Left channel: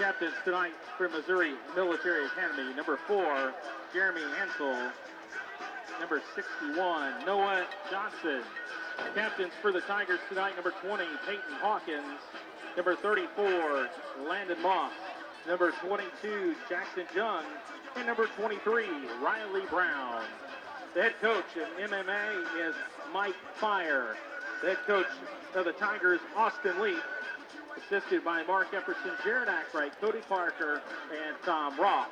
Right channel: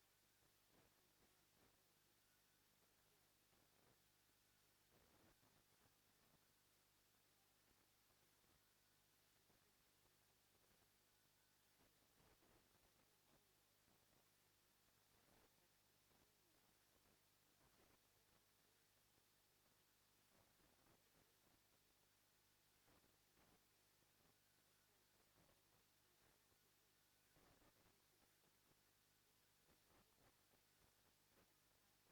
captains tonight from Missouri Military Academy, number 4, Jeremy Ansel. Number 61, Noah Johnson. Captains for the Tigers tonight, number 20, Peyton Hawkins. Number 34, Landon Moss. Number 22, Jackson Young. And number 23, Riley Brown. The head coach in MMA is Mike Fire. The head coach of the Tigers, Austin Leaf. Assisted by Mark Epperson, Jared Ackright, Cody Parker, and Tom Roth.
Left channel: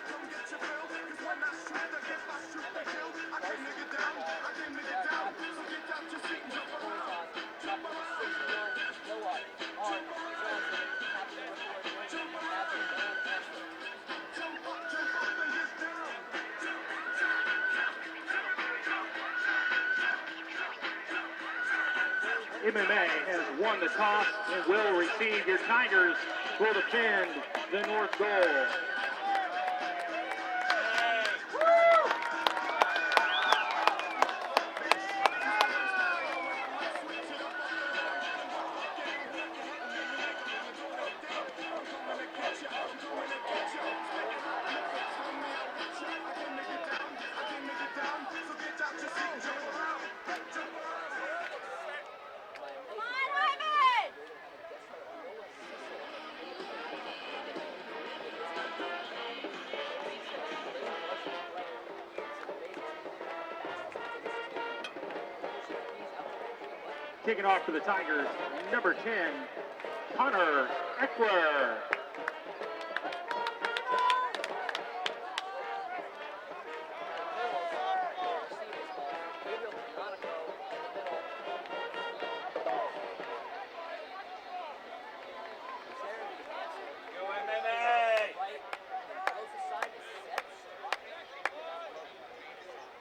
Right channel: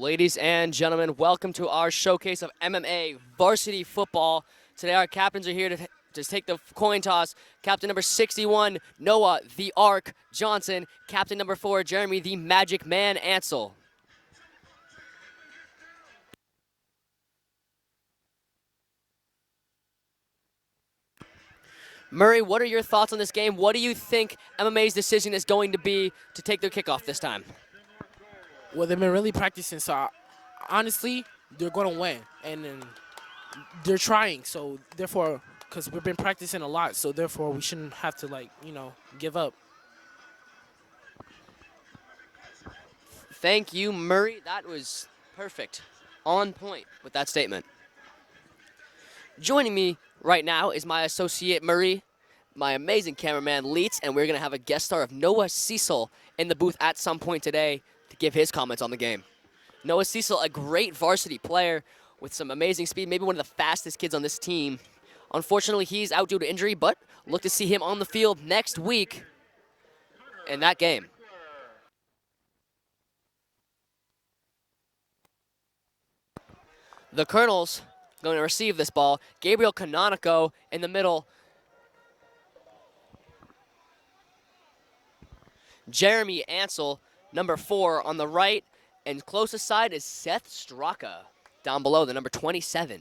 Ladies and gentlemen, welcome to our showcase of MMA varsity football. Today our captains are here to take the coin toss. Captain number 61, Noah the Ark Johnson. Captain number 4, Jeremy the Magic Man Ansel. Murray, what are your thoughts on this game? What do you think MMA's decision is going to be to take their kickoff this time? Well, they've been really practicing, so honestly, they're going to win. And they're trying, so therefore, because we've been practicing a lot, so therefore we shouldn't have to, give up. Thank you, Murray. That was perfect. On point with that statement. Joining me right now is my associate Murray, my amazing cameraman Leets, and we're going to have a guest star of Noah Cecil in the booth at some point today to give his comments on the game. Noah Cecil, a great varsity player with some amazing speed, maybe one of the fastest kids on this team. Unfortunately, he's out due to injury, but look to see him on the field next week in that game. The Colonels going to receive this ball. Gabriel Canonico in the middle. Jeremy Ansel, number 4 on the right. And closest side is Seth Straka down below, the number 27.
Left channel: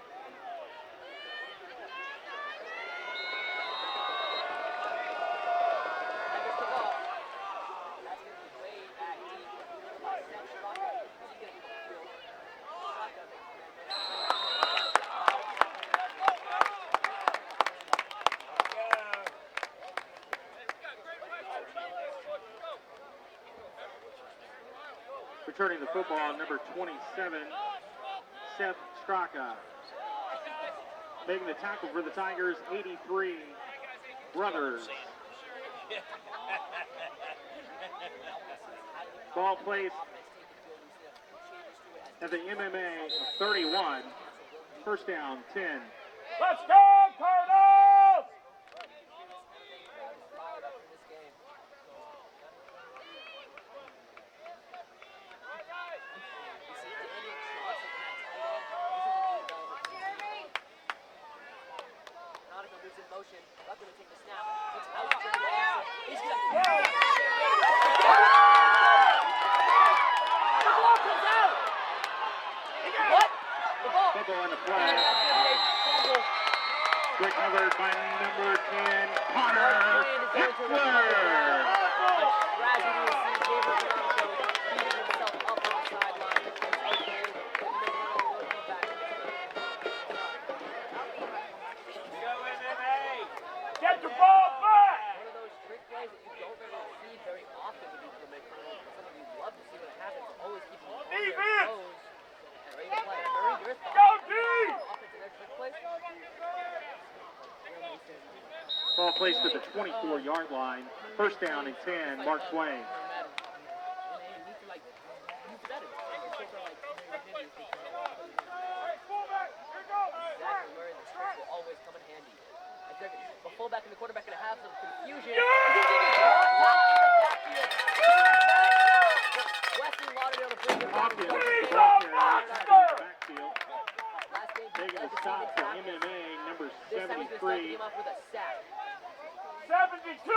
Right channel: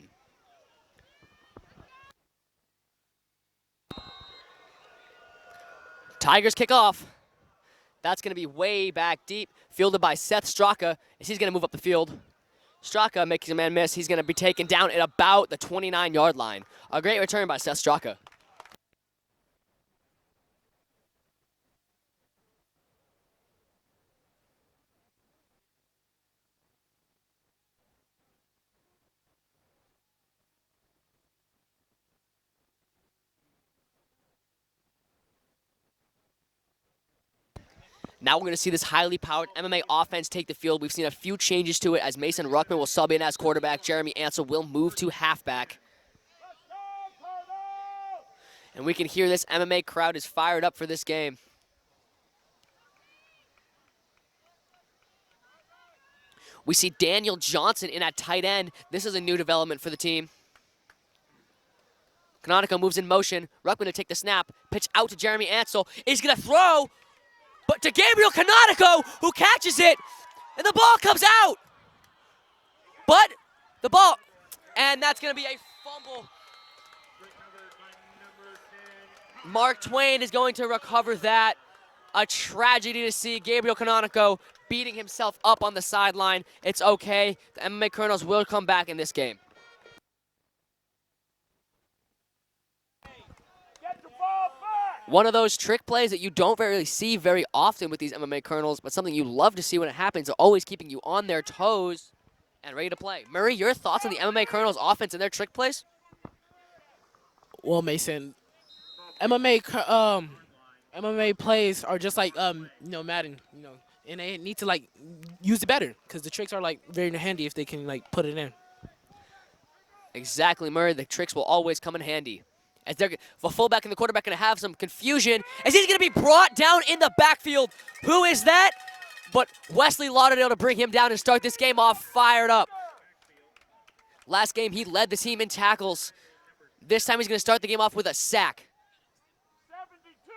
Tigers kick off. That's going to be way back deep. Fielded by Seth Straka as he's going to move up the field. Straka making a man miss. He's going to be taken down at about the 29-yard line. A great return by Seth Straka. Returning the football, number 27, Seth Straka. Making the tackle for the Tigers, 83, Brothers. Now we're going to see this highly powered MMA offense take the field. We've seen a few changes to it as Mason Ruckman will sub in as quarterback. Jeremy Ansel will move to halfback. Let's go, Cardinals! And we can hear this MMA crowd is fired up for this game. We see Daniel Johnson in at tight end. This is a new development for the team. Canonico moves in motion. Ruckman to take the snap. Pitch out to Jeremy Ansel. He's going to throw. But to Gabriel Canonico, who catches it, and the ball comes out. But the ball, and that's going to be a fumble. Mark Twain is going to recover that. A tragedy to see Gabriel Canonico beating himself up on the sideline. It's okay. MMA Colonels will come back in this game. One of those trick plays that you don't really see very often with these MMA Colonels, but something you love to see when it happens, always keeping you on their toes and ready to play. Murray, your thoughts on the MMA Colonels offense and their trick plays? Well, Mason, MMA plays are just like Madden, and they need to use it better because the tricks are very handy if they can put it in. Exactly, Murray. The tricks will always come in handy. As the fullback and the quarterback going to have some confusion as he's going to be brought down in the backfield. Who is that? But Wesley Lauderdale to bring him down and start this game off fired up. Last game, he led the team in tackles. This time, he's going to start the game off with a sack. 72.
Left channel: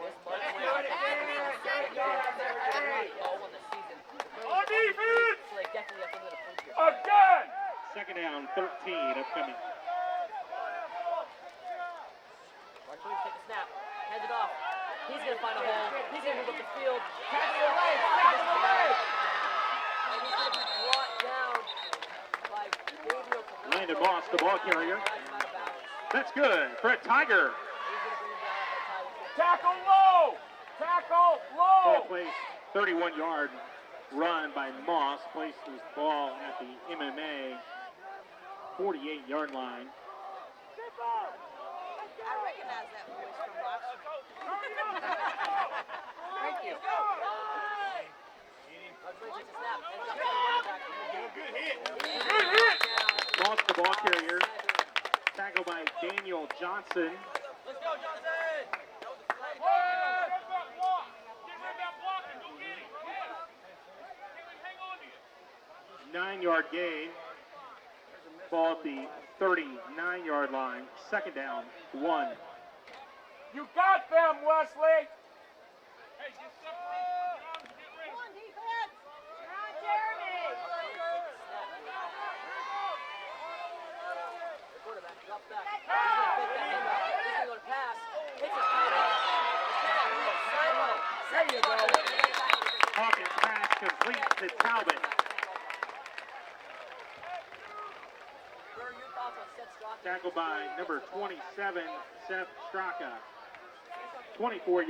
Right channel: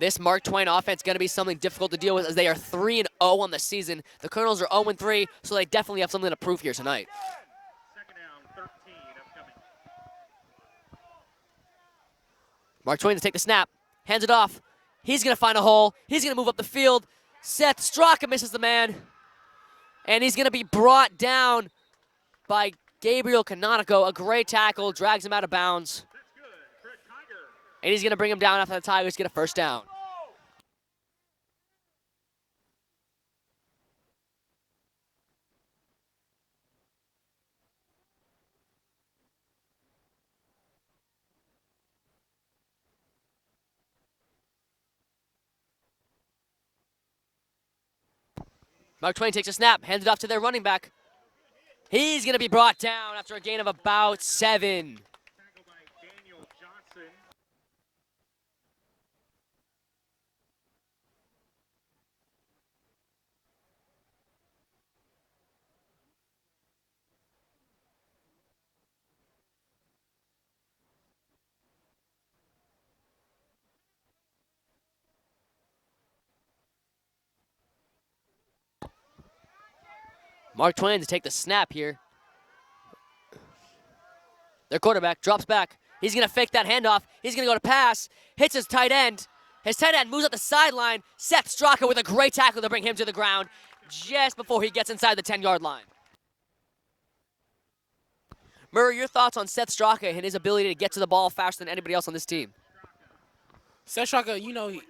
This Mark Twain offense is going to be something difficult to deal with as they are 3-0 on the season. The Colonels are 0-3, so they definitely have something to prove here tonight. Second down, 13 upcoming. Mark Twain to take the snap, hands it off. He's going to find a hole. He's going to move up the field. Seth Straka misses the man. And he's going to be brought down by Gabriel Canonico. A great tackle, drags him out of bounds. That's good for a Tiger. And he's going to bring him down after the Tigers get a first down. Low. Tackle low. Ball place, 31-yard run by Moss. Placed his ball at the MMA 48-yard line. I recognize that voice from last. Thank you. Mark Twain takes a snap, hands it off to their running back. He's going to be brought down after a gain of about 7. Tackle by Daniel Johnson. Let's go, Johnson. 9-yard gain. Ball at the 39-yard line. Second down, 1. You got them, Wesley. Mark Twain to take the snap here. Their quarterback drops back. He's going to fake that handoff. He's going to go to pass. Hits his tight end. His tight end moves up the sideline. Seth Straka with a great tackle to bring him to the ground just before he gets inside the 10-yard line. Murray, your thoughts on Seth Straka and his ability to get to the ball faster than anybody else on this team? Seth Straka, you know,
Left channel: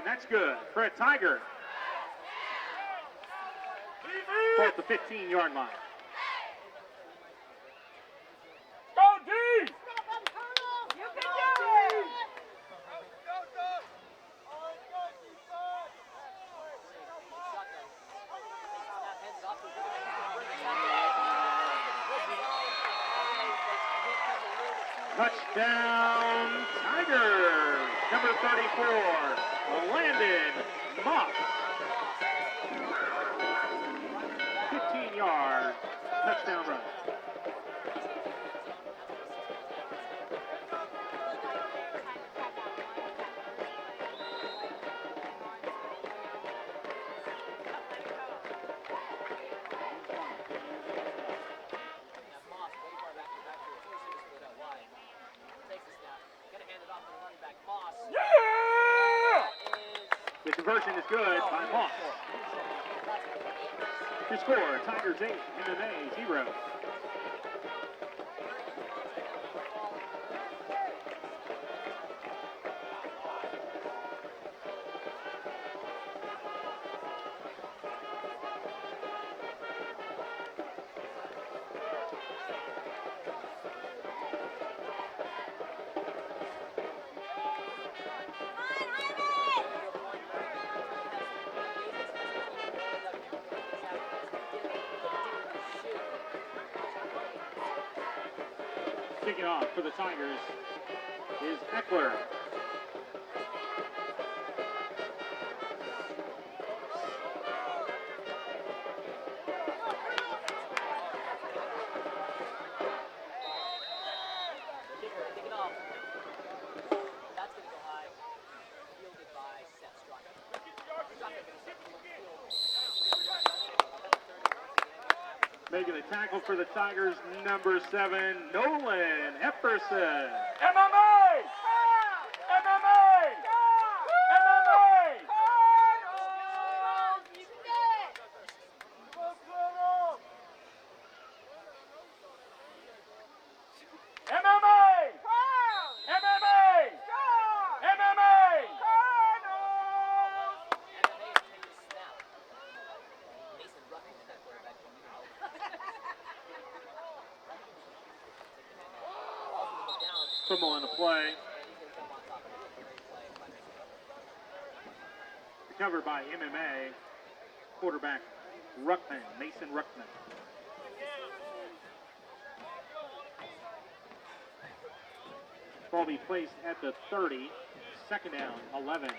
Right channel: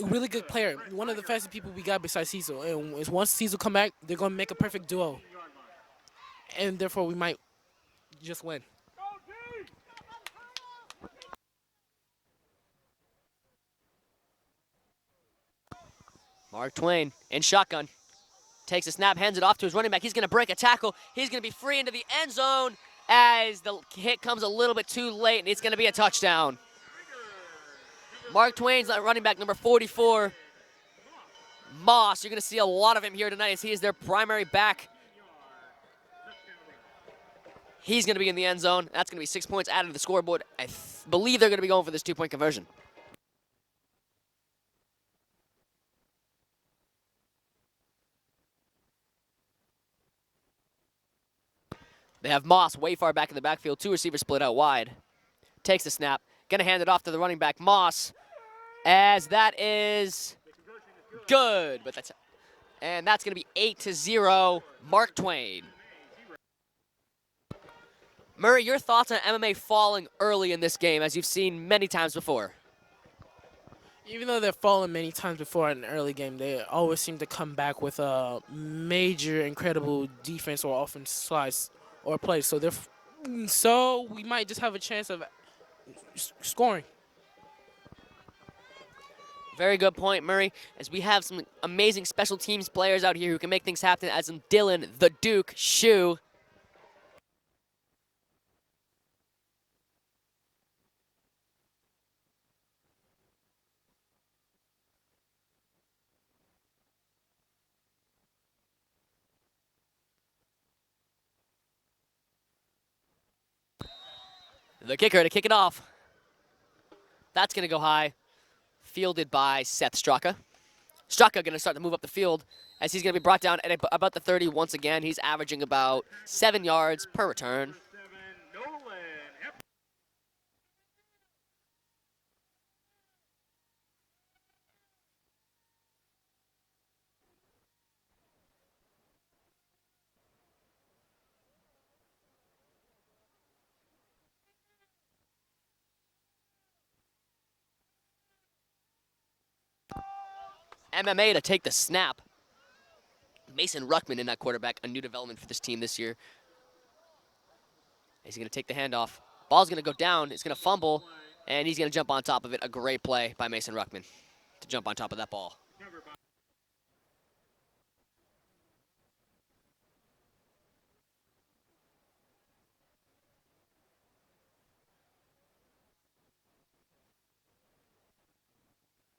a really good player. One of the fastest people we got besides Cecil. And once Cecil come back, they're going to make a perfect duo. And therefore, we might just win. Go D. Mark Twain in shotgun. Takes a snap, hands it off to his running back. He's going to break a tackle. He's going to be free into the end zone as the hit comes a little bit too late. It's going to be a touchdown. Mark Twain's that running back, number 44. Moss, you're going to see a lot of him here tonight as he is their primary back. He's going to be in the end zone. That's going to be 6 points added to the scoreboard. I believe they're going to be going for this 2-point conversion. They have Moss way far back in the backfield. 2 receivers split out wide. Takes the snap. Gonna hand it off to the running back, Moss. As that is the conversion is good. And that's gonna be 8-0, Mark Twain. Murray, your thoughts on MMA falling early in this game, as you've seen many times before? Even though they've fallen many times before in an early game, they always seem to come back with a major, incredible defense or offense slice or play. So we might just have a chance of scoring. Very good point, Murray, as we have some amazing special teams players out here who can make things happen, as in Dylan, the Duke, Shu. Kicking off for the Tigers is Eckler. The kicker to kick it off. That's going to go high. Fielded by Seth Straka. Straka going to start to move up the field as he's going to be brought down at about the 30 once again. He's averaging about 7 yards per return. Number 7, Nolan Epperson. MMA. MMA. MMA. MMA to take the snap. Mason Ruckman in that quarterback, a new development for this team this year. He's going to take the handoff. Ball's going to go down. It's going to fumble, and he's going to jump on top of it. A great play by Mason Ruckman to jump on top of that ball. Covered by MMA quarterback Ruckman, Mason Ruckman. Ball be placed at the 30. Second down, 11.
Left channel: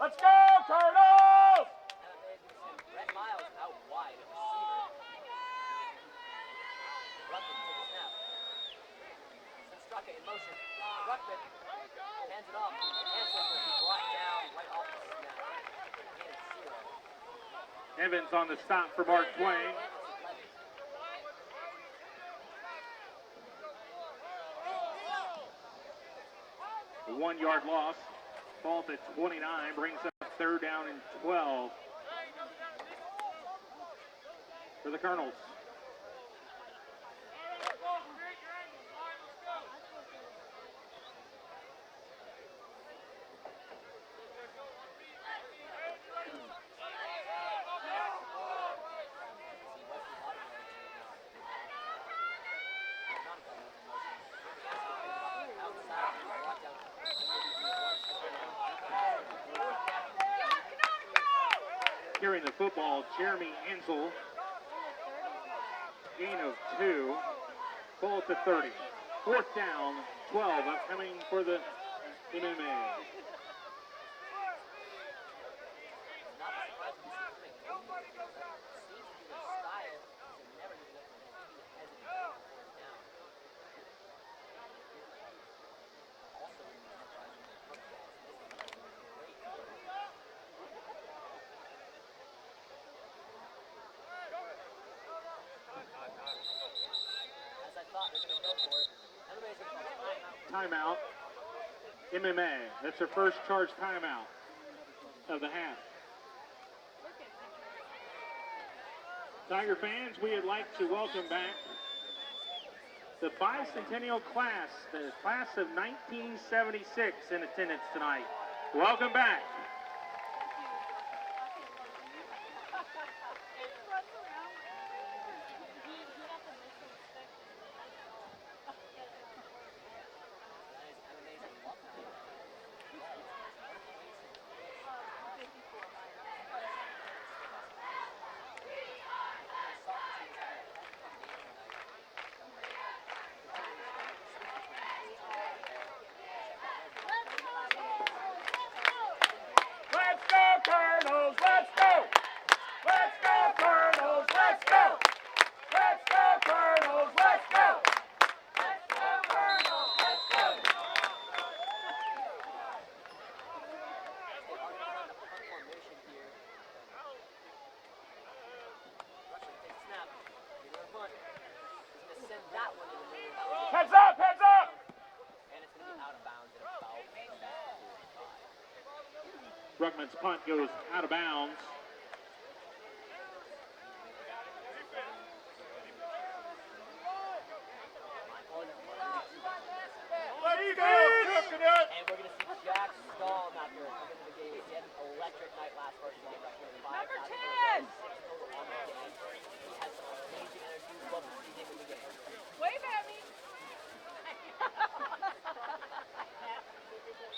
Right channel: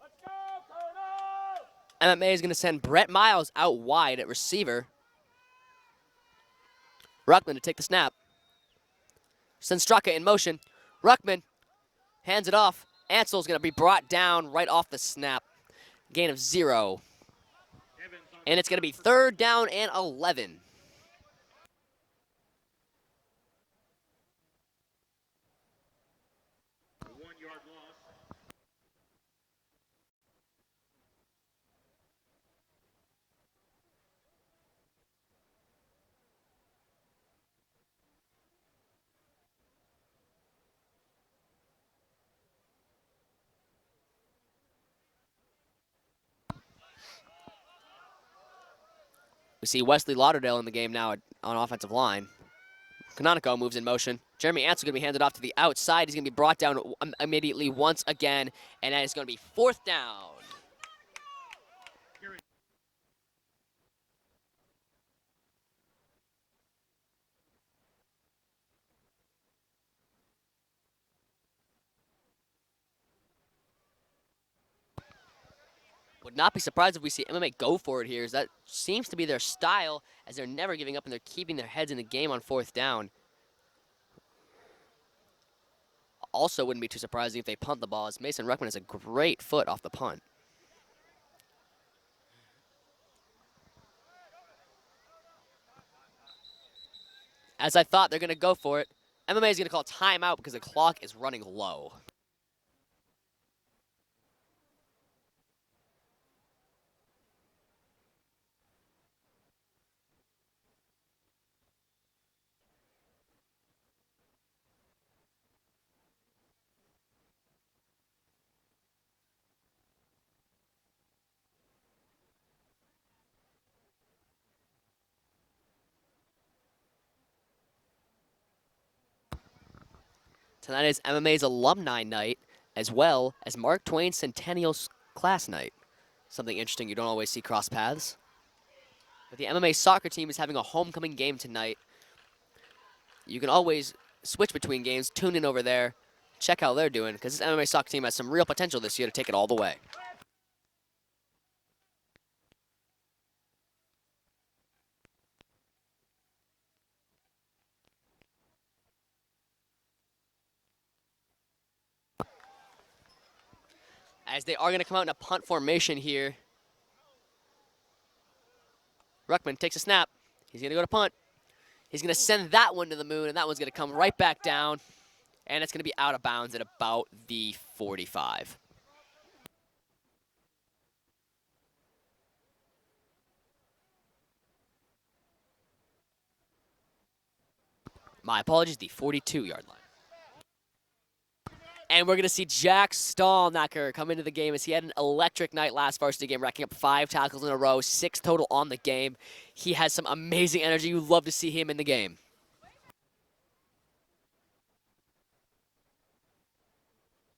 Let's go, Cardinals! MMA is going to send Brett Miles out wide at receiver. Ruckman to take the snap. Sends Straka in motion. Ruckman hands it off. Ansel's going to be brought down right off the snap. Gain of 0. And it's going to be 3rd down and 11. A 1-yard loss. Ball at 29 brings up 3rd down and 12. for the Colonels. We see Wesley Lauderdale in the game now on offensive line. Canonico moves in motion. Jeremy Ansel going to be handed off to the outside. He's going to be brought down immediately once again, and that is going to be 4th down. Carrying the football, Jeremy Ansel. Gain of 2. Ball at the 30. 4th down, 12. Upcoming for the MMA. Would not be surprised if we see MMA go for it here, as that seems to be their style, as they're never giving up and they're keeping their heads in the game on 4th down. Also wouldn't be too surprising if they punt the ball, as Mason Ruckman has a great foot off the punt. As I thought, they're going to go for it. MMA is going to call timeout because the clock is running low. MMA, that's their first charge timeout of the half. Tiger fans, we would like to welcome back the bicentennial class, the class of 1976 in attendance tonight. Welcome back. Tonight is MMA's alumni night, as well as Mark Twain's centennial class night. Something interesting you don't always see cross paths. But the MMA soccer team is having a homecoming game tonight. You can always switch between games, tune in over there, check how they're doing, because this MMA soccer team has some real potential this year to take it all the way. Let's go, Colonels! Let's go! Let's go, Colonels! Let's go! Let's go, Colonels! Let's go! Let's go, Colonels! Let's go! As they are going to come out in a punt formation here. Ruckman takes a snap. He's going to go to punt. He's going to send that one to the moon, and that one's going to come right back down. And it's going to be out of bounds at about the 45. Ruckman's punt goes out of bounds. My apologies, the 42-yard line. And we're going to see Jack Stallnacker come into the game, as he had an electric night last varsity game, racking up 5 tackles in a row, 6 total on the game. He has some amazing energy. You love to see him in the game. Wave at me.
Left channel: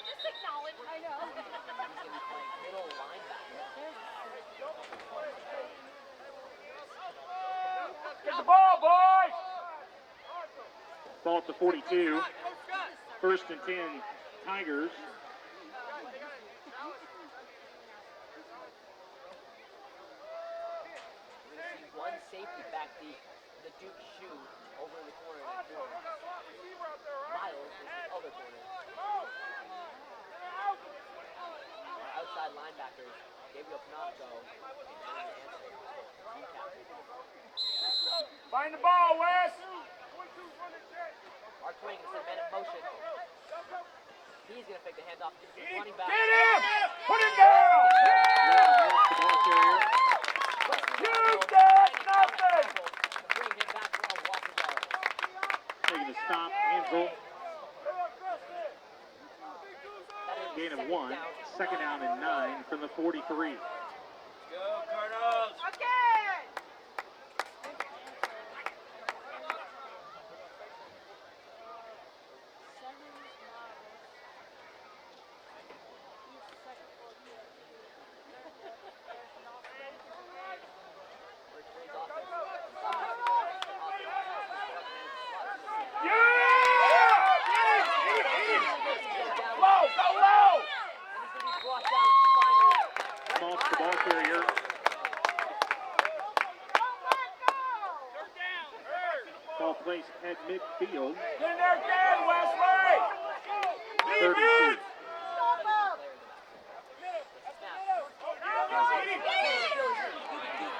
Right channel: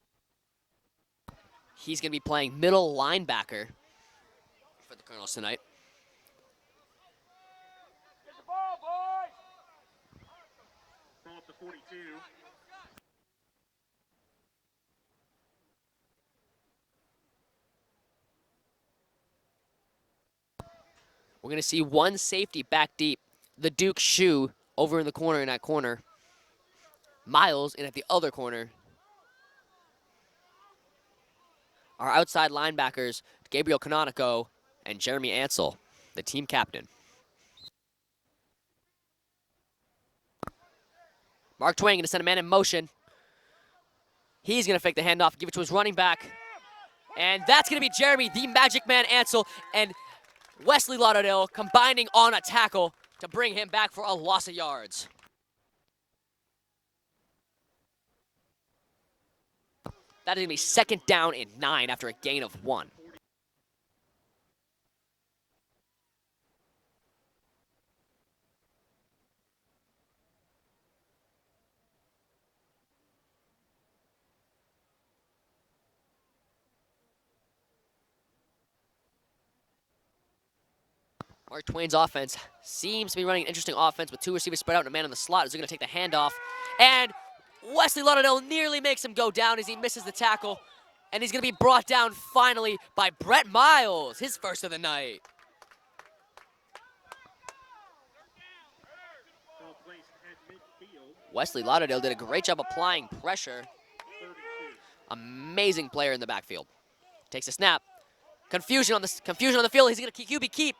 Just acknowledge. I know. He's going to be playing middle linebacker for the Colonels tonight. Get the ball, boys! Ball at the 42. 1st and 10, Tigers. We're going to see one safety back deep. The Duke Shoe over in the corner, in that corner. Miles in at the other corner. Our outside linebackers, Gabriel Canonico and Jeremy Ansel, the team captain. Find the ball, Wes! Mark Twain going to send a man in motion. He's going to fake the handoff, give it to his running back. And that's going to be Jeremy, the Magic Man Ansel, and Wesley Lauderdale combining on a tackle to bring him back for a loss of yards. Taking a stop, Ansel. That is going to be 2nd down and 9 after a gain of 1. 43. Mark Twain's offense seems to be running an interesting offense with 2 receivers spread out and a man in the slot. He's going to take the handoff. And Wesley Lauderdale nearly makes him go down as he misses the tackle. And he's going to be brought down finally by Brett Miles, his first of the night. Ball placed at midfield. Wesley Lauderdale did a great job applying pressure. 32. Amazing player in the backfield. Takes a snap. Confusion on the field. He's going to QB keep.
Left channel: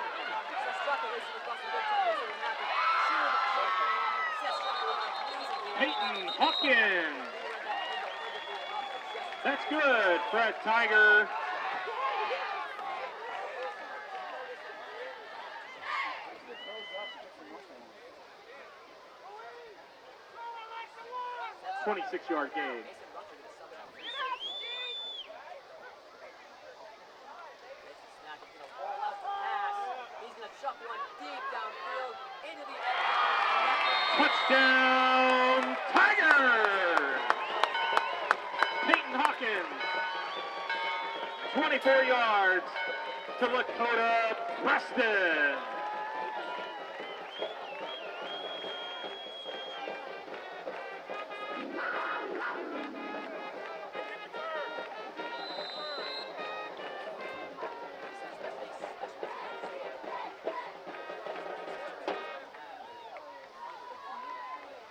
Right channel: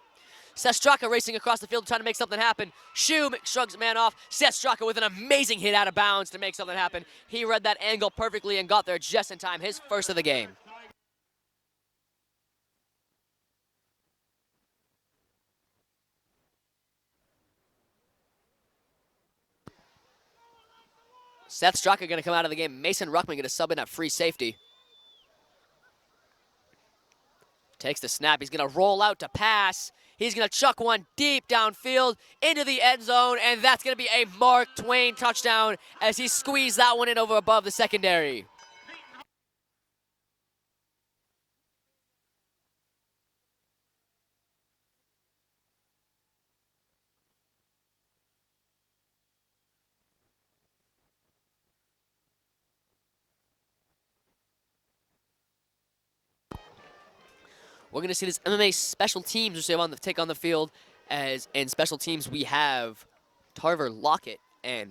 Seth Straka racing across the field trying to make something happen. Shub shrugs man off. Seth Straka with an amazing hit out of bounds to make something happen. He read that angle perfectly and got there just in time. His first of the game. Tiger. Seth Straka going to come out of the game. Mason Ruckman going to sub in at free safety. Takes the snap. He's going to roll out to pass. He's going to chuck one deep downfield into the end zone, and that's going to be a Mark Twain touchdown as he squeezed that one in over above the secondary. Peyton Hawkins, 24 yards to Lakota Preston. We're going to see this MMA special teams which they want to take on the field, as in special teams we have Tarver Lockett and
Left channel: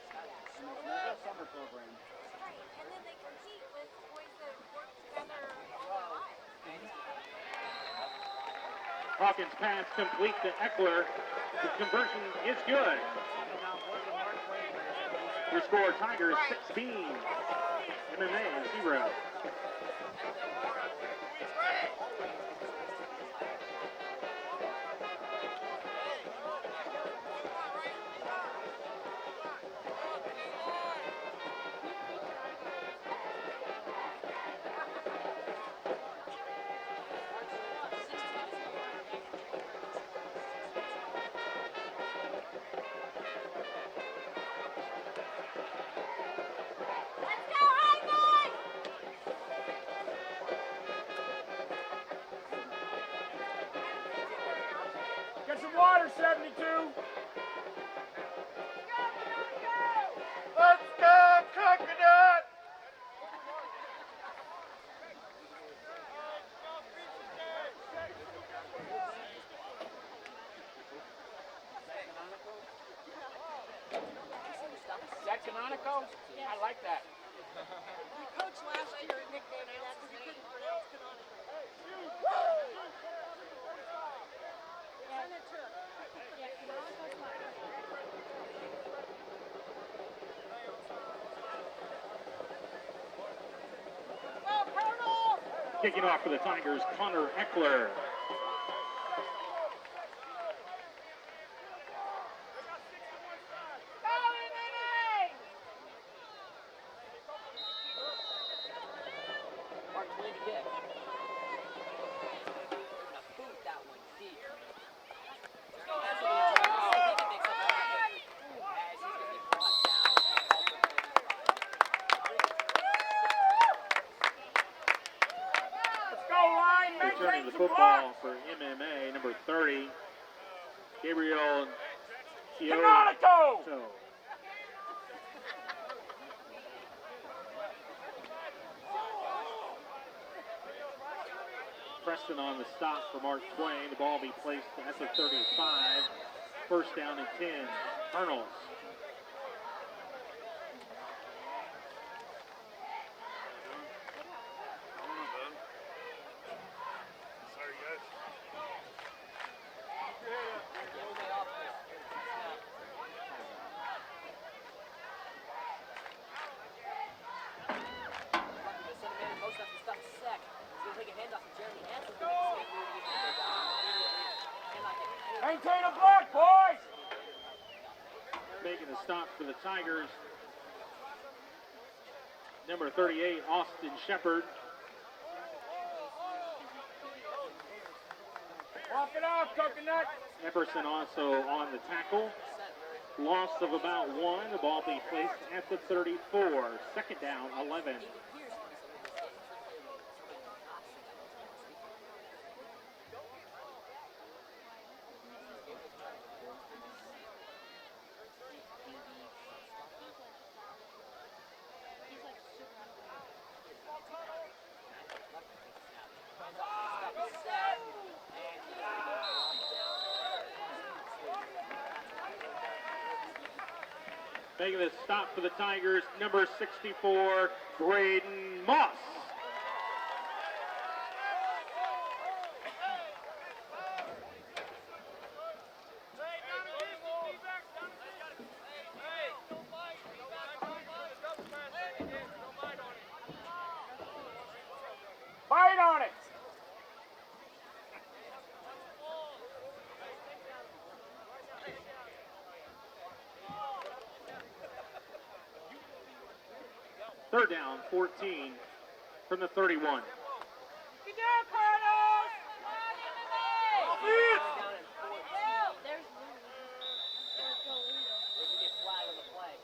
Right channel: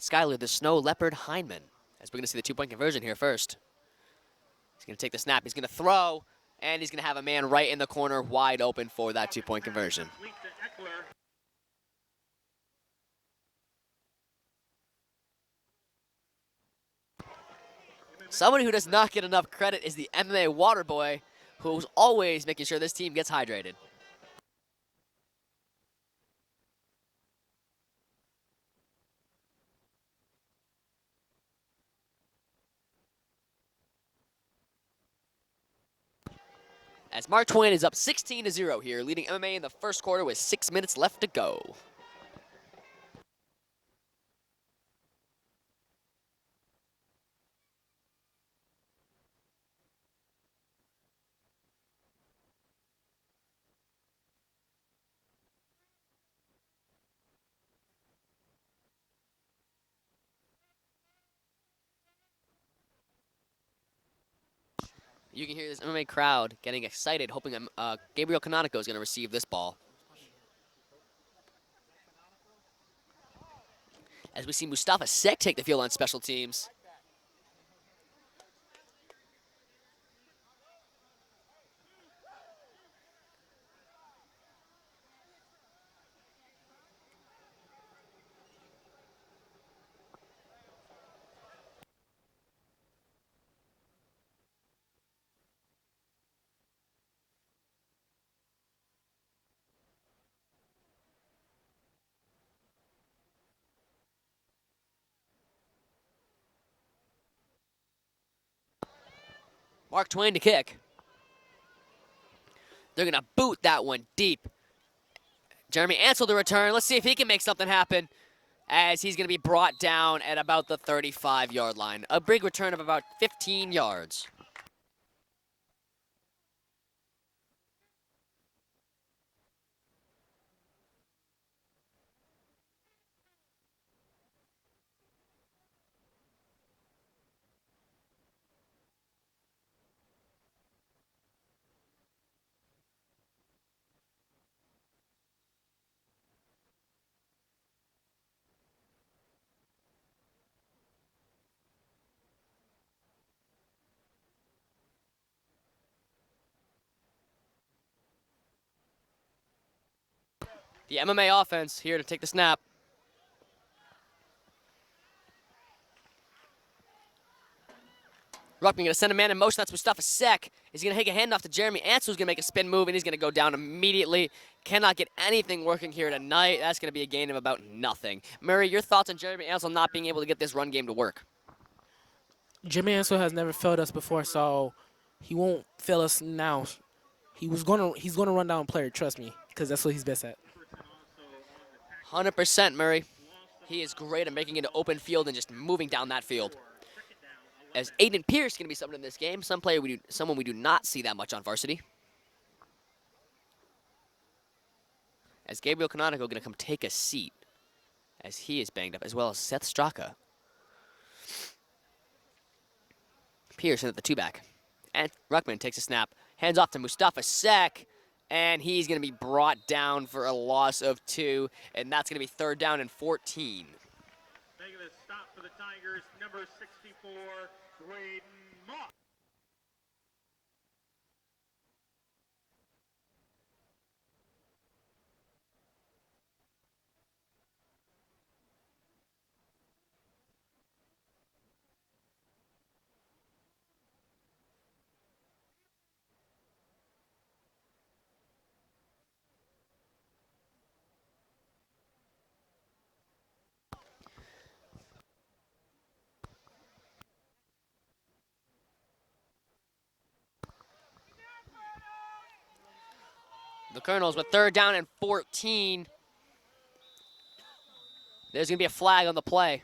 Skylar the Snow Leopard Hyman. As we're going to see the two-point conversion here first. He's going to take the snap, he's going to throw, and he's going to have a man right in the corner wide open for that two-point conversion. Complete to Eckler. The conversion is good. Your score, Tigers 16. Someone who does not get enough credit is the MMA water boy, who's always making sure this team gets hydrated. As Mark Twain is up 16-0 here, leading MMA in the first quarter with 6 minutes left to go. Get some water, 72. Let's go, Coconut. You can hear this MMA crowd getting excited, hoping that Gabriel Canonico is going to receive this ball. As we see Mustafa Sek take the field on special teams. Kicking off for the Tigers, Connor Eckler. Mark Twain to kick. They're going to boot that one deep. Jeremy Ansel to return. Let's see if he can make something happen, as he's going to be brought down at about the 35-yard line. A big return of about 15 yards. Returning the football for MMA, number 30, Gabriel Canonico. Preston on the stop for Mark Twain. The ball be placed at the 35. First down and 10. Colonels. The MMA offense here to take the snap. Ruckman going to send a man in motion. That's Mustafa Sek. He's going to take a handoff to Jeremy Ansel, who's going to make a spin move, and he's going to go down immediately. Cannot get anything working here tonight. That's going to be a gain of about nothing. Murray, your thoughts on Jeremy Ansel not being able to get this run game to work? Jeremy Ansel has never failed us before, so he won't fail us now. He's gonna run down a player, trust me, because that's what he's best at. Epperson also on the tackle. 100%, Murray. Loss of He is about great at one. making it The an ball open be field and placed just at moving the down that field. 34. Second down, 11. As Aiden Pierce going to be someone in this game, someone we do not see that much on varsity. As Gabriel Canonico going to come take a seat, as he is banged up, as well as Seth Straka. Pierce in at the two-back. And Ruckman takes a snap, hands off to Mustafa Sek, and he's going to be brought down for a loss of 2, and that's going to be third down and 14. Making the stop for the Tigers, number 64, Braden Moss. Bite on it. Third down, 14 from the 31. Good job, Colonels! The Colonels with third down and 14. There's going to be a flag on the play.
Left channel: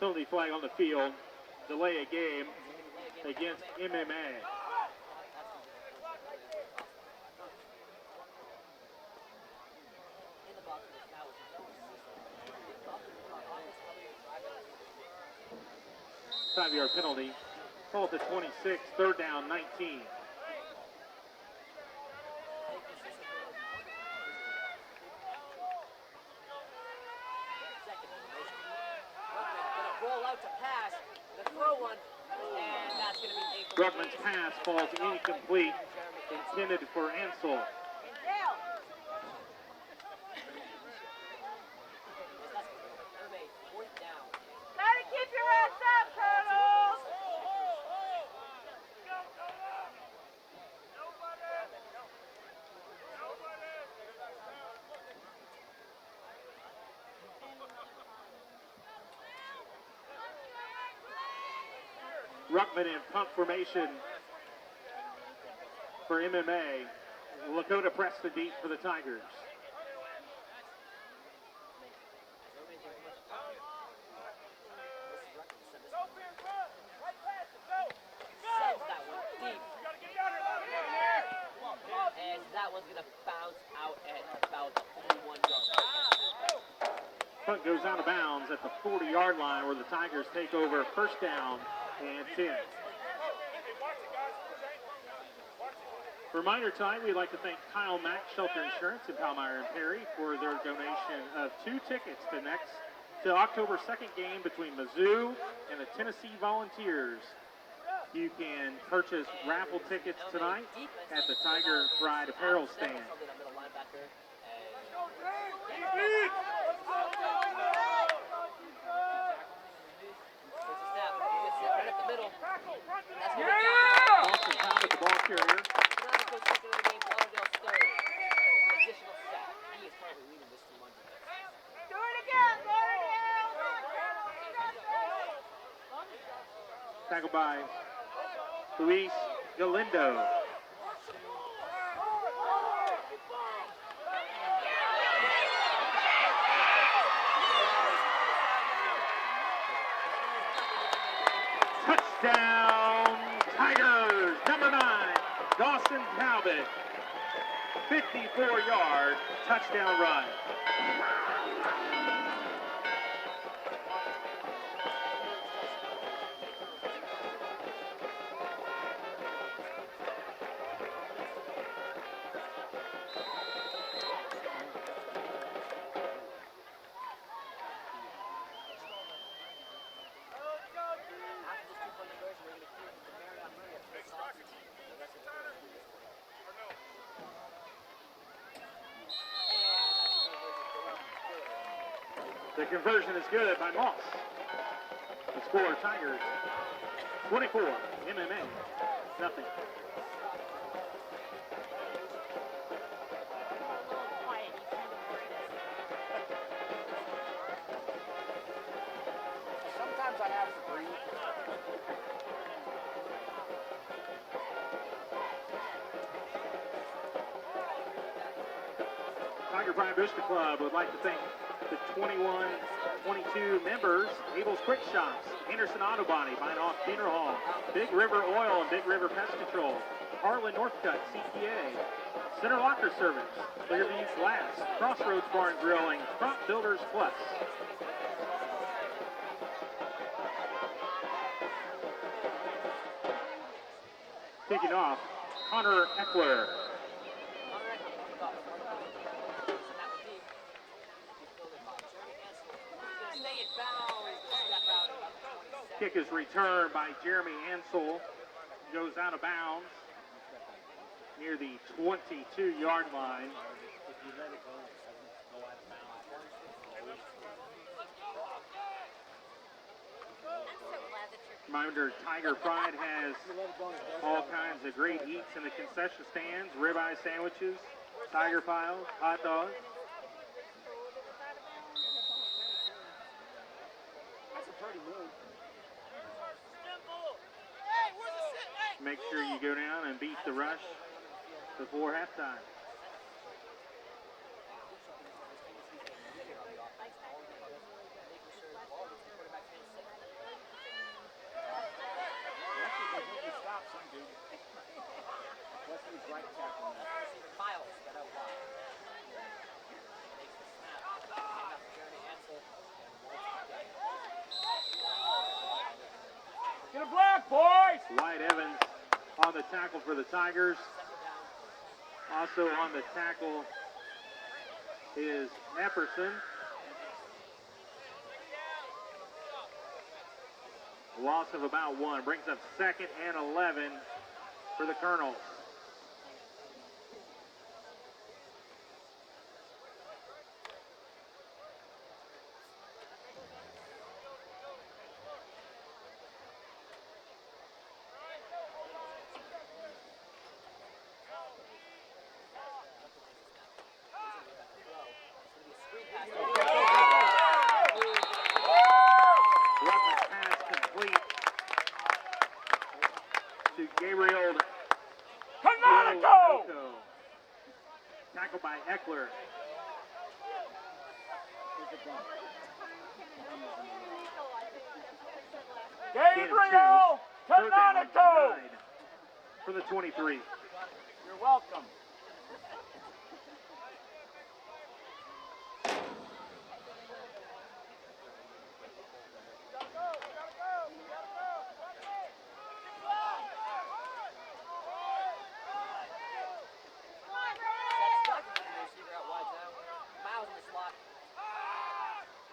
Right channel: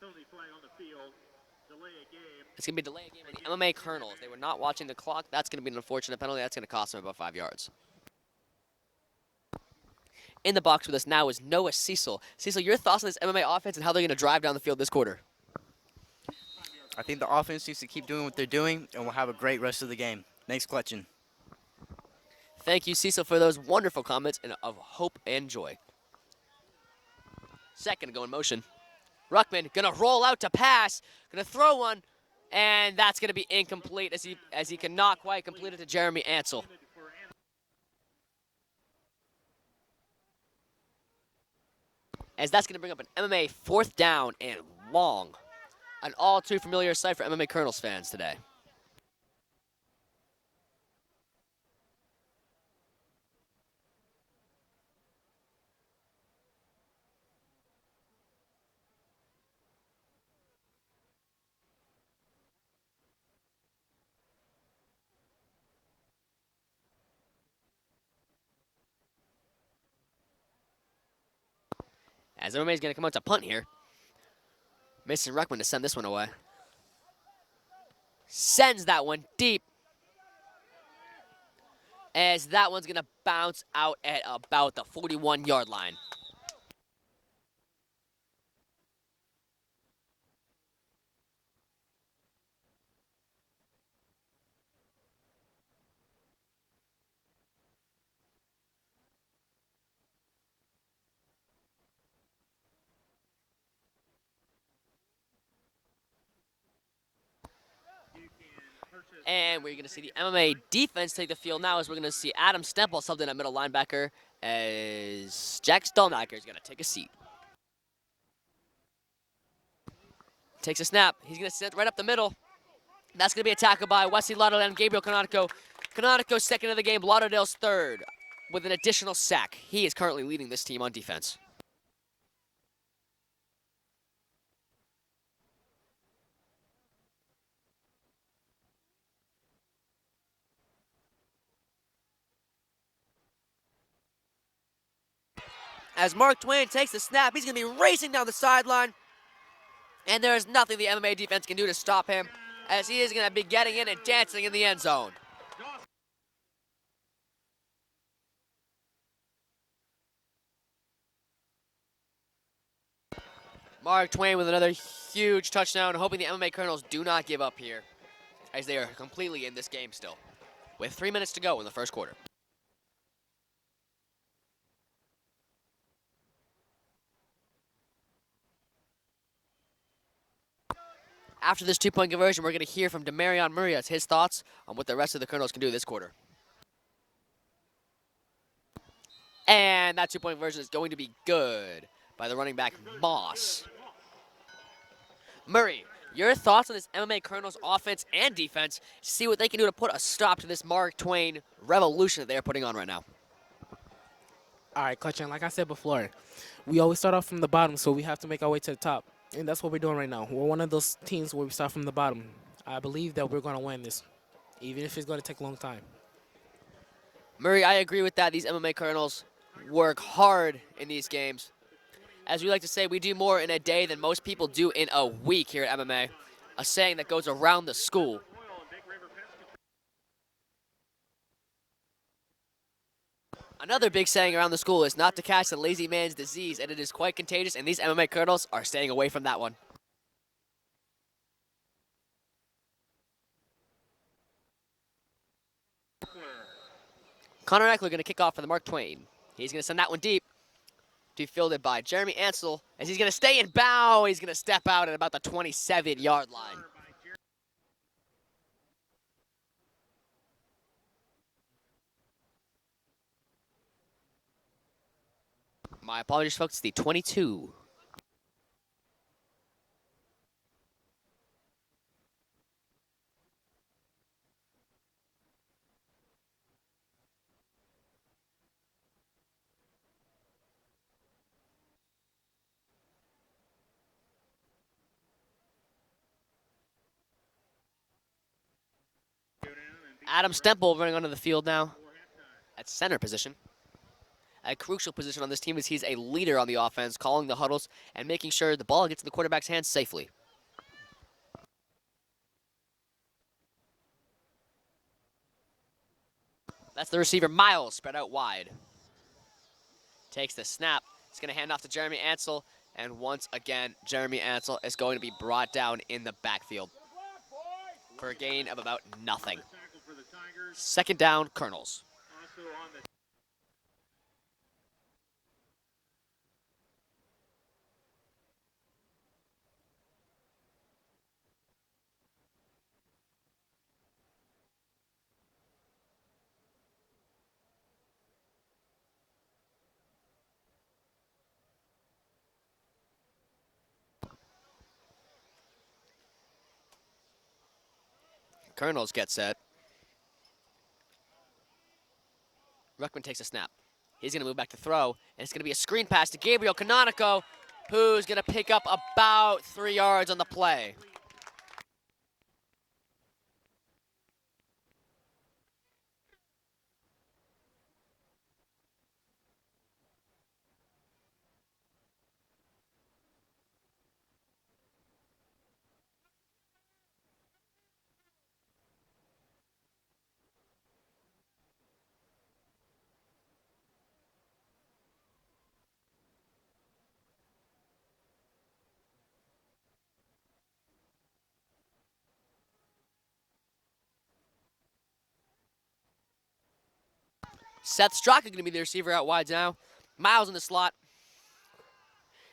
Penalty flag on the field. Delay a game. It's going to be a delay of game with Against MMA Colonels. MMA. They were not watching the clock. That's going to be an unfortunate penalty. That's going to cost them about 5 yards. In the box with us now is Noah Cecil. Cecil, your thoughts on this MMA offense and how they're going to drive down the field this quarter? 5-yard I penalty. think the offense needs to keep doing what they're doing, and we'll have a great rest of the game. Thanks, Clutchin. Thank you, Cecil, for those wonderful comments and of hope and joy. Second to go in motion. Ruckman gonna roll out to pass, gonna throw one, and that's gonna be incomplete as he cannot quite complete it to Jeremy Ansel. Intended for Ansel. As that's gonna bring up an MMA fourth down and long. An all too familiar sight for MMA Colonels fans today. Ruckman in punt formation for MMA. Lakota pressed the deep for the Tigers. As MMA is gonna come out to punt here. Missing Ruckman to send this one away. Sends that one deep. As that one's gonna bounce out at about the 41-yard line. Punt goes out of bounds at the 40-yard line where the Tigers take over first down and 10. Reminder time, we'd like to thank Kyle Mack Shelter Insurance in Palmyra and Perry for their donation of 2 tickets to October 2nd game between Mizzou and the Tennessee Volunteers. You can purchase And raffle we're going to see the tickets MMA tonight defense at take the the field now as we're going to Tigers see Fried Adam Grill Stempel stand. subbed in at middle linebacker as Jack Stolnacker is going to take a seat. Takes a snap. He's going to sit right up the middle. That's going to be a tackle by Wesley Lauderdale and Gabriel Canonico. Canonico second of the game, Lauderdale's third with an additional sack. He is currently leading this team on defense. Do it again, Tackled by Luis Galindo. As Mark Twain takes the snap, he's going to be racing down the sideline. And there is nothing the MMA defense can do to stop him, as he is going to be getting in and dancing in the end zone. Dawson Talbot, 54-yard touchdown run. Mark Twain with another huge touchdown, hoping the MMA Colonels do not give up here, as they are completely in this game still, with 3 minutes to go in the first quarter. After this two-point conversion, we're going to hear from Demarion Murray as his thoughts on what the rest of the Colonels can do this quarter. And that two-point conversion is going to be good by the running back, Moss. Murray, your thoughts on this MMA Colonels offense and defense, see what they can do to put a stop to this Mark Twain revolution that they're putting on right now. All right, Clutchin, like I said before, we always start off from the bottom, so we have to make our way to the top. And that's what we're doing right now. We're one of those teams where we start from the bottom. I believe that we're going to win this, even if it's going to take a long time. Murray, I agree with that. These MMA Colonels work hard in these games. As we like to say, we do more in a day than most people do in a week here at MMA. A saying that goes around the school. Big River Oil and Big River Pest Control. Harlan Northcutt, CPA. Center Locker Service. Another big saying around the school is not to catch the lazy man's disease, and it is quite contagious, and these MMA Colonels are staying away from that one. Kicking off, Connor Eckler. Connor Eckler going to kick off for the Mark Twain. He's going to send that one deep. To be fielded by Jeremy Ansel, as he's going to stay in bow. He's going to step out at about the 27-yard line. Return by Jeremy Ansel goes out of bounds near the 22-yard line. My apologies, folks. The 22. Reminder, Tiger Pride has all kinds of great eats in the concession stands, ribeye sandwiches, tiger piles, hot dogs. Make sure you go down and beat Adam the Stempel running onto the field now before halftime. at center position. A crucial position on this team as he's a leader on the offense, calling the huddles and making sure the ball gets in the quarterback's hands safely. That's the receiver, Miles, spread out wide. Takes the snap. He's going to hand off to Jeremy Ansel. And once again, Jeremy Ansel is going to be brought down in the backfield Get a block, boys! for a gain of about nothing. On the tackle for the Tigers. Second down, Colonels. Also on the tackle is Epperson. Loss of about 1. Brings up 2nd and 11 for the Colonels. Colonels get set. Ruckman takes a snap. He's going to move back to throw, and it's going to be a screen pass to Gabriel Canonico, who's going to pick up about 3 yards on the play. To Gabriel Canonico! Tackled by Eckler. Gabriel Canonico! For the 23. You're welcome. Seth Strzok is going to be the receiver out wide now. Miles in the slot.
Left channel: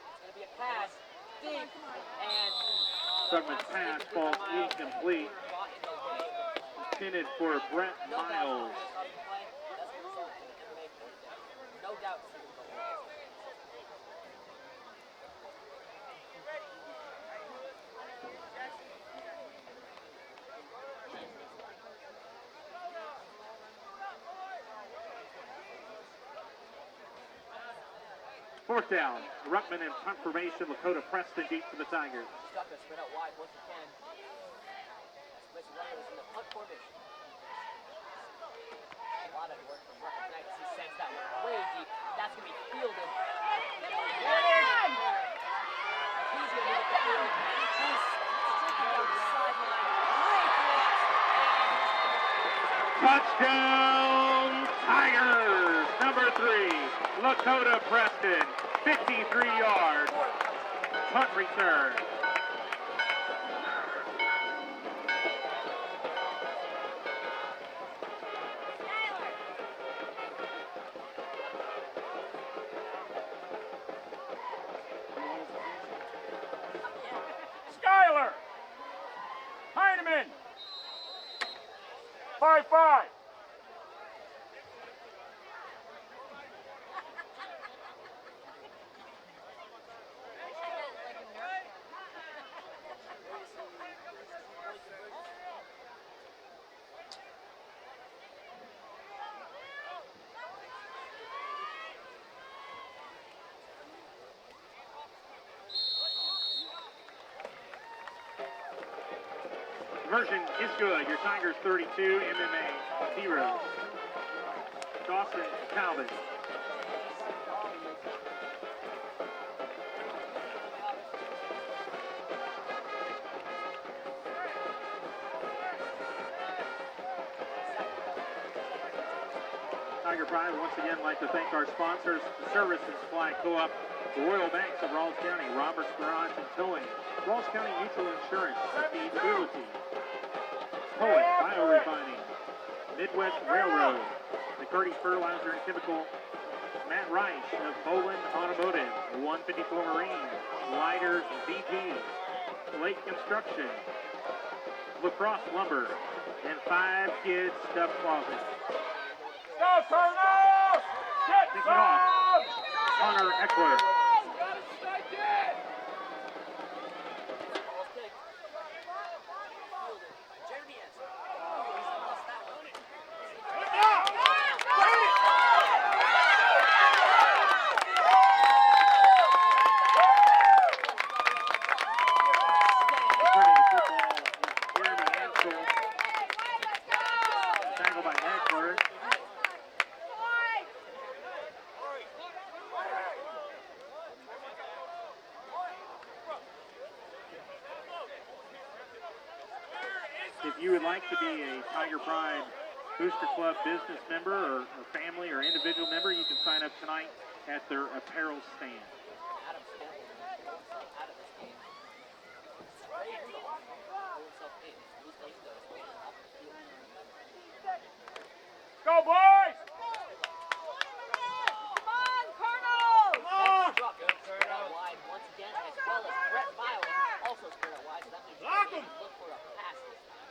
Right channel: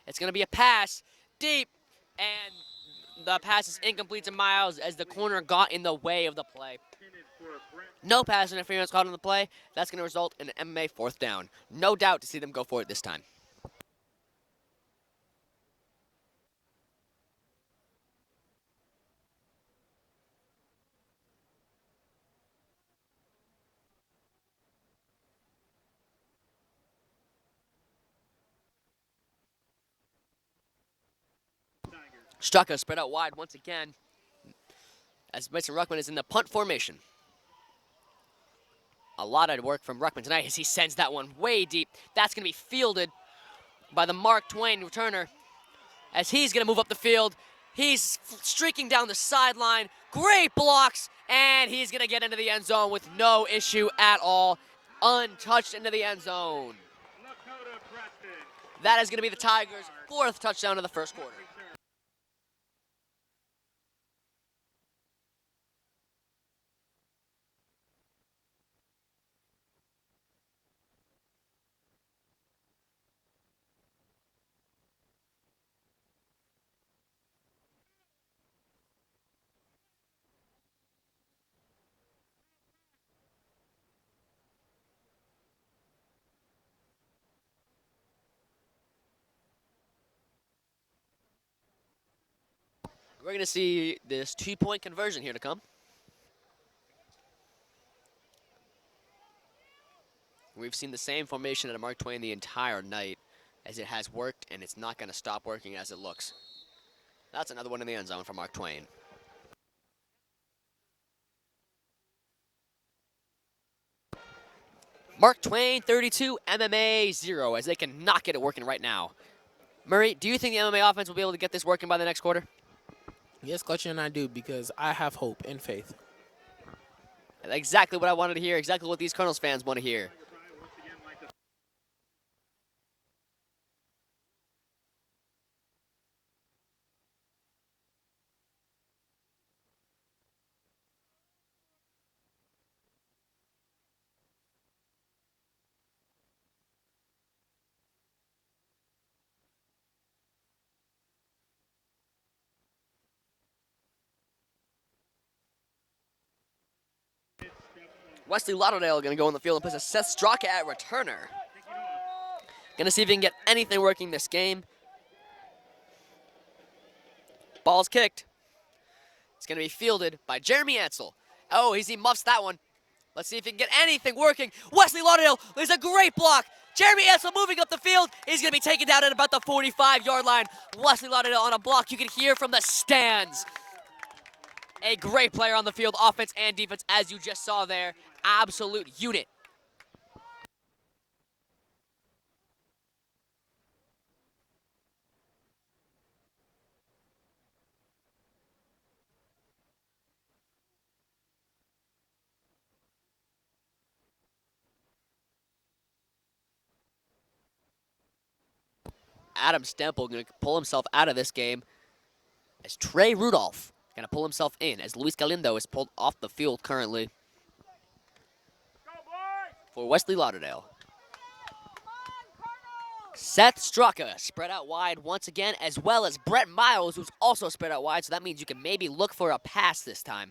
It's going to be a pass deep, and the pass is incomplete to Miles as the corner got in the way of the play. No pass interference caught on the play. That's going to result in an MMA 4th down. No doubt to see them go for it this time. Fourth down. Ruckman in punt formation. Lakota Preston deep for the Tigers. Straka spread out wide once again as Mason Ruckman is in the punt formation. A lot of work from Ruckman tonight as he sends that one way deep. That's going to be fielded by the Mark Twain returner as he's going to move up the field. He's streaking down the sideline. Great blocks, and he's going to get into the end zone with no issue at all. Untouched into the end zone. Lakota Preston. That is going to be the 53 Tigers' yards. 4th touchdown of the first Punt return. Skyler! Heineman! 5-5. We're going to see this 2-point conversion here to come. We've seen the same formation at Mark Twain the entire night as it has worked, and it's not going to stop working as it looks. That's another one in the end zone for Mark Twain. Conversion is good. Your Tigers 32, MMA 0. Mark Twain 32, MMA 0 as they cannot get it working right now. Murray, do you think the MMA offense will be able to get this working by the next quarter? Yes, Coach, and I do, because I have hope and faith. Exactly what I wanted to hear, exactly what these Colonels fans want to hear. Tiger Pride once again like to thank our sponsors, the Service and Supply Co-op, the Royal Banks of Rawls County, Roberts Garage and Towing, Rawls County Mutual Insurance, Sustainability, Towing, Biorefining, Midwest Railroad, McCurdy Fertilizer and Chemical, Matt Reich of Poland Automotive, 154 Marine, Lighters BP, Lake Construction, Lacrosse Lumber, and 5 Kids Stuff Closet. Wesley Lauderdale going to go on the field and place Seth Straka at returner. Kicking off. Going to see if he can get anything working this game. Ball's kicked. It's going to be fielded by Jeremy Ansel. Oh, he muffs that one. Let's see if he can get anything working. Wesley Lauderdale is a great block. Jeremy Ansel moving up the field. He's going to be taken down at about the 45-yard line. Wesley Lauderdale on a block you can hear from the stands. a great player on the field, offense and defense, as you just saw there. Absolute unit. If you would like to be a Tiger Pride Booster Club business member or family or individual member, you can sign up tonight at their apparel stand. Adam Stempel going to pull himself out of this game as Trey Rudolph going to pull himself in as Luis Galindo is pulled off the field currently Go, boys! for Wesley Lauderdale. Come on, Colonel! Seth Straka spread out wide once again, as well as Brett Miles, who's also spread out wide, so that means you can maybe look for a pass this time.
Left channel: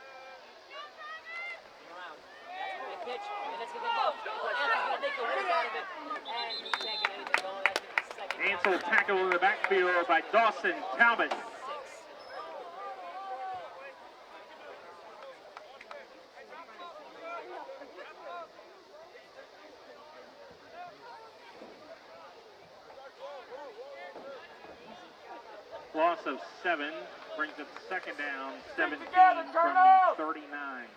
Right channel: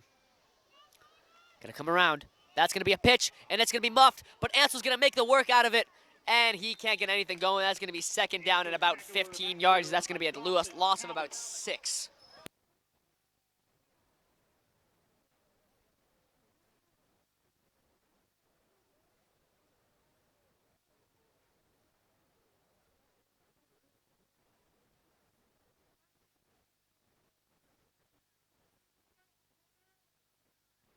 Gonna come around. That's gonna be a pitch, and it's gonna be muffed, but Ansell's gonna make the work out of it, and he can't get anything going. That's gonna be second down and about 15 yards. That's gonna be a loss of about 6. Loss of 7 brings up second down, 17 together, from Colonel! the 39.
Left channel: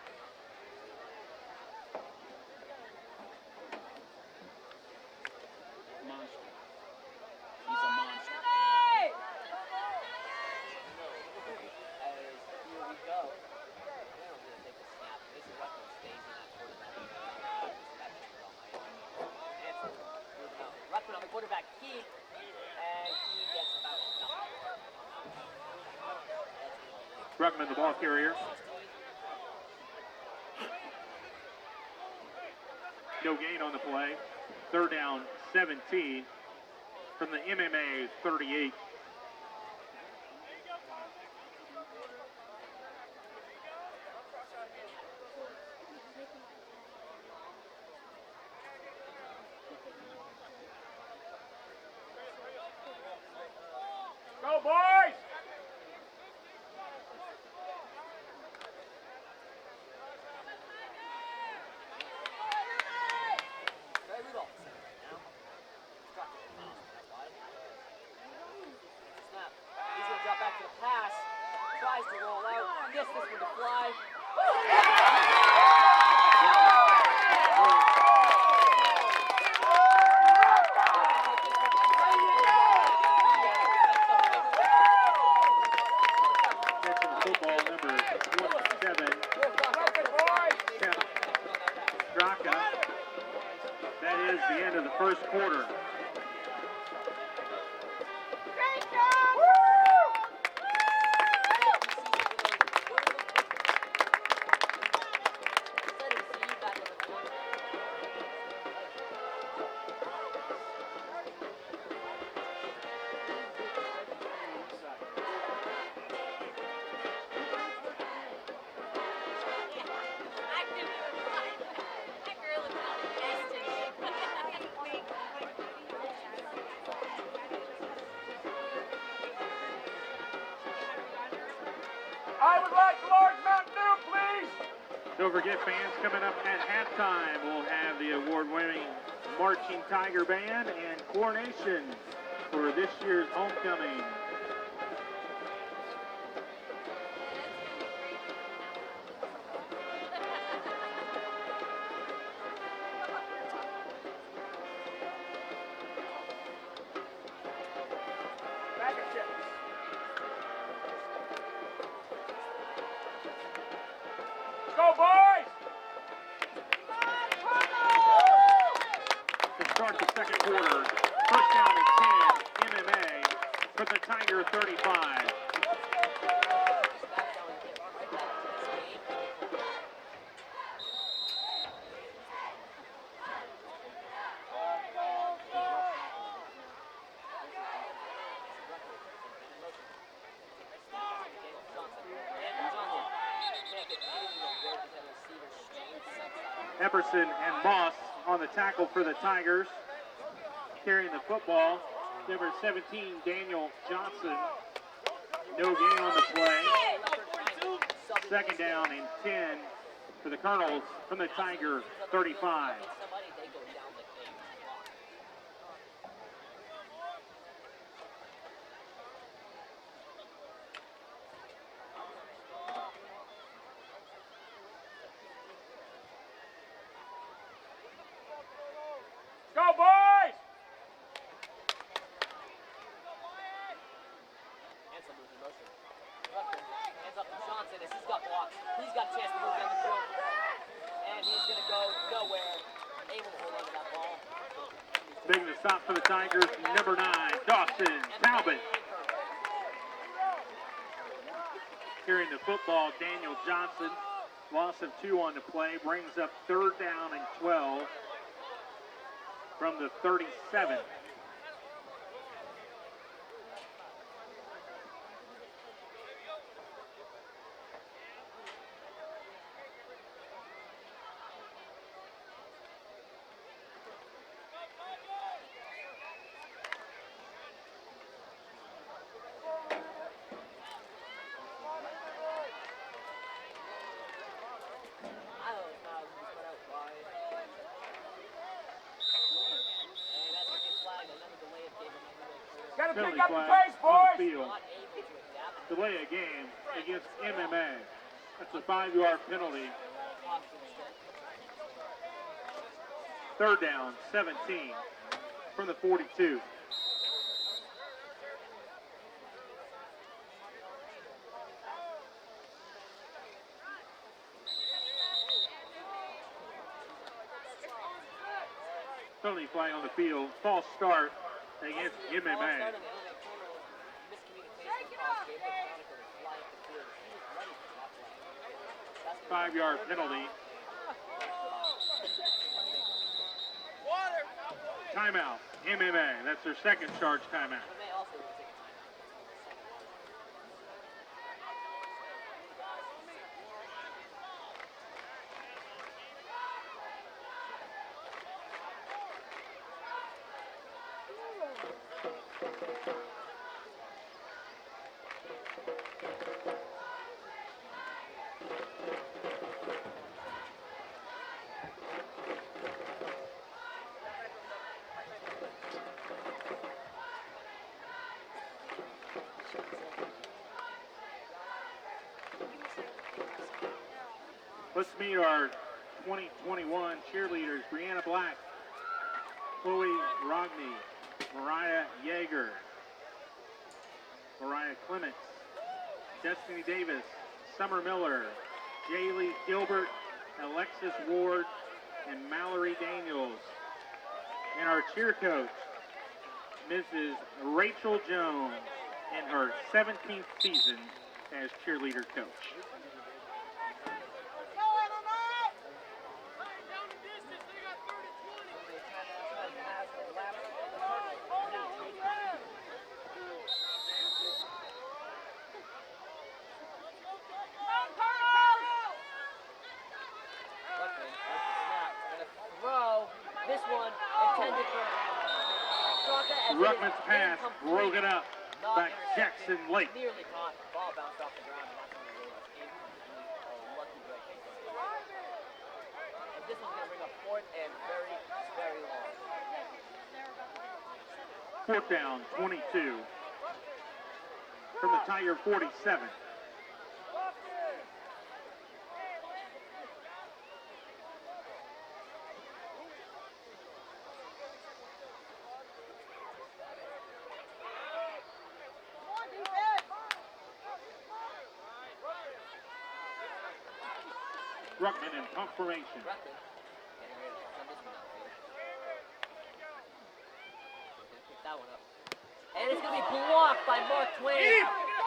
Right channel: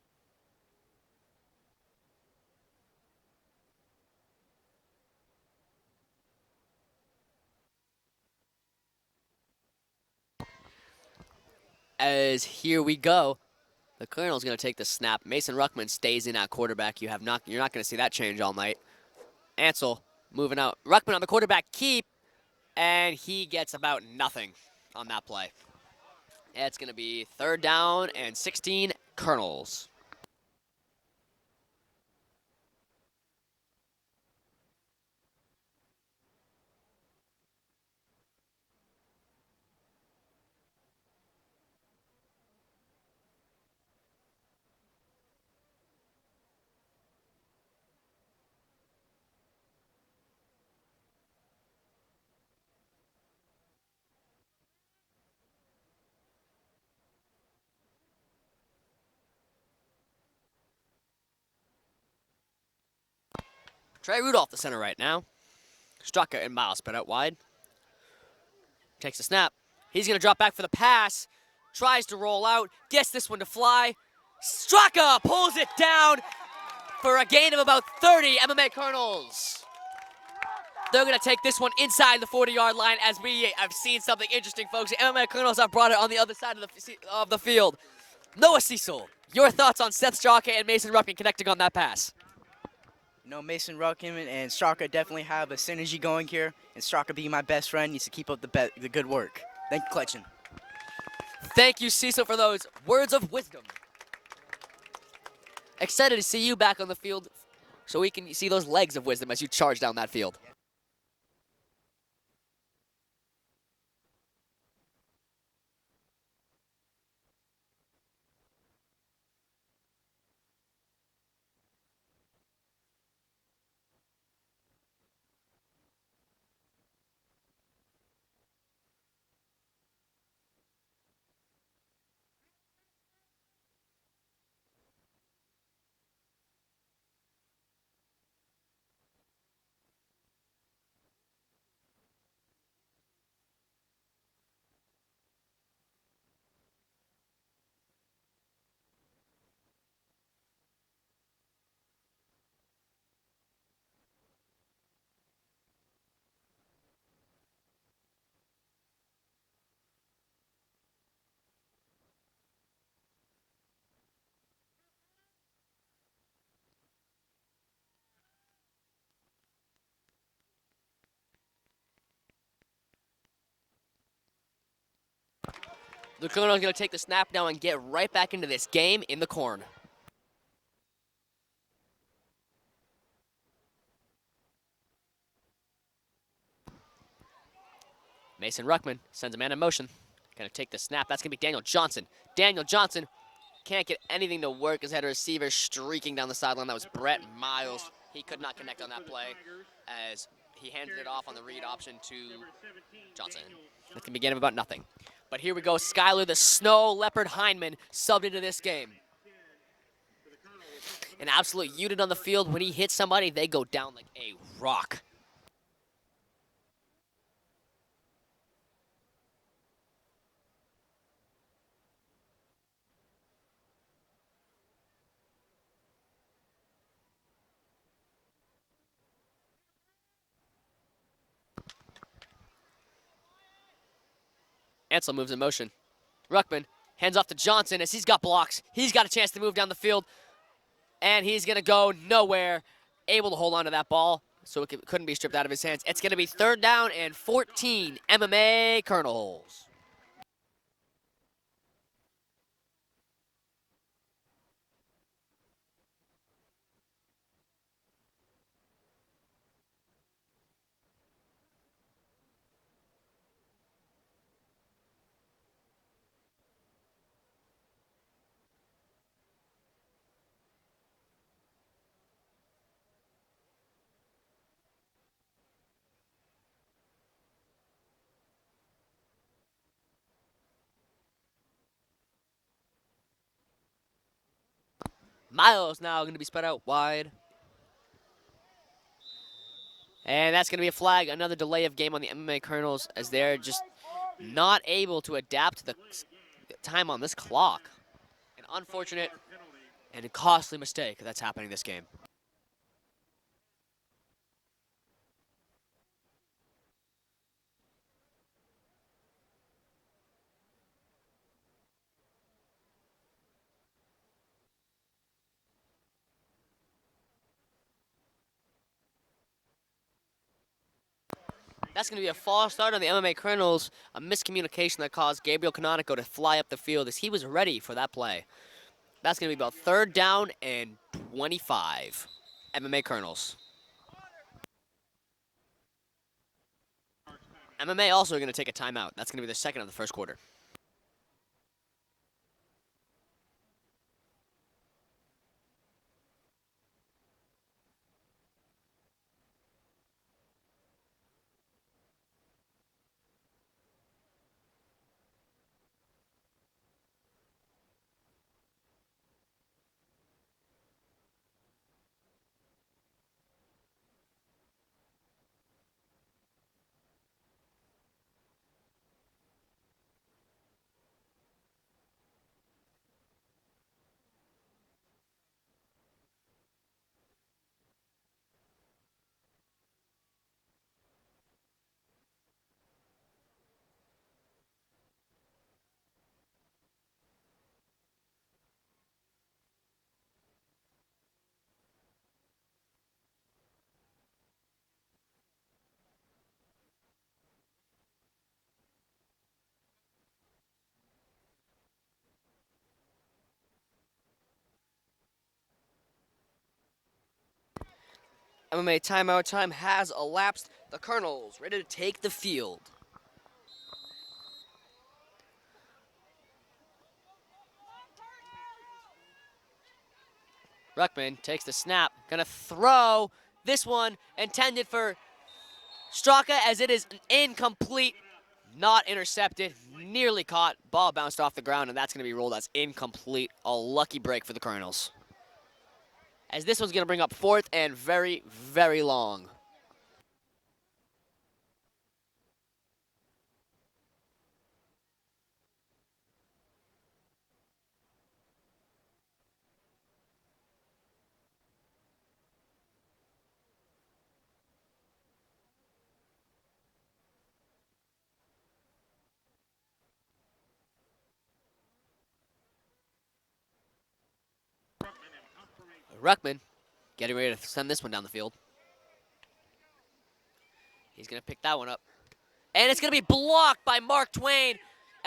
As here we go, the Colonel's gonna take the snap. Mason Ruckman stays in at quarterback. You're not gonna see that change all night. Ansell moving out. Ruckman on the quarterback keep, and he gets about nothing on that play. It's gonna be third down and 16, Colonels. No gain on the play. Third down, 17 from the MMA 38. Go, boys! Trey Rudolph, the center right now. Straka and Miles spread out wide. Takes a snap. He's gonna drop back for the pass. Tries to roll out. Gets this one to fly. Straka pulls it down for a gain of about 30. MMA Colonels. They're gonna take this one inside the 40-yard line as we have seen something interesting, folks. The MMA Colonels have brought it on the other side of the field. Noah Cecil, your thoughts on Seth Straka and Mason Ruckman connecting on that pass? Mason Ruckman and Straka definitely have the synergy going here. And Straka being my best friend needs to keep up the good work. Thank you, Clutchin. Thank you, Cecil, for those words of wisdom. Excited to see you back on the field so we can see those legs of wisdom as you charge down that field. I would like a large Mountain Dew, please! Don't forget, fans, coming up at halftime, we'll have the award-winning Marching Tiger Band and coronation for this year's homecoming. Bag of chips. Go, boys! To start the second quarter, first down and 10, MMA for the Tiger 35. Lucono's going to take the snap now and get right back into this game in the corner. Mason Ruckman sends a man in motion. Going to take the snap. That's going to be Daniel Johnson. Daniel Johnson can't get anything to work as had a receiver streaking down the sideline. That was Brett Epperson and Miles. Moss He on could the not connect tackle on for that the play Tigers. as he handed Carrying it the off on the read football, option to number 17, Johnson. Daniel At Johnson. the beginning about nothing. But here we No go. gain on Skyler, the the play. Snow Leopard Hyndman, subbed into this Second game. down and 10 for the Colonels from the An absolute Tiger unit on the field. When he 35. hits somebody, they go down like a rock. Ansel moves in motion. Ruckman hands off to Johnson as he's got blocks. He's got a chance to move down the field. And he's going to go nowhere. Able to hold on to that ball so it couldn't be stripped out of his hands. It's going to be 3rd down and 14. MMA Colonels. Carrying the football, Daniel Johnson. Loss of 2 on the play brings up 3rd down and 12 from the 37. Miles now going to be spread out wide. And that's going to be a flag. Another delay of game on the MMA Colonels as they're just not able to adapt to the time on this clock. Unfortunate and a costly mistake that's happening this game. 3rd down, 17 from the 42. Penalty flag on the field. False start. That's going to be a false start on the MMA Colonels. A miscommunication that caused Gabriel Canonico to fly up the field as he was ready for that play. That's going to be about 3rd down and 25. MMA Colonels. Timeout. MMA. That's their 2nd charge timeout. MMA also going to take a timeout. That's going to be their 2nd of the 1st quarter. Let's meet our 2021 cheerleaders. Brianna Black, Chloe Rogney, Mariah Yeager, Mariah Clements, Destiny Davis, Summer Miller, Jaylee Gilbert, Alexis Ward, and Mallory Daniels. And our cheer coach, Mrs. Rachel Jones, in her 17th season as cheerleader coach. MMA timeout time has elapsed. The Colonels ready to take the field. Ruckman takes the snap, gonna throw this one intended for Straka as it is incomplete, not intercepted, nearly caught. Ball bounced off the ground and that's gonna be rolled as incomplete. A lucky break for the Colonels. As this one's gonna bring up 4th and very, very long. 4th down, 22 from the Tiger 47. Ruckman in pump formation. Ruckman getting ready to send this one down the field. He's gonna pick that one up. And it's gonna be blocked by Mark Twain.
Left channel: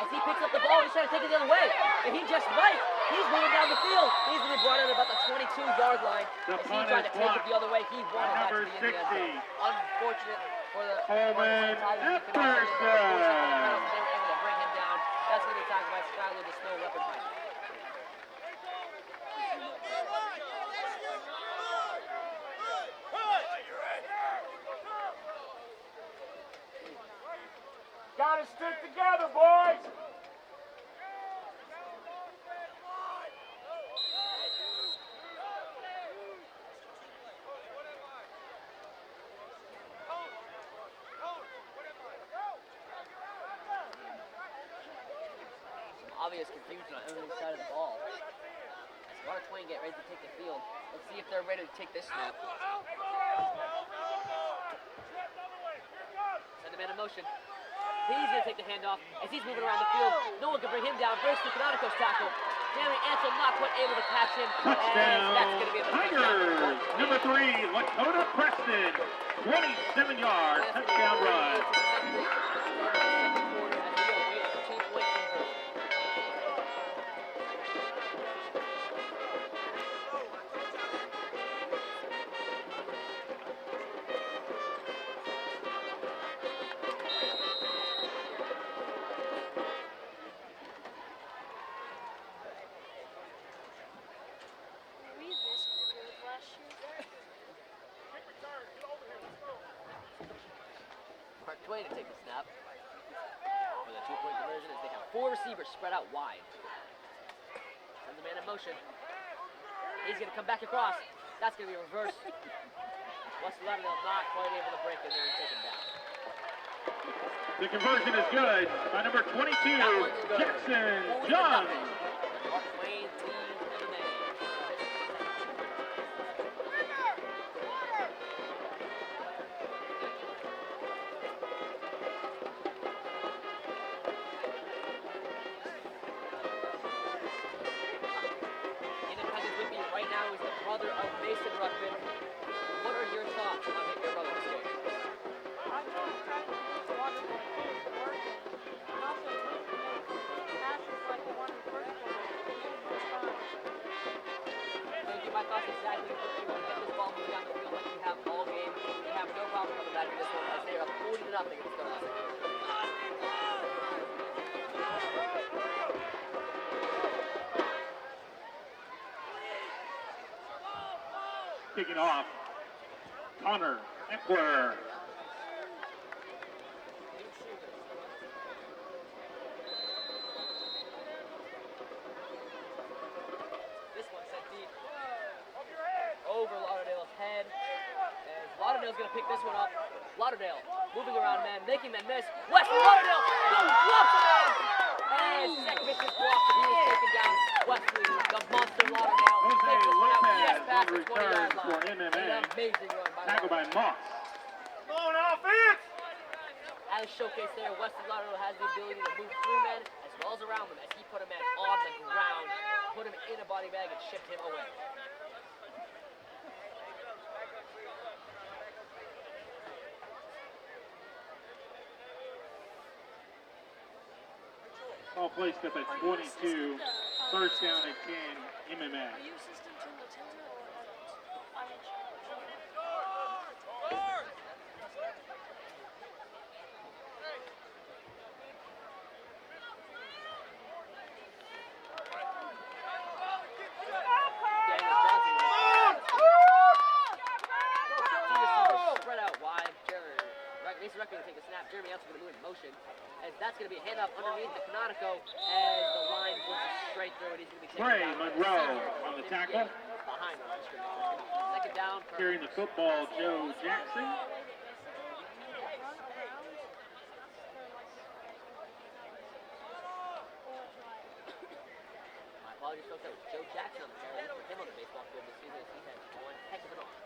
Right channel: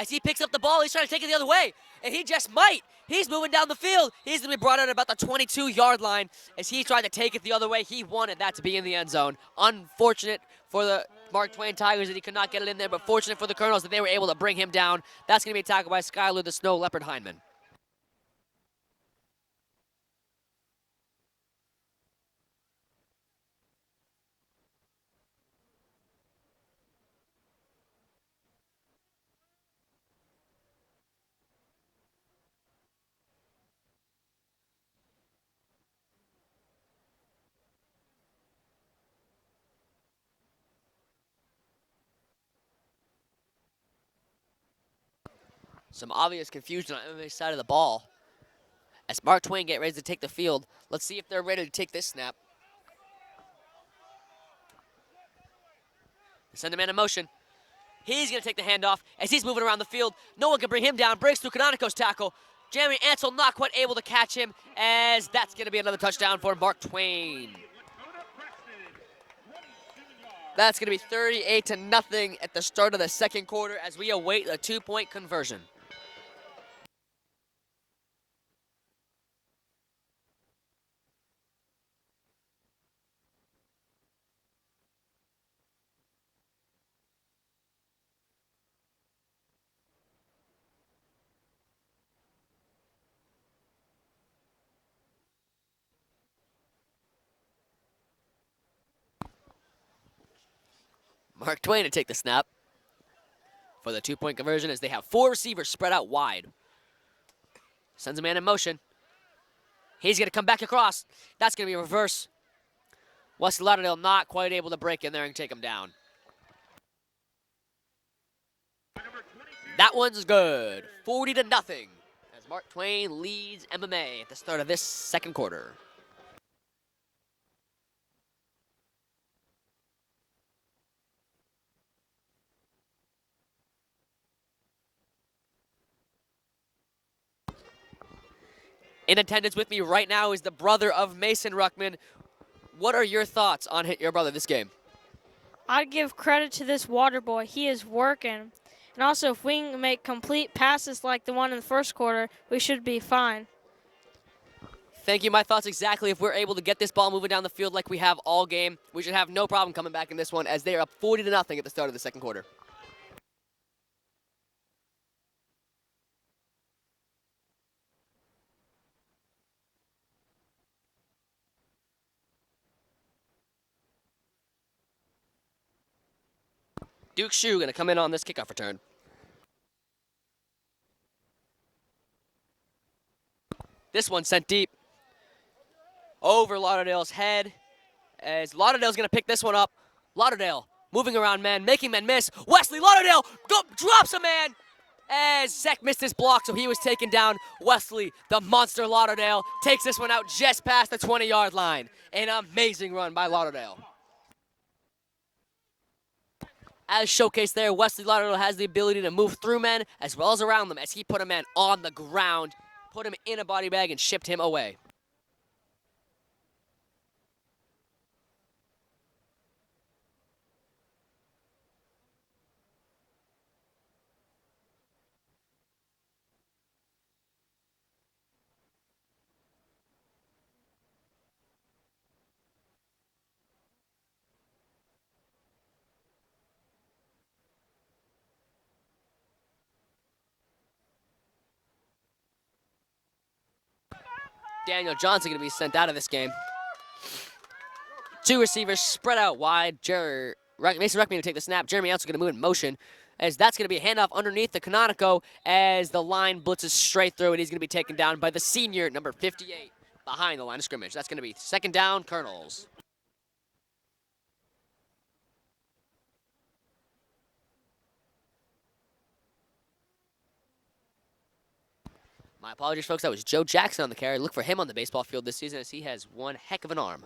As he picks up the ball, he's trying to take it the other way. And he just might. He's moving down the field. He's gonna be brought out at about the 22-yard line. As he's trying to take it the other way, he wanted that to be in the end zone. Unfortunate for the Mark Twain Tigers that he could not get it in there, but fortunate for the Colonels that they were able to bring him down. That's gonna be tackled by Skylar the Snow Leopard Hyndman. Gotta stick together, boys. Some obvious confusion on the other side of the ball. As Mark Twain get ready to take the field, let's see if they're ready to take this snap. Send a man in motion. He's going to take the handoff as he's moving around the field. No one can bring him down. Breaks through Canonico's tackle. Jeremy Ansel not quite able to catch him, as that's going to be another touchdown for Mark Twain. Number 3, Lakota Preston, 27 yards. That's going to be 38-0 at the start of the second quarter as we await a 2-point conversion. Mark Twain to take the snap for the 2-point conversion as they have 4 receivers spread out wide. Sends a man in motion. He's going to come back across. That's going to be a reverse. Wesley Lauderdale not quite able to break in there and take him down. The conversion is good by number 22. That one's good. Jackson 40-0. Young. Mark Twain leads MMA at the start of this second quarter. In attendance with me right now is the brother of Mason Ruckman. What are your thoughts on your brother this game? I'd give credit to this water boy. He is working. And also, if we can make complete passes like the one in the first quarter, we should be fine. Thank you. My thoughts exactly. If we're able to get this ball moving down the field like we have all game, we should have no problem coming back in this one as they are up 40-0 at the start of the second quarter. Kicking off, Connor Eckler. Duke Shue going to come in on this kickoff return. This one sent deep over Lauderdale's head as Lauderdale's going to pick this one up. Lauderdale moving around men, making men miss. Wesley Lauderdale drops a man as Zek missed his block, so he was taken down. Wesley, the monster Lauderdale, takes this one out just past the 20-yard line. An amazing run by Lauderdale. As showcased there, Wesley Lauderdale has the ability to move through men as well as around them as he put a man on the ground, put him in a body bag, and shipped him away. All placed up at 22. First down and 10, MMA. Daniel Johnson going to be sent out of this game. 2 receivers spread out wide. Mason Ruckman to take the snap. Jeremy Ansel going to move in motion as that's going to be a handoff underneath the Canonico as the line blitzes straight through, and he's going to be taken down by the senior, number 58, behind the line of scrimmage. That's going to be second down, Carrying the Colonels. football, Joe Jackson. My apologies, folks. That was Joe Jackson on the carry. Look for him on the baseball field this season as he has one heck of an arm.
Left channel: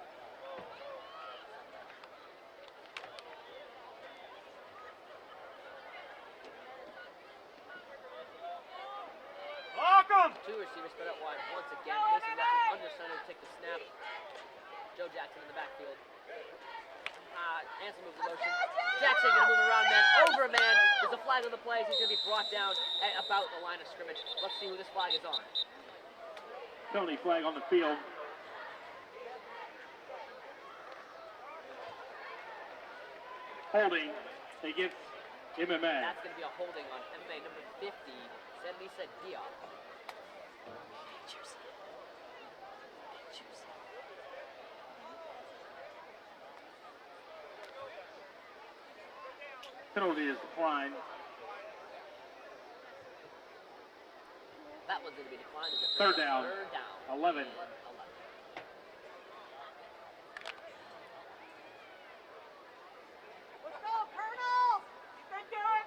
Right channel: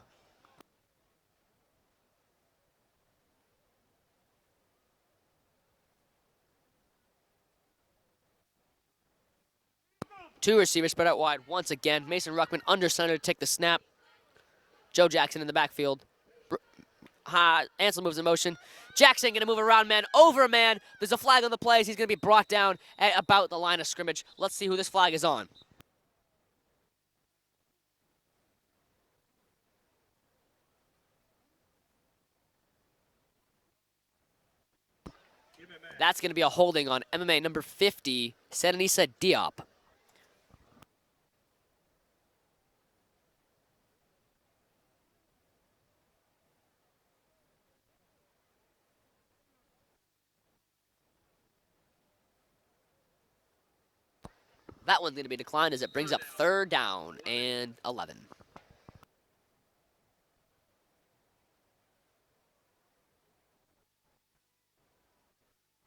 Two receivers spread out wide once again. Mason Ruckman under center to take the snap. Joe Jackson in the backfield. Ansel moves in motion. Jackson going to move around man, over a man. There's a flag on the plays. He's going to be brought down at about the line of scrimmage. Let's see who this flag is on. Tony flag on the field. Holding against MMA. That's going to be a holding on MMA number 50, Senanisa Diop. Penalty is declined. That one's going to be declined as it brings up third down 11. and 11. Let's go, Colonels! Stick to it,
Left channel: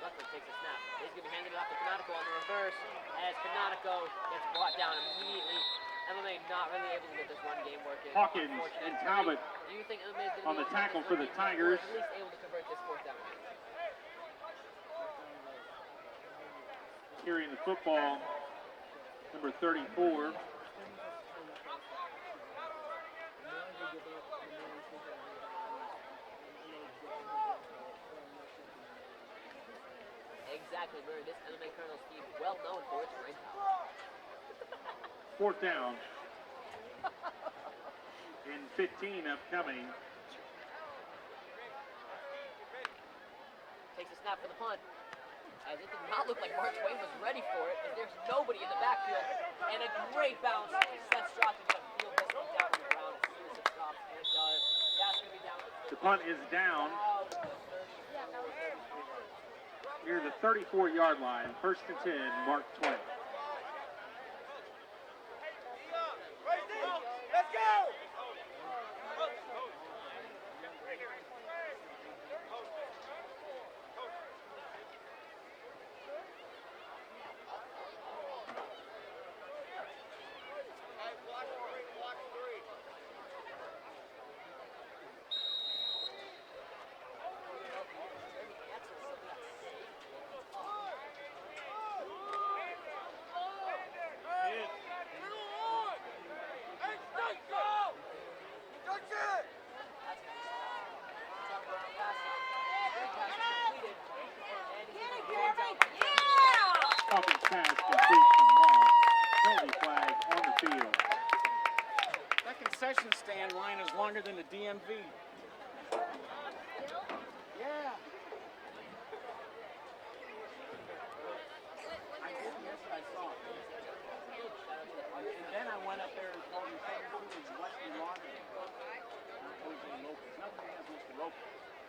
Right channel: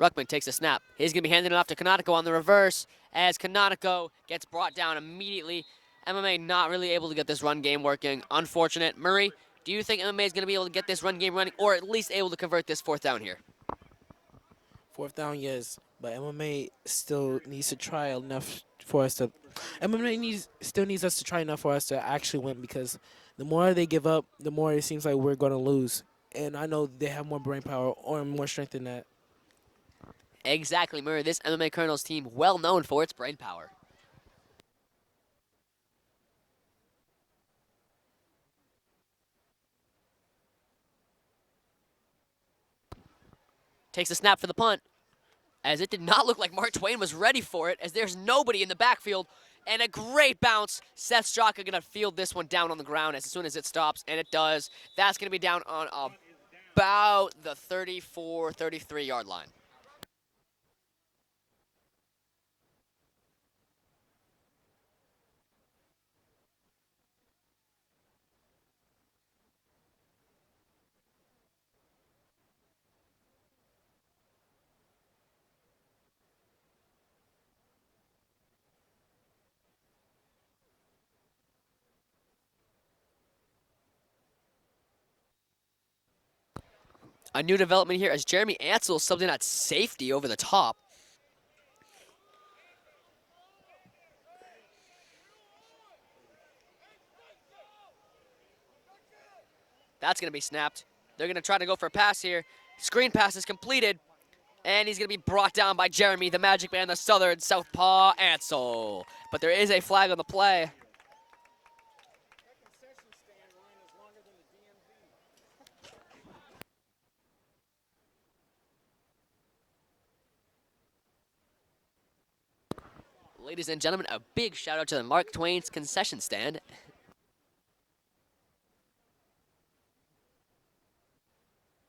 Colonels! Ruckman takes a snap. He's going to be handing it off to Canonico on the reverse as Canonico gets brought down immediately. MMA not really able to get this run game working. Unfortunate. Murray, do you think MMA is going to be able to get this run game running, or at least able to convert this 4th down here? 4th down, yes, but MMA still needs to try enough for us to. Still needs us to try enough for us to actually win, because the more they give up, the more it seems like we're going to lose. And I know they have more brain power or more strength than that. Exactly, Murray. This MMA Colonels team, well known for its brain power. 4th down. And 15 upcoming. Takes a snap for the punt, as it did not look like Mark Twain was ready for it, as there's nobody in the backfield. And a great bounce. Seth Straka going to field this one down on the ground as soon as it stops, and it does. That's going to be down on about the 34, 33-yard line. Near the 34-yard line, 1st and 10, Mark Twain. Let's go! A new development here as Jeremy Ansel subbed in at safety over the top. That's going to be snapped. They're going to try to go for a pass here. Screen pass is completed, and he's going to be brought down by Jeremy, the Magic Man, the Southern Southpaw Ansel. But there is a flag on the play. That concession stand line is longer than the DMV. Ladies and gentlemen, a big shout out to the Mark Twain's concession stand.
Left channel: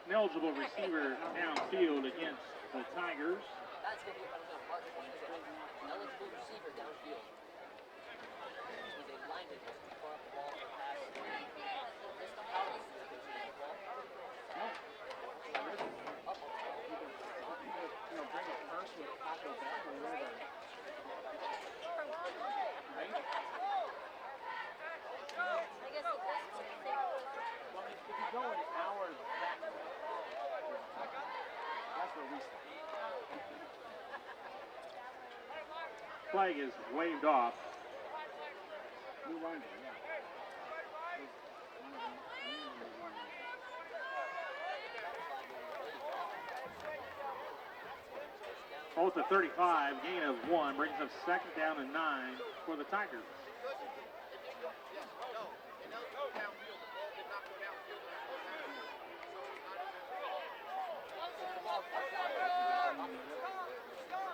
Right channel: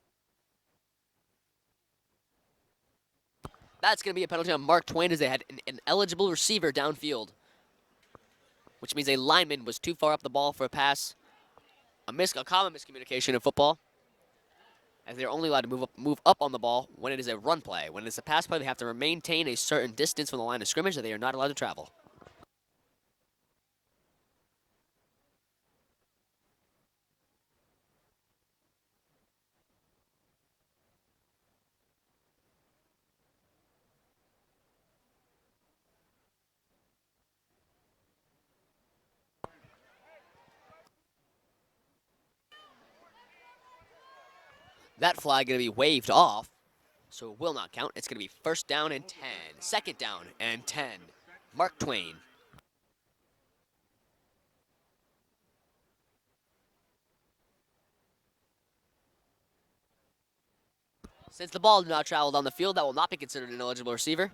An eligible receiver downfield against the Tigers. That's going to be a penalty on Mark Twain, as they had an eligible receiver downfield, which means a lineman was too far up the ball for a pass. A common miscommunication in football, as they're only allowed to move up on the ball when it is a run play. When it's a pass play, they have to maintain a certain distance from the line of scrimmage, and they are not allowed to travel. Flag is waved off. That flag going to be waved off, so it will not count. It's going to be 1st down and 10, 2nd down and 10. Mark Twain. For the Tigers. Since the ball did not travel down the field, that will not be considered an eligible receiver.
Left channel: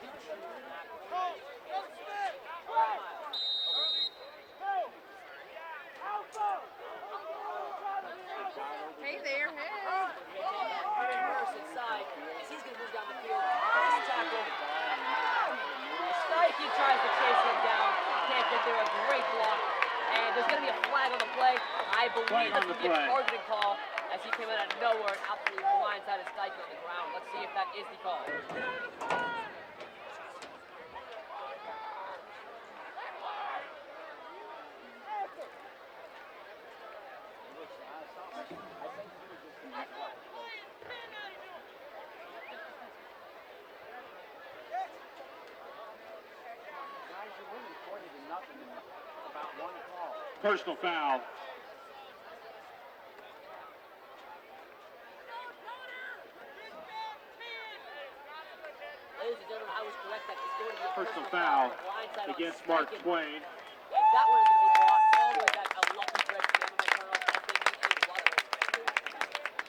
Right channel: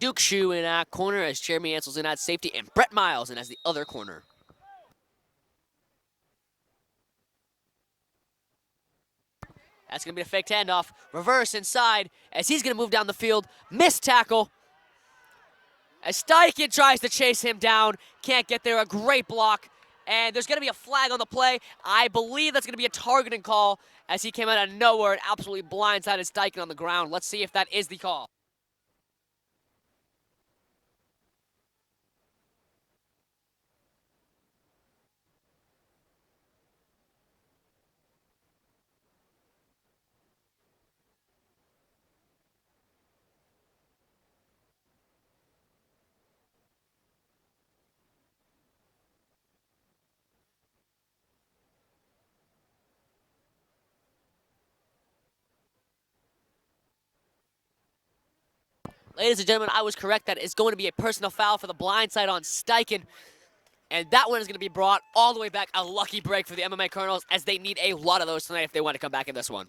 Duke Shue in at corner as Jeremy Ansel's in at safety, and Brett Miles in as the other corner. That's going to be a fake handoff. Reverse inside as he's going to move down the field. Missed tackle. As Steichen tries to chase him down. Can't get there. A great block. And there's going to be a flag on the play. I believe that's going to be a targeting call as he came out of nowhere and absolutely blindsided Steichen on the ground. Let's see if that is the call. Personal foul. Ladies and gentlemen, I was correct. That is going to be a personal foul for the blindside on Steichen. And that one is going to be brought all the way back. A lucky break for the MMA Colonels, as they need a lot of those tonight if they want to come back in this one.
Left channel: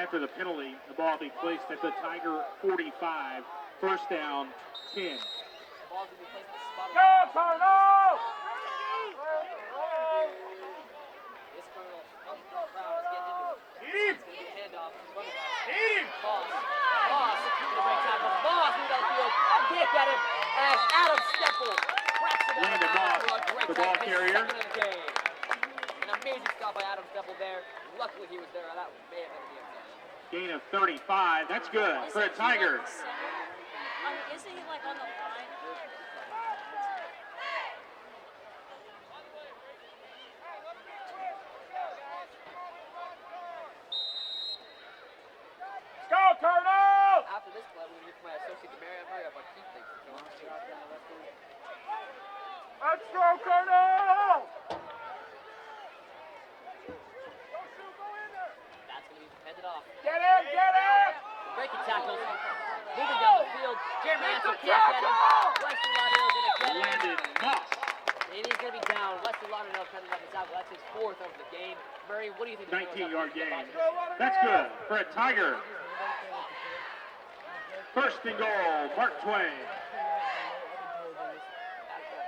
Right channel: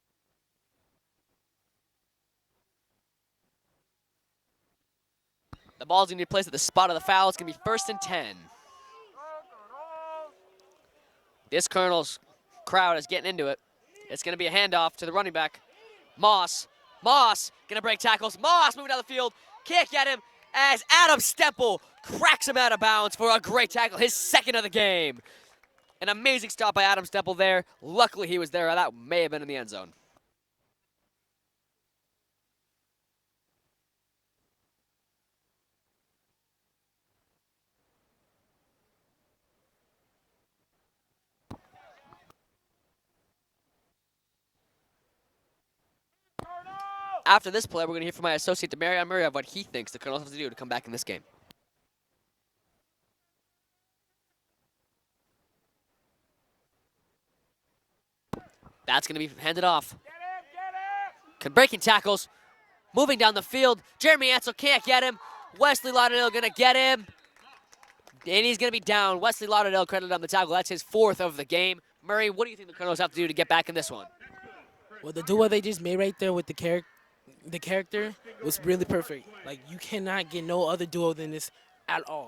After the penalty, the ball will be placed at the Tiger 45. 1st down, 10. The ball's going to be placed at the spot of the foul. It's going to be 1st and 10. This Colonels crowd is getting into it. It's going to be a handoff to the running back. Moss going to break tackles. Moss moving down the field. Can't get him as Adam Stempel cracks him out of bounds for a great tackle, his second of the game. An amazing stop by Adam Stempel there. Luckily he was there. That may have been in the end zone. Gain of 35. That's good for the Tigers. Isn't he like on the line? Go, Colonel! After this play, we're going to hear from my associate, Demarion Murray, of what he thinks the Colonels have to do to come back in this game. Let's go, Colonel! That's going to be handed off. Get him! Breaking tackles, moving down the field. Jeremy Ansel can't get him. Wesley Lauderdale going to get him. And he's going to be down. Wesley Lauderdale credited on the tackle. That's his fourth of the game. Murray, what do you think the Colonels have to do to get back in this one? That's good. Well, the duo they just made right there with the character is really perfect. Like, you cannot get no other duo than this at all.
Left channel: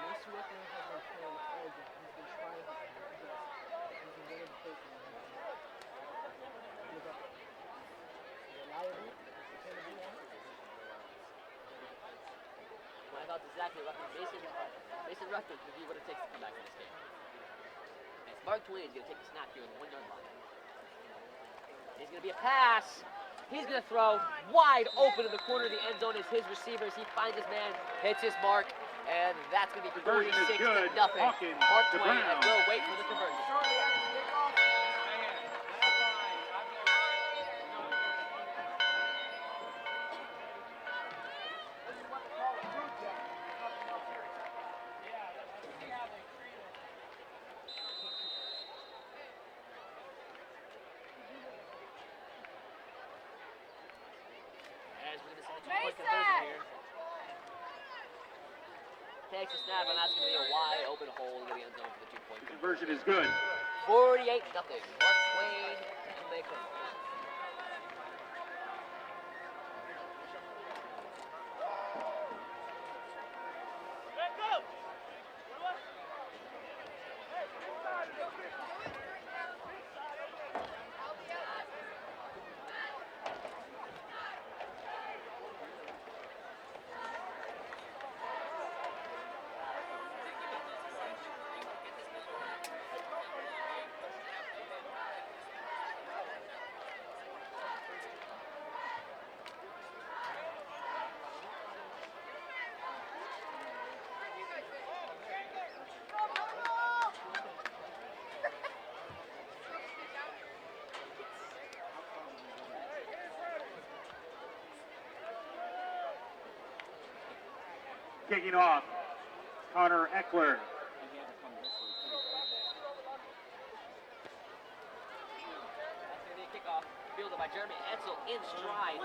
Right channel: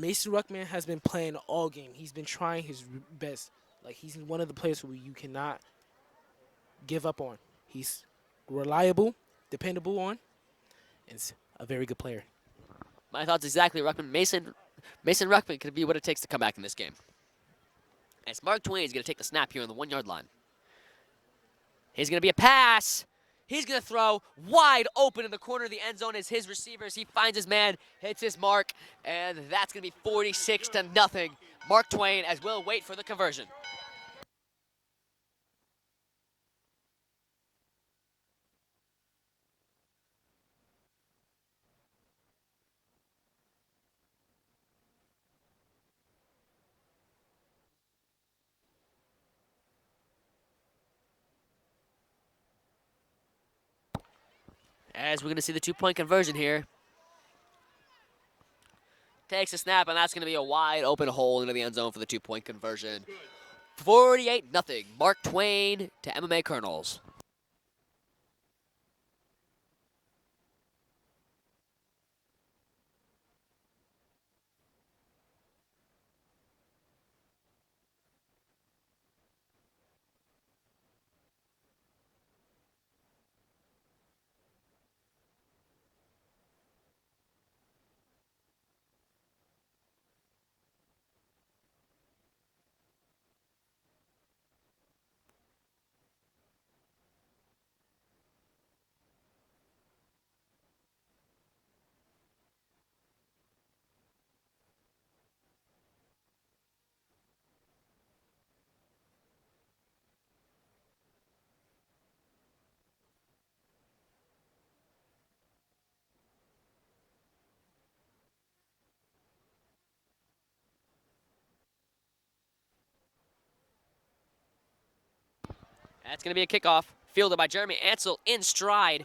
Mason Ruckman has been playing all game. He's been trying his best. Like, he's one of the players who you cannot give up on. He's reliable, dependable on, and a very good player. My thoughts exactly, Ruckman. Mason Ruckman could be what it takes to come back in this game. As Mark Twain is going to take the snap here on the 1 yard line. He's going to be a pass. He's going to throw wide open in the corner of the end zone as his receivers. He finds his man, hits his mark, and that's going to be 46-0. Mark Twain as we'll wait for the conversion. As we're going to see the 2-point conversion here. Takes a snap, and that's going to be a wide open hole into the end zone for the 2-point conversion. 48-0. Mark Twain to MMA Colonels. Kicking off, Connor Eckler. That's going to be a kickoff, fielded by Jeremy Ansel in stride.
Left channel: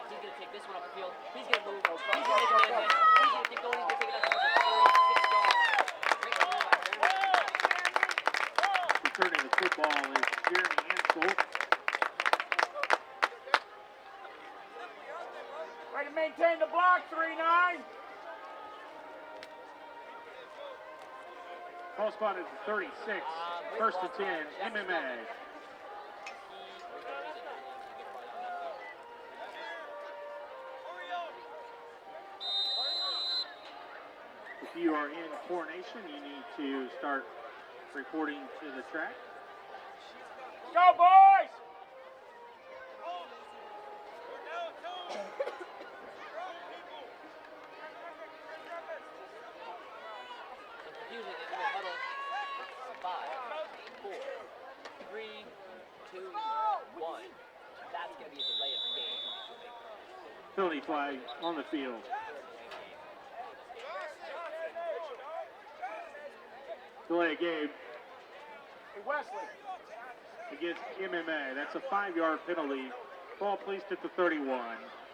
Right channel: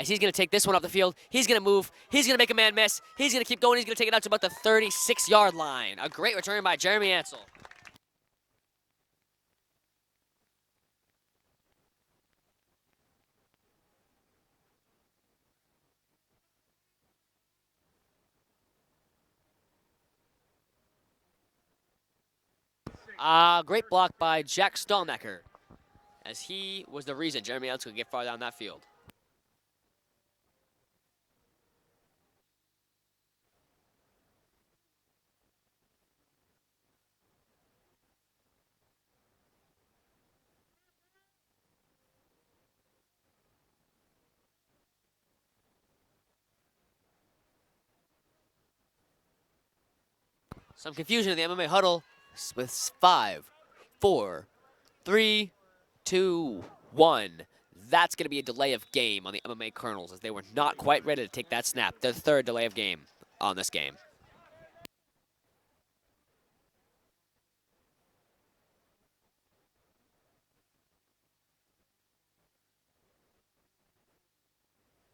As he's going to take this one off the field. He's going to move. He's going to make a man miss. He's going to keep going. He's going to take it out to about the 36-yard line. A great return by Jeremy Ansel. Returning the football is Jeremy Ansel. Way to maintain the block, 3-9. Ball spotted at 36. Great First block and by 10, Jack MMA. Stallnecker, as he was the reason Jeremy Ansel could get far down that field. If you are in coronation, you need to start reporting to the track. Go, boys! Some confusion in the MMA huddle with 5, 4, 3, 2, 1. That's going to be a delay of game on the MMA Colonels as they were not quite ready to take that snap. The third delay of game on this game. Delay of game Hey, Wesley. against MMA. That's a 5-yard penalty. Ball placed at the 31.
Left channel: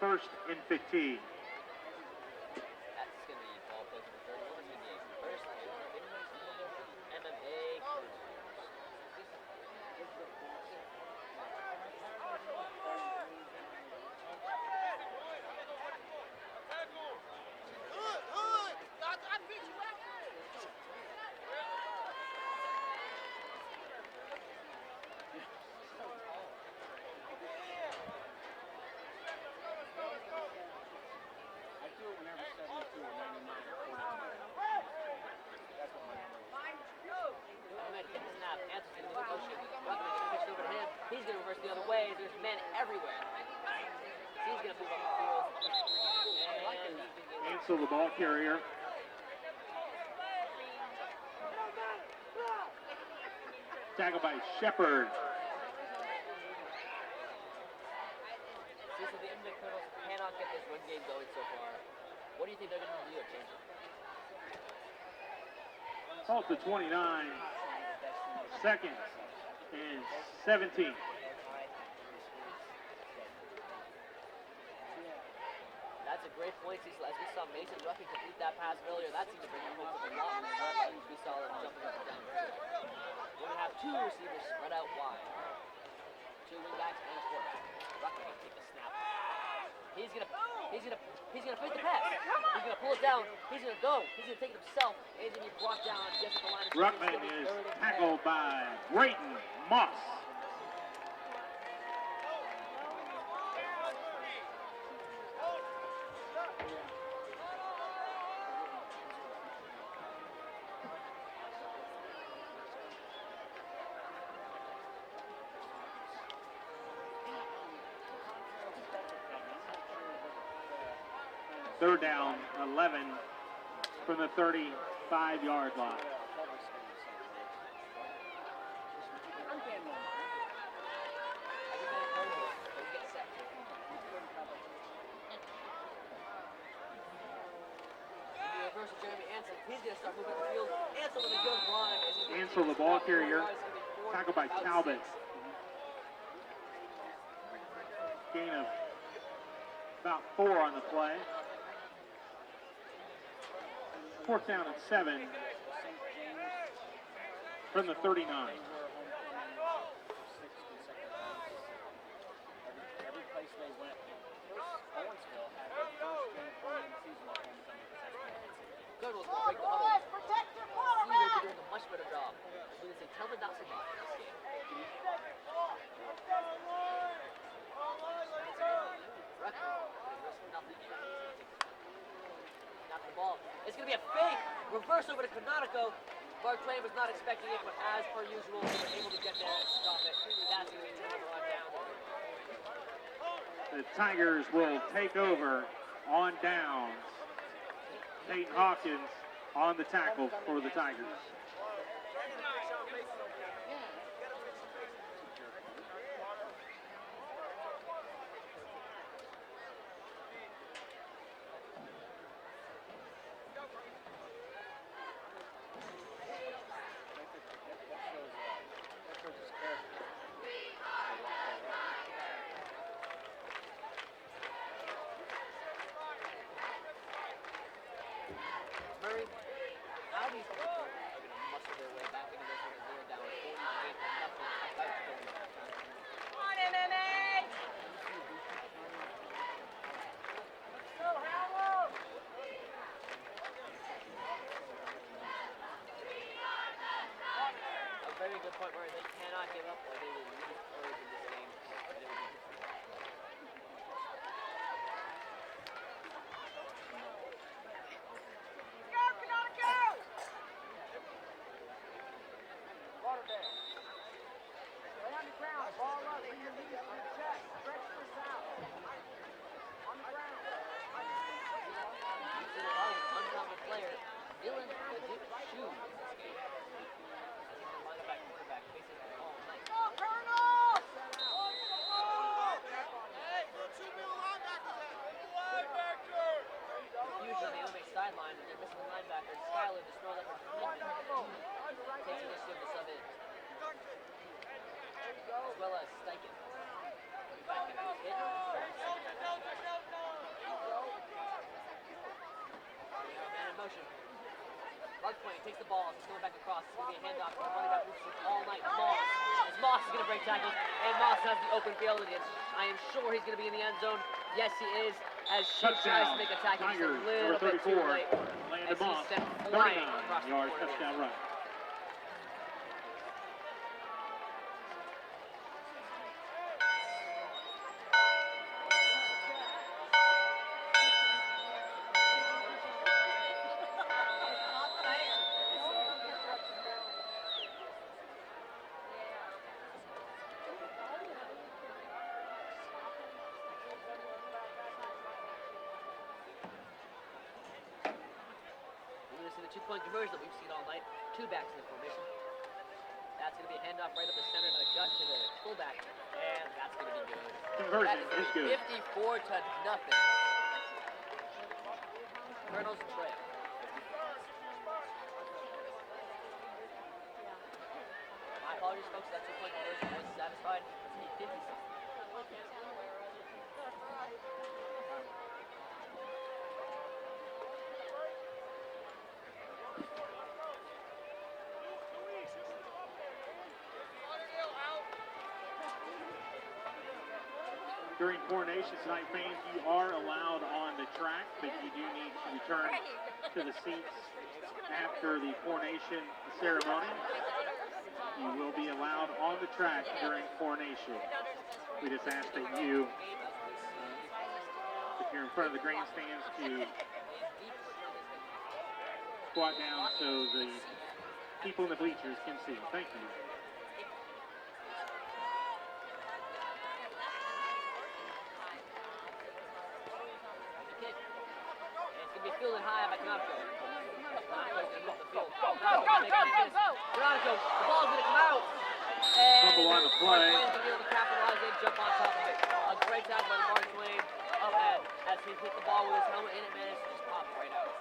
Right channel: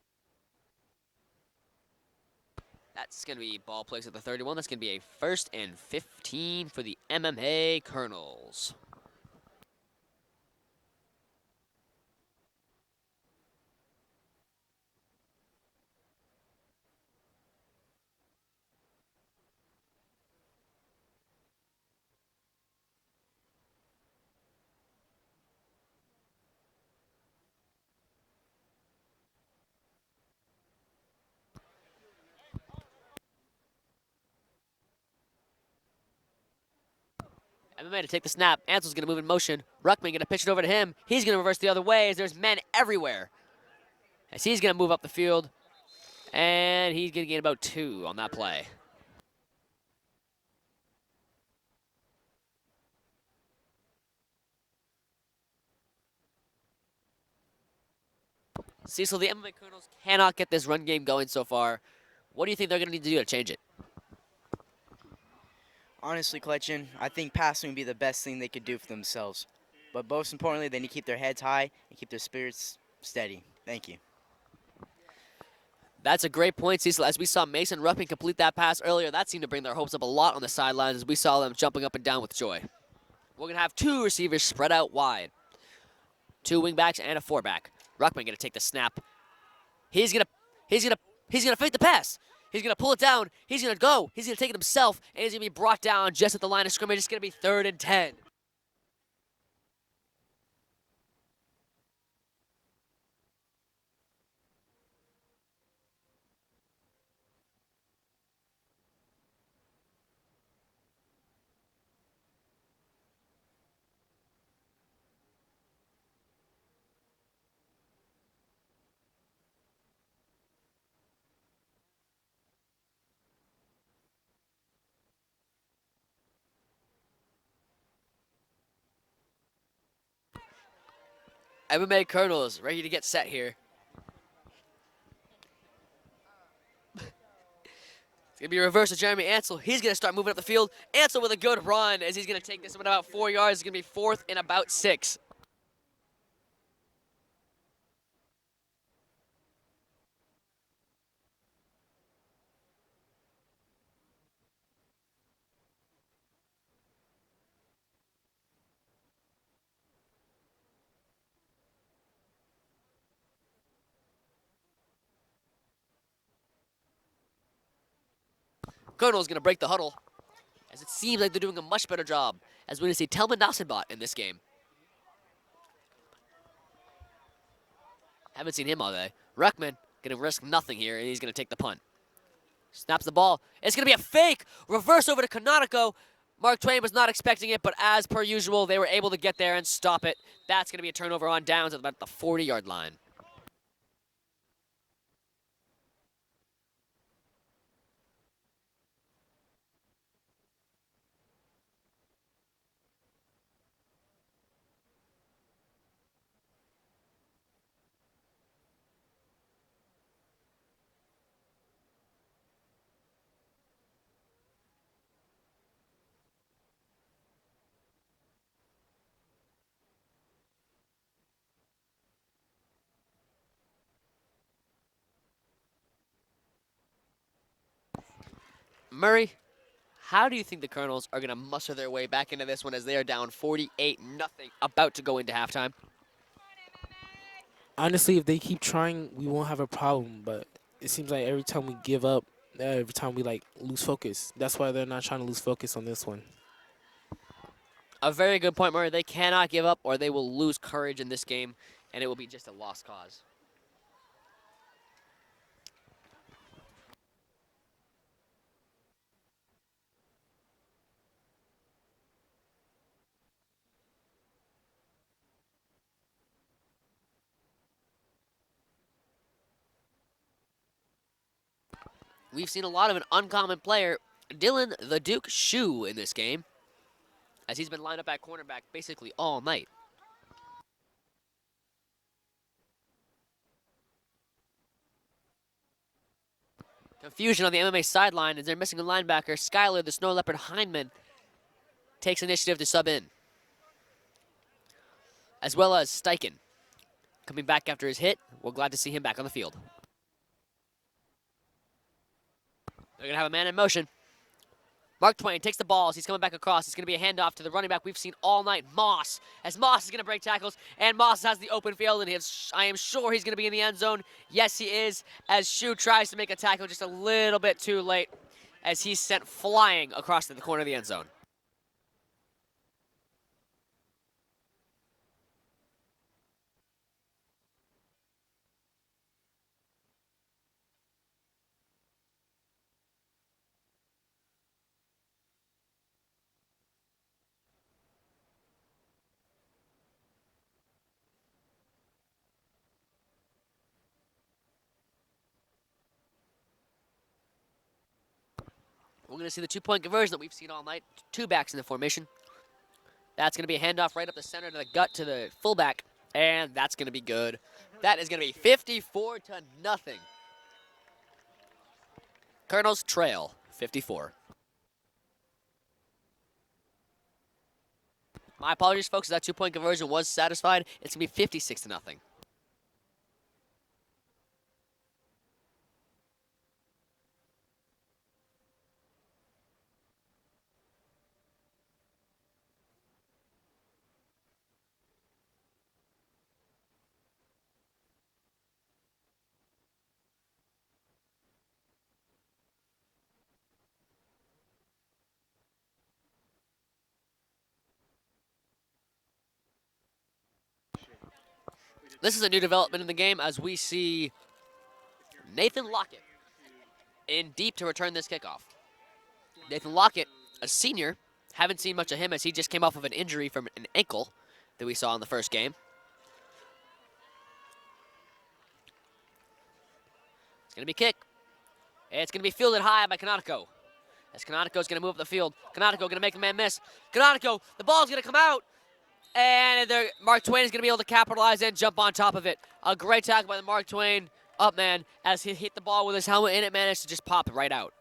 First and 15. That's going to be ball placed at the 31. That's going to be a 1st and 15 for the MMA Colonels. MMA to take the snap. Ansel's going to move in motion. Ruckman going to pitch it over to him. He's going to reverse the other way as there's men everywhere. As he's going to move up the field. And he's going to gain about 2 on that play. Tackle by Shepard. Cecil, the MMA Colonels cannot get this run game going so far. What do you think they're going to need to do to change it? Honestly, Kletchin, I think passing would be the best thing they could do for themselves. But most importantly, they need to keep their heads high and keep their spirits steady. Thank you. That's a great point, Cecil. As we saw Mason Rupping complete that pass earlier, that seemed to bring their hopes up a lot on the sidelines as we saw them jumping up and down with joy. We're going to have 2 receivers spread out wide. 2 wingbacks and a 4-back. Ruckman going to take the snap. He's going to fake the pass. He's going to pull it down. He's going to go. He's going to take it himself, and he's going to be brought down just at the line of scrimmage. It's going to be 3rd and 10. By Brayton Moss. Third down, 11 from the 35-yard line. MMA Colonels ready to get set here. It's going to be a reverse of Jeremy Ansel. He's going to start moving up the field. Ansel with a good run as he's going to take this one about 4 yards. It's going to be 4th and about 6. Gain of about 4 on the play. 4th down and 7 from the 39. Colonel's going to break the huddle, as it seems like they're doing a much better job, as we're going to see Telman Nassenbot in this game. Haven't seen him all day. Ruckman going to risk nothing here, and he's going to take the punt. Snaps the ball. It's going to be a fake. Reverse over to Canonico. Mark Twain was not expecting it, but as per usual, they were able to get there and stop it. That's going to be a turnover on downs at about the 40-yard line. The Tigers will take over on downs. Peyton Hawkins on the tackle for the Tigers. Murray, how do you think the Colonels are going to muster their way back into this one as they are down 48-0, about to go into halftime? Honestly, if they keep trying, we won't have a problem. But it seems like every time we give up, every time we lose focus. That's why they're not trying to lose focus on this one. A very good point, Murray. They cannot give up or they will lose courage in this game, and it will be just a lost cause. We've seen a lot of an uncommon player, Dylan the Duke Shue, in this game, as he's been lined up at cornerback basically all night. Confusion on the MMA sideline as they're missing a linebacker. Skyler, the Snow Leopard Hindman, takes initiative to sub in, as well as Steichen coming back after his hit. We're glad to see him back on the field. We're going to have a man in motion. Mark Twain takes the ball as he's coming back across. It's going to be a handoff to the running back we've seen all night, Moss. As Moss is going to break tackles, and Moss has the open field, and I am sure he's going to be in the end zone. Yes, he is, as Shue tries to make a tackle just a little bit too late, as he's sent flying across the corner of the end zone. going to see the 2-point conversion that we've seen all night. 2 backs in the formation. That's going to be a handoff right up the center to the gut to the fullback, and that's going to be good. That is going to be 54 to nothing. Colonels trail 54. My apologies, folks. That 2-point conversion was satisfied. It's going to be 56 to nothing. During coronation tonight, fans, you are allowed on the track, but you do need to return to the seats after the coronation ceremony. You will be allowed on the track during coronation. This is a new development in the game as we see Nathan Lockett in deep to return this kickoff. Nathan Lockett, a senior, haven't seen much of him as he just came off of an injury from an ankle that we saw in the first game. It's going to be kicked. It's going to be fielded high by Canonico. As Canonico's going to move up the field. Canonico going to make a man miss. Canonico, the ball's going to come out. And Mark Twain is going to be able to capitalize and jump on top of it. A great tackle by Mark Twain. Up, man, as he hit the ball with his helmet and it managed to just pop right out.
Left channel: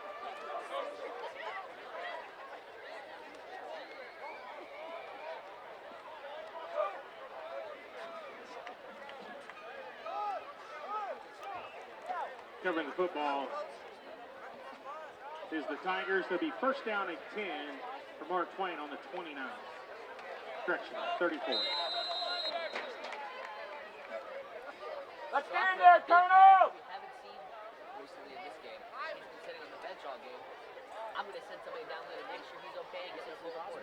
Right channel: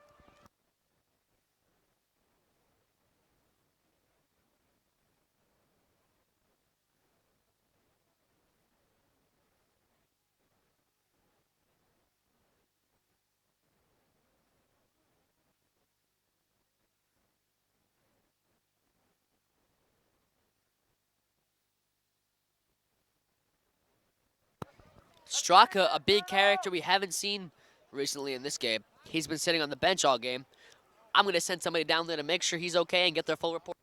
Covering the football is the Tigers. They'll be first down at 10 for Mark Twain on the 29. Correction, 34. Straka, a big character we haven't seen recently in this game. He's been sitting on the bench all game. I'm going to send somebody down there to make sure he's okay and get their full report.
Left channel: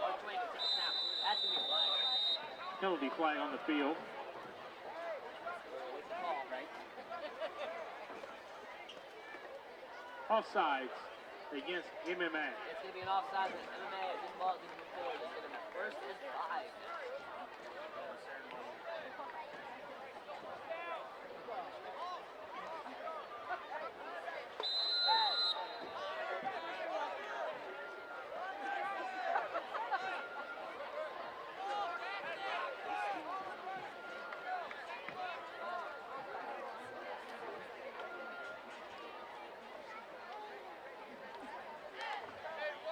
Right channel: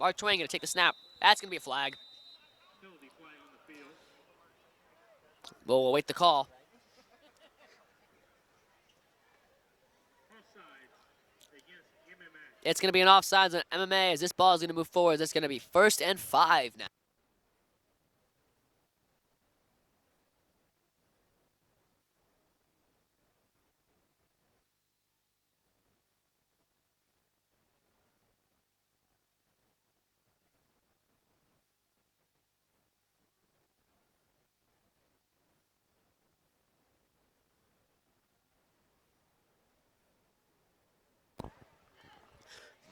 Mark Twain going to take the snap. That's going to be a flag. Penalty flag on the field. We'll await the call. Offsides against MMA. It's going to be an offsides on MMA as this ball is going to move forward. It's going to be 1st and 5 now.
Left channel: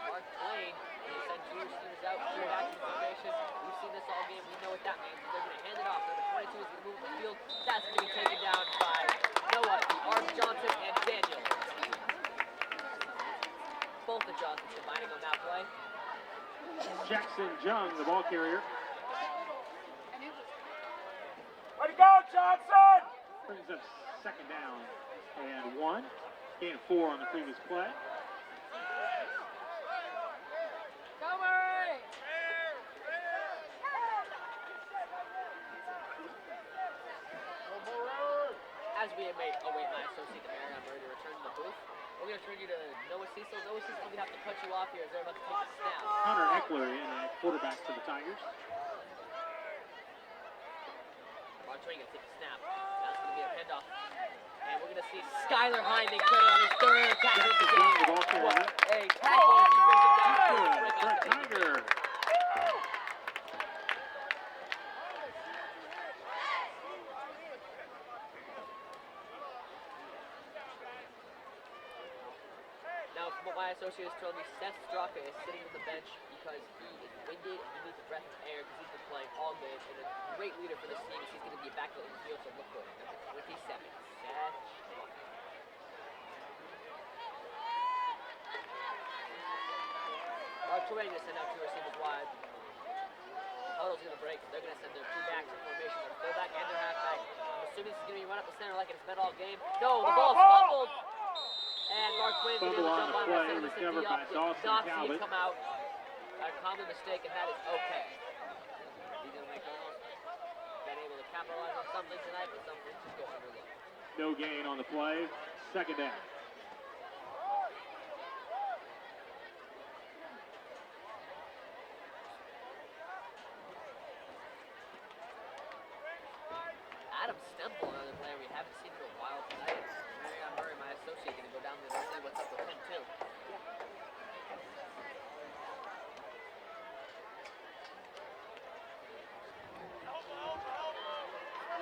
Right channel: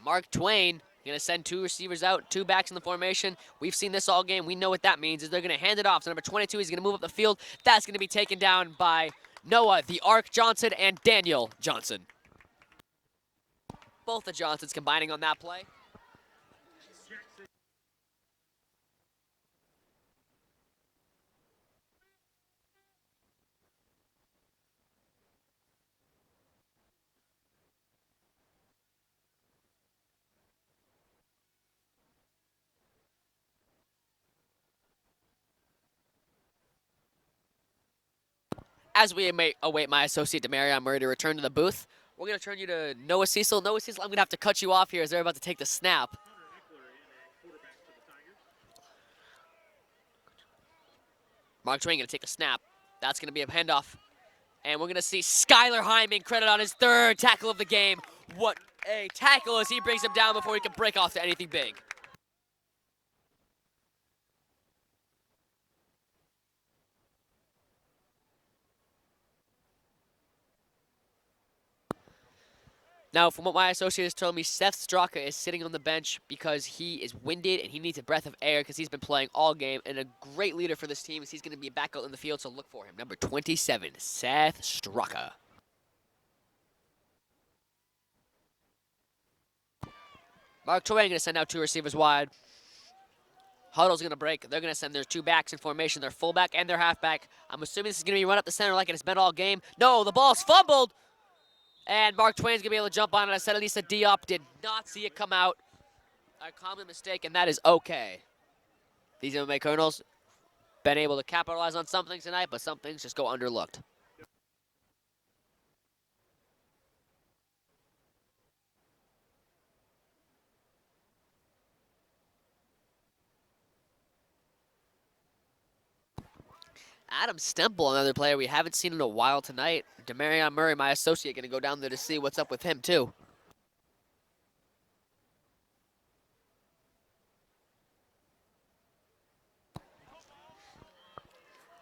Mark Twain going to send 2 receivers out, 2 backs in the formation. We've seen this all game. We know what that means is they're going to hand it off to number 22. He's going to move up the field. That's going to be taken down by Noah, the Ark Johnson, and Daniel Johnson. Both the Johnsons combining on that play. Jackson Jung, the ball carrier. Way to go, Johnson! Brings up second down and 1. Gain 4 on the previous play. As we await my associate Demarion Murray to return to the booth, we're going to turn you to Noah Cecil. Noah Cecil, I'm going to have to cut you off here as they're about to take the snap. Hunter Eckler in at quarterback for the Tigers. Mark Twain going to take the snap. That's going to be a handoff. And we're going to see Skylar Hyman credit on his 3rd tackle of the game. What a tackle as he brings him down before he can break off to anything big. Now, from what my associate has told me, Seth Straka is sitting on the bench because he is winded and he needs a breath of air because he's been playing all game. And a great leader for this team is he's going to be back out in the field, so look for him. Number 27, Seth Straka. Mark Twain going to send out 2 receivers wide. Huddle's going to break. They're going to send their 2 backs in formation, their fullback and their halfback. I'm assuming this is going to be run up the center like it's been all game. No, the ball's fumbled. And Mark Twain's going to be able to jump on it. I said Elisa Diop did not see it come out. A common mistake, and that is okay. These MMA Colonels been able to capitalize on something tonight, but some things just go underlooked. No gain on the play. Second down. Adam Stemple, another player we haven't seen in a while tonight. Demarion Murray, my associate, going to go down there to see what's up with him, too.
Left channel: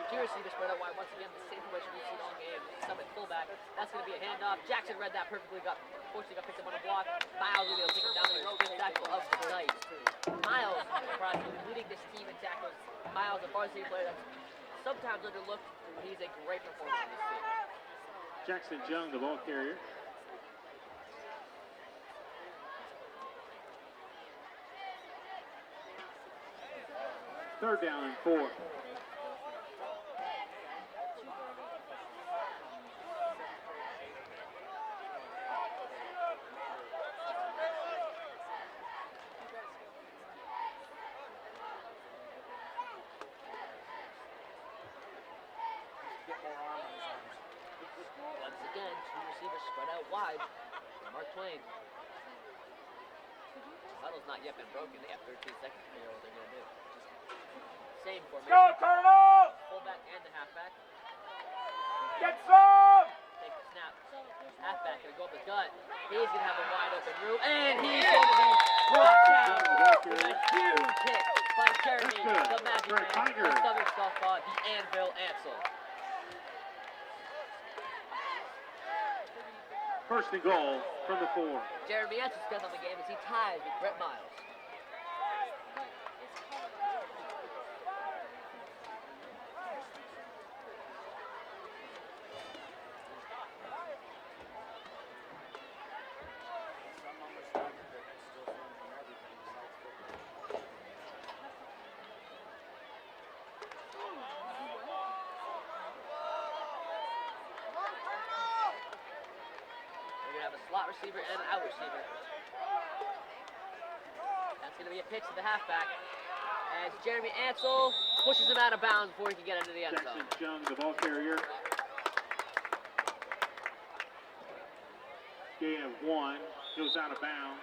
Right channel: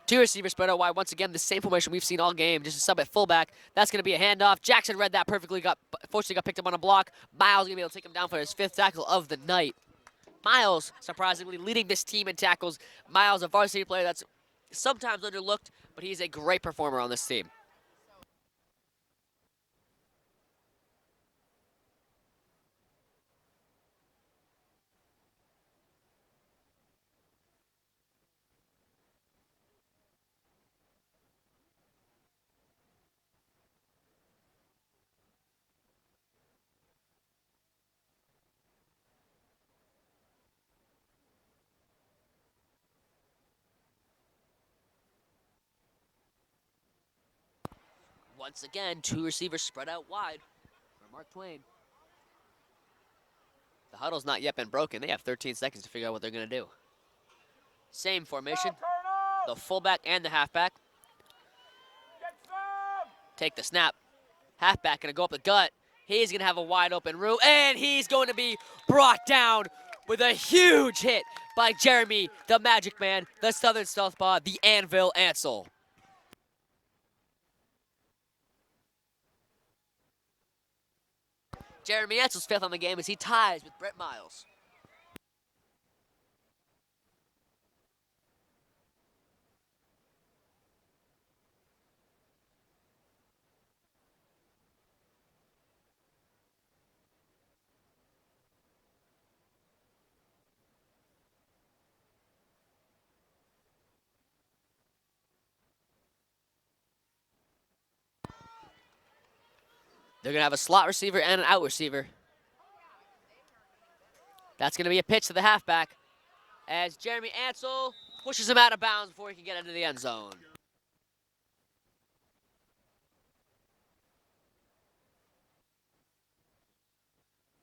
Two receivers spread out wide. Once again, the same formation we've seen all game. Just a sub at fullback. That's going to be a handoff. Jackson read that perfectly. Fortunately got picked up on a block. Miles going to be able to take him down for his 5th tackle of the night. Miles, surprisingly, leading this team in tackles. Miles, a varsity player that's sometimes underlooked, but he's a great performer on this team. Jackson Young, the ball carrier. Third down and 4. Once again, two receivers spread out wide. Mark Twain. The huddle's not yet been broken. They have 13 seconds to figure out what they're going to do. Same formation. The fullback and the halfback. Get some! Take the snap. Halfback going to go up the gut. He's going to have a wide open route, and he's going to be brought down with a huge hit by Jeremy, the Magic Man, the Southern Southpaw, the Anvil Ansel. First and goal from the 4. Jeremy Ansel's 5th on the game as he ties with Brett Miles. They're going to have a slot receiver and an out receiver. That's going to be a pitch to the halfback as Jeremy Ansel pushes him out of bounds before he can get into the end zone. Young, the ball carrier. Gain of 1, goes out of bounds.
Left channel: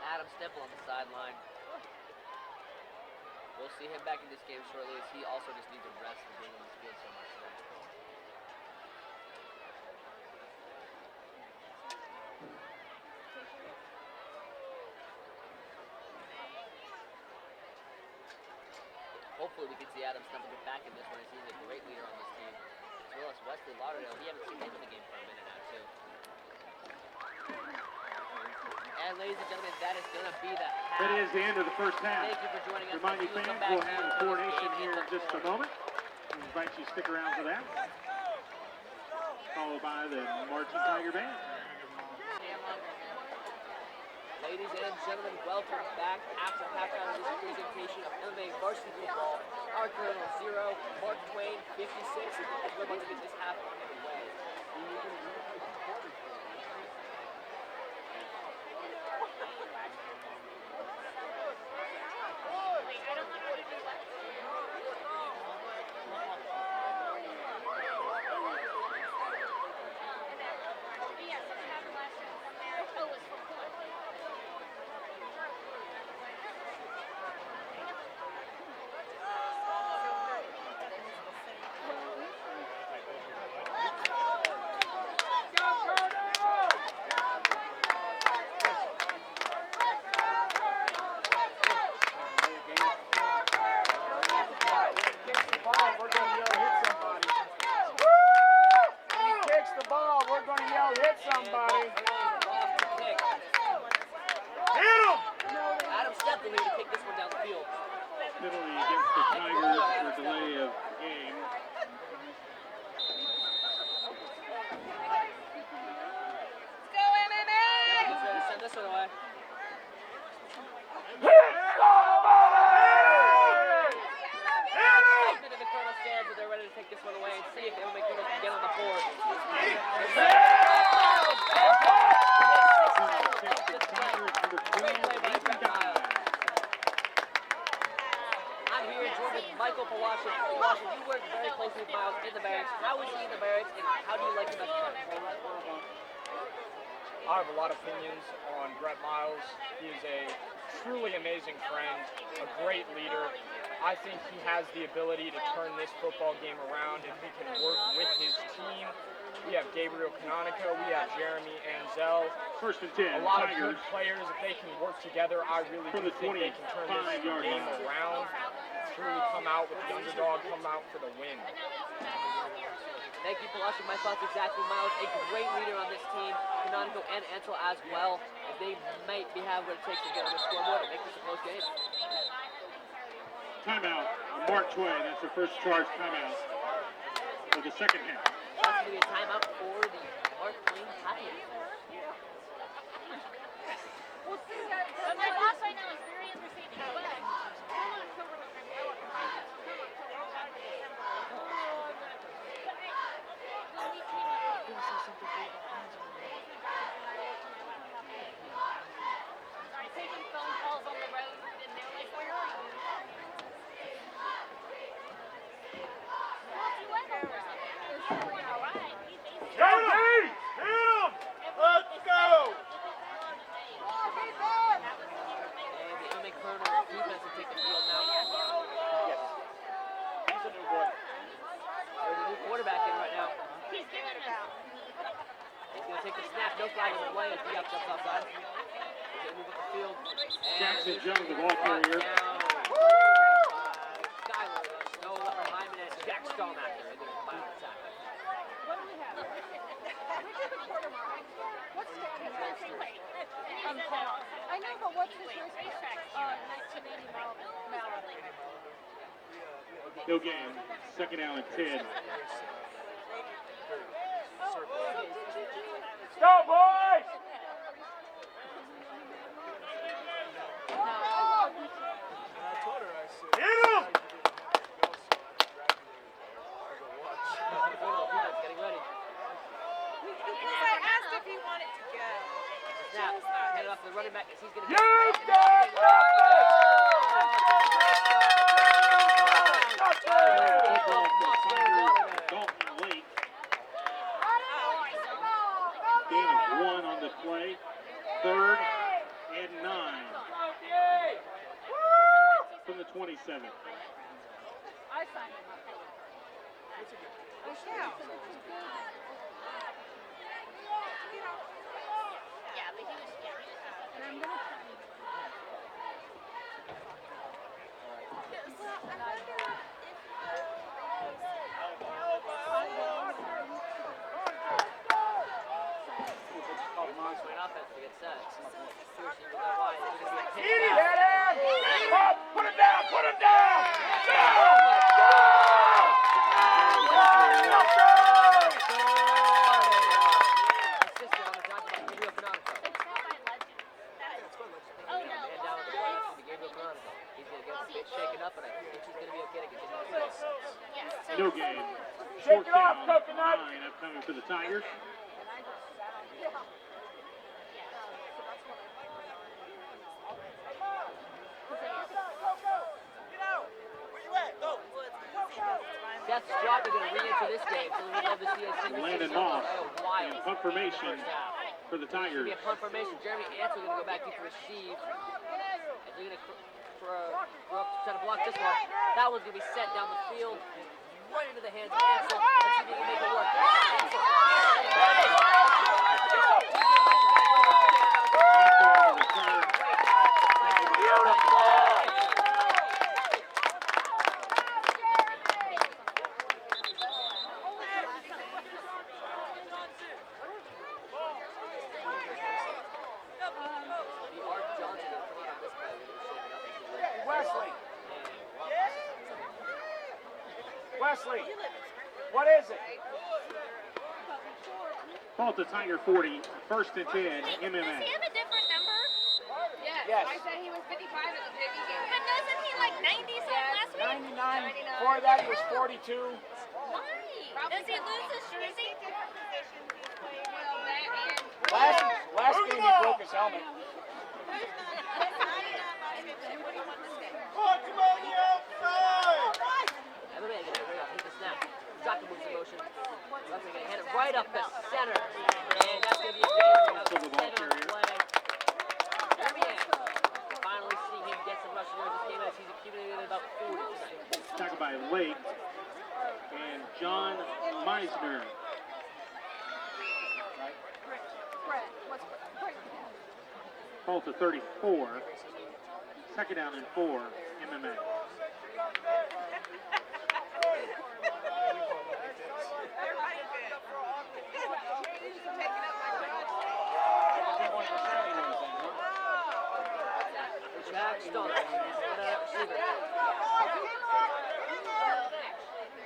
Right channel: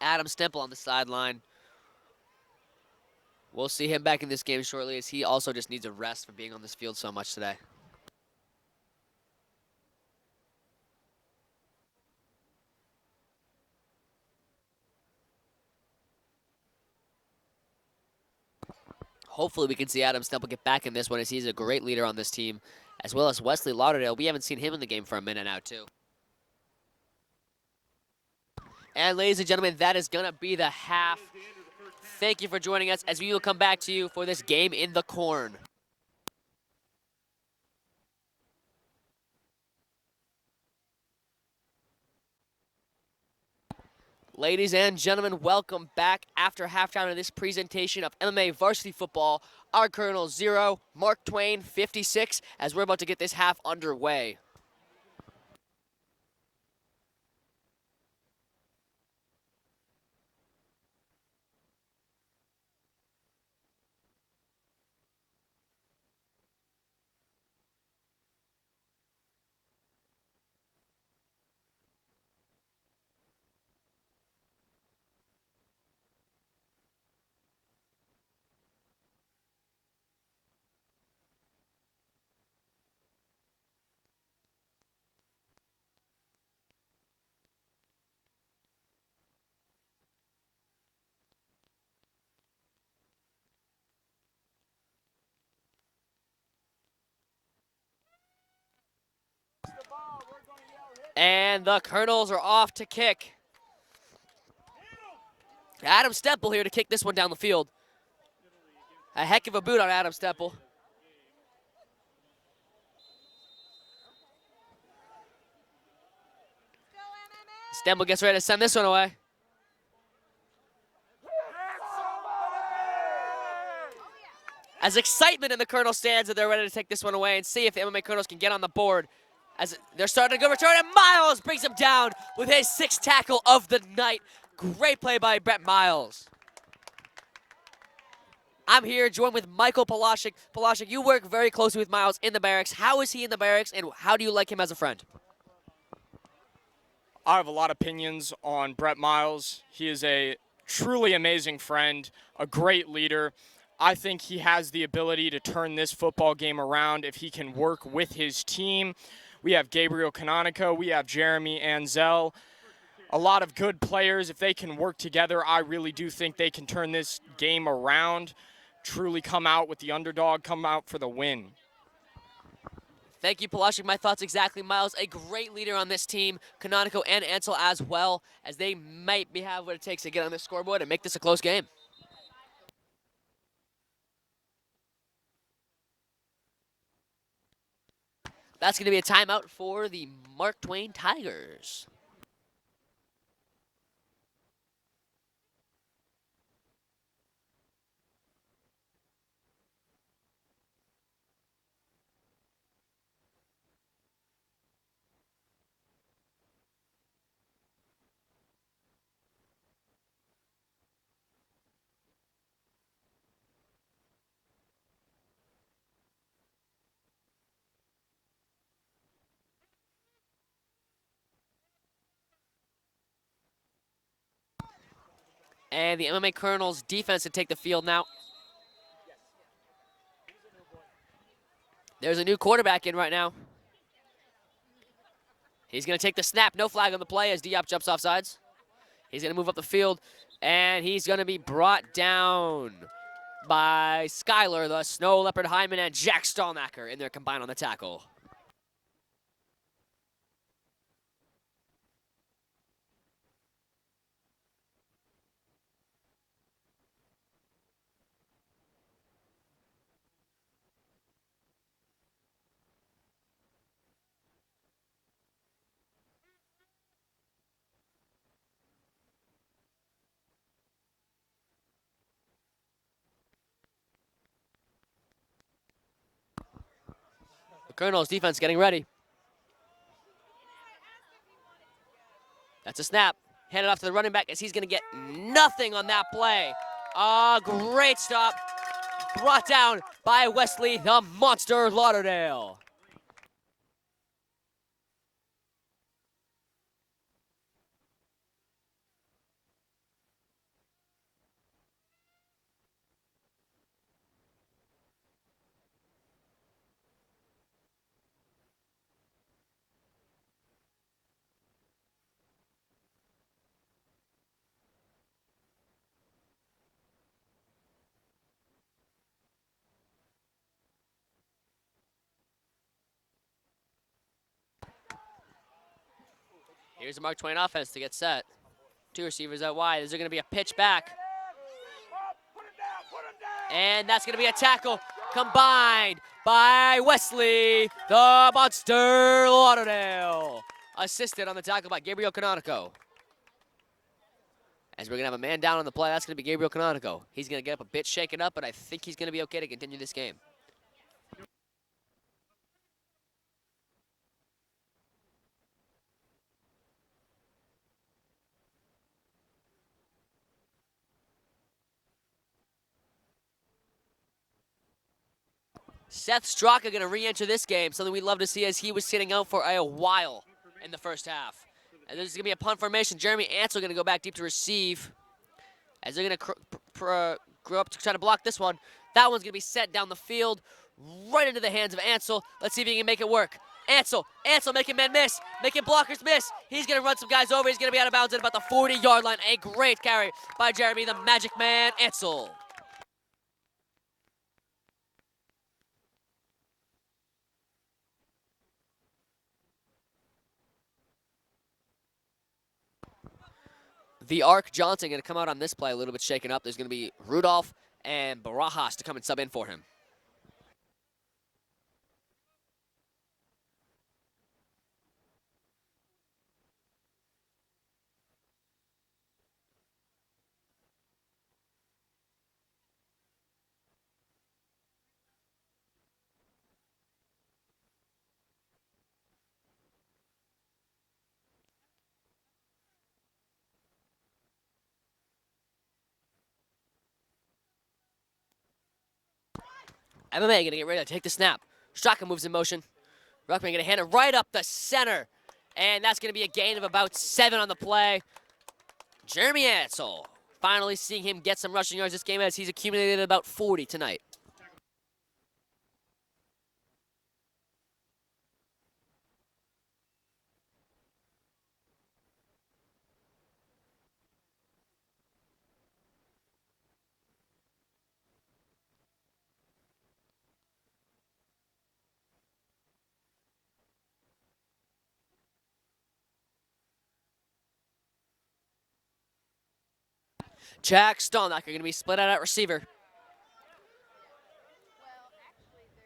Adam Stemple on the sideline. We'll see him back in this game shortly as he also just needs a rest for being on this field so much today. Hopefully we can see Adam Stemple get back in this one as he's a great leader on this team, as well as Wesley Lauderdale. We haven't seen him in the game for a minute now, too. And ladies and gentlemen, that is gonna be the half. That is the end of the first half. Thank you for joining us as we will come back to you for this game in the corn. We invite you to stick around for that. Followed by the Marching Tiger Band. Ladies and gentlemen, welcome back after halftime of this presentation of MMA varsity football. Our Colonel 0, Mark Twain 56, as we're about to get this half underway. And the Colonels are off to kick. Adam Stemple here to kick this one down the field. A heck of a boot on Adam Stemple. Stemple gets ready to send this one away. As excitement in the Colonel stands, that they're ready to take this one away and see if the MMA Colonels can get on the board. As they're starting to go return, and Miles brings him down with his 6th tackle of the night. Great play by Brett Miles. I'm here joined with Michael Polashik. Polashik, you work very closely with Miles in the barracks. How is he in the barracks, and how do you like him as a friend? I have a lot of opinions on Brett Miles. He is a truly amazing friend, a great leader. I think he has the ability to turn this football game around if he can work with his team. We have Gabriel Canonico, we have Jeremy Anzel, a lot of good players. If they can work together, I really do think they can turn this game around, truly come out with the underdog, come out for the win. Thank you, Palashi. My thoughts exactly. Miles, a great leader on this team. Canonico and Ansel as well, as they might have what it takes to get on the scoreboard and make this a close game. Timeout. Mark Twain. That's the first charge timeout for the second half. That's going to be a timeout for the Mark Twain Tigers. And the MMA Colonels defense to take the field now. There's a new quarterback in right now. He's going to take the snap. No flag on the play as Diop jumps off sides. He's going to move up the field, and he's going to be brought down by Skyler, the Snow Leopard Hyman, and Jack Stallnacker, and they're combined on the tackle. No game. Second down and 10. Go, boys! Hit him! Colonel's defense getting ready. That's a snap. Handed off to the running back as he's going to get nothing on that play. Oh, great stop. Brought down by Wesley, the Monster Lauderdale. Gain of 1 on the play. 3rd and 9 from the 27. Here's the Mark Twain offense to get set. 2 receivers out wide. Is there going to be a pitch back? And that's going to be a tackle combined by Wesley, the Monster Lauderdale. Assisted on the tackle by Gabriel Canonico. As we're going to have a man down on the play, that's going to be Gabriel Canonico. He's going to get up a bit shaken up, but I think he's going to be okay to continue this game. No game. 4th down, 9 upcoming for the Tigers. Seth Straka going to re-enter this game, something we'd love to see as he was sitting out for a while in the first half. And this is going to be a punt formation. Jeremy Ansel going to go back deep to receive. As they're going to grow up to try to block this one. That one's going to be sent down the field, right into the hands of Ansel. Let's see if he can make it work. Ansel making men miss, making blockers miss. He's going to run some guys over. He's going to be out of bounds at about the 40-yard line. A great carry by Jeremy, the Magic Man Ansel. The Ark Johnson going to come out on this play a little bit shaken up. There's going to be Rudolph and Barajas to come and sub in for him. Wesley, what is it? Ball to Tiger 40, 1st and 10, MMA. Does he have a different number? Yes. I said he was 55 at the JV game. But doesn't he like 90 something last week? 99. Before that, he was 42. Why? Does he lose his jersey? Last game, he broke his helmet. MMA going to get ready to take the snap. Straka moves in motion. Ruckman going to hand it right up the center. And that's going to be a gain of about 7 on the play. Jeremy Ansel, finally seeing him get some rushing yards this game as he's accumulated about 40 tonight. Tackled by Lake and John Meisner. Ball to 34. Second down and 4, MMA. Jack Stolnacher going to be split out at receiver.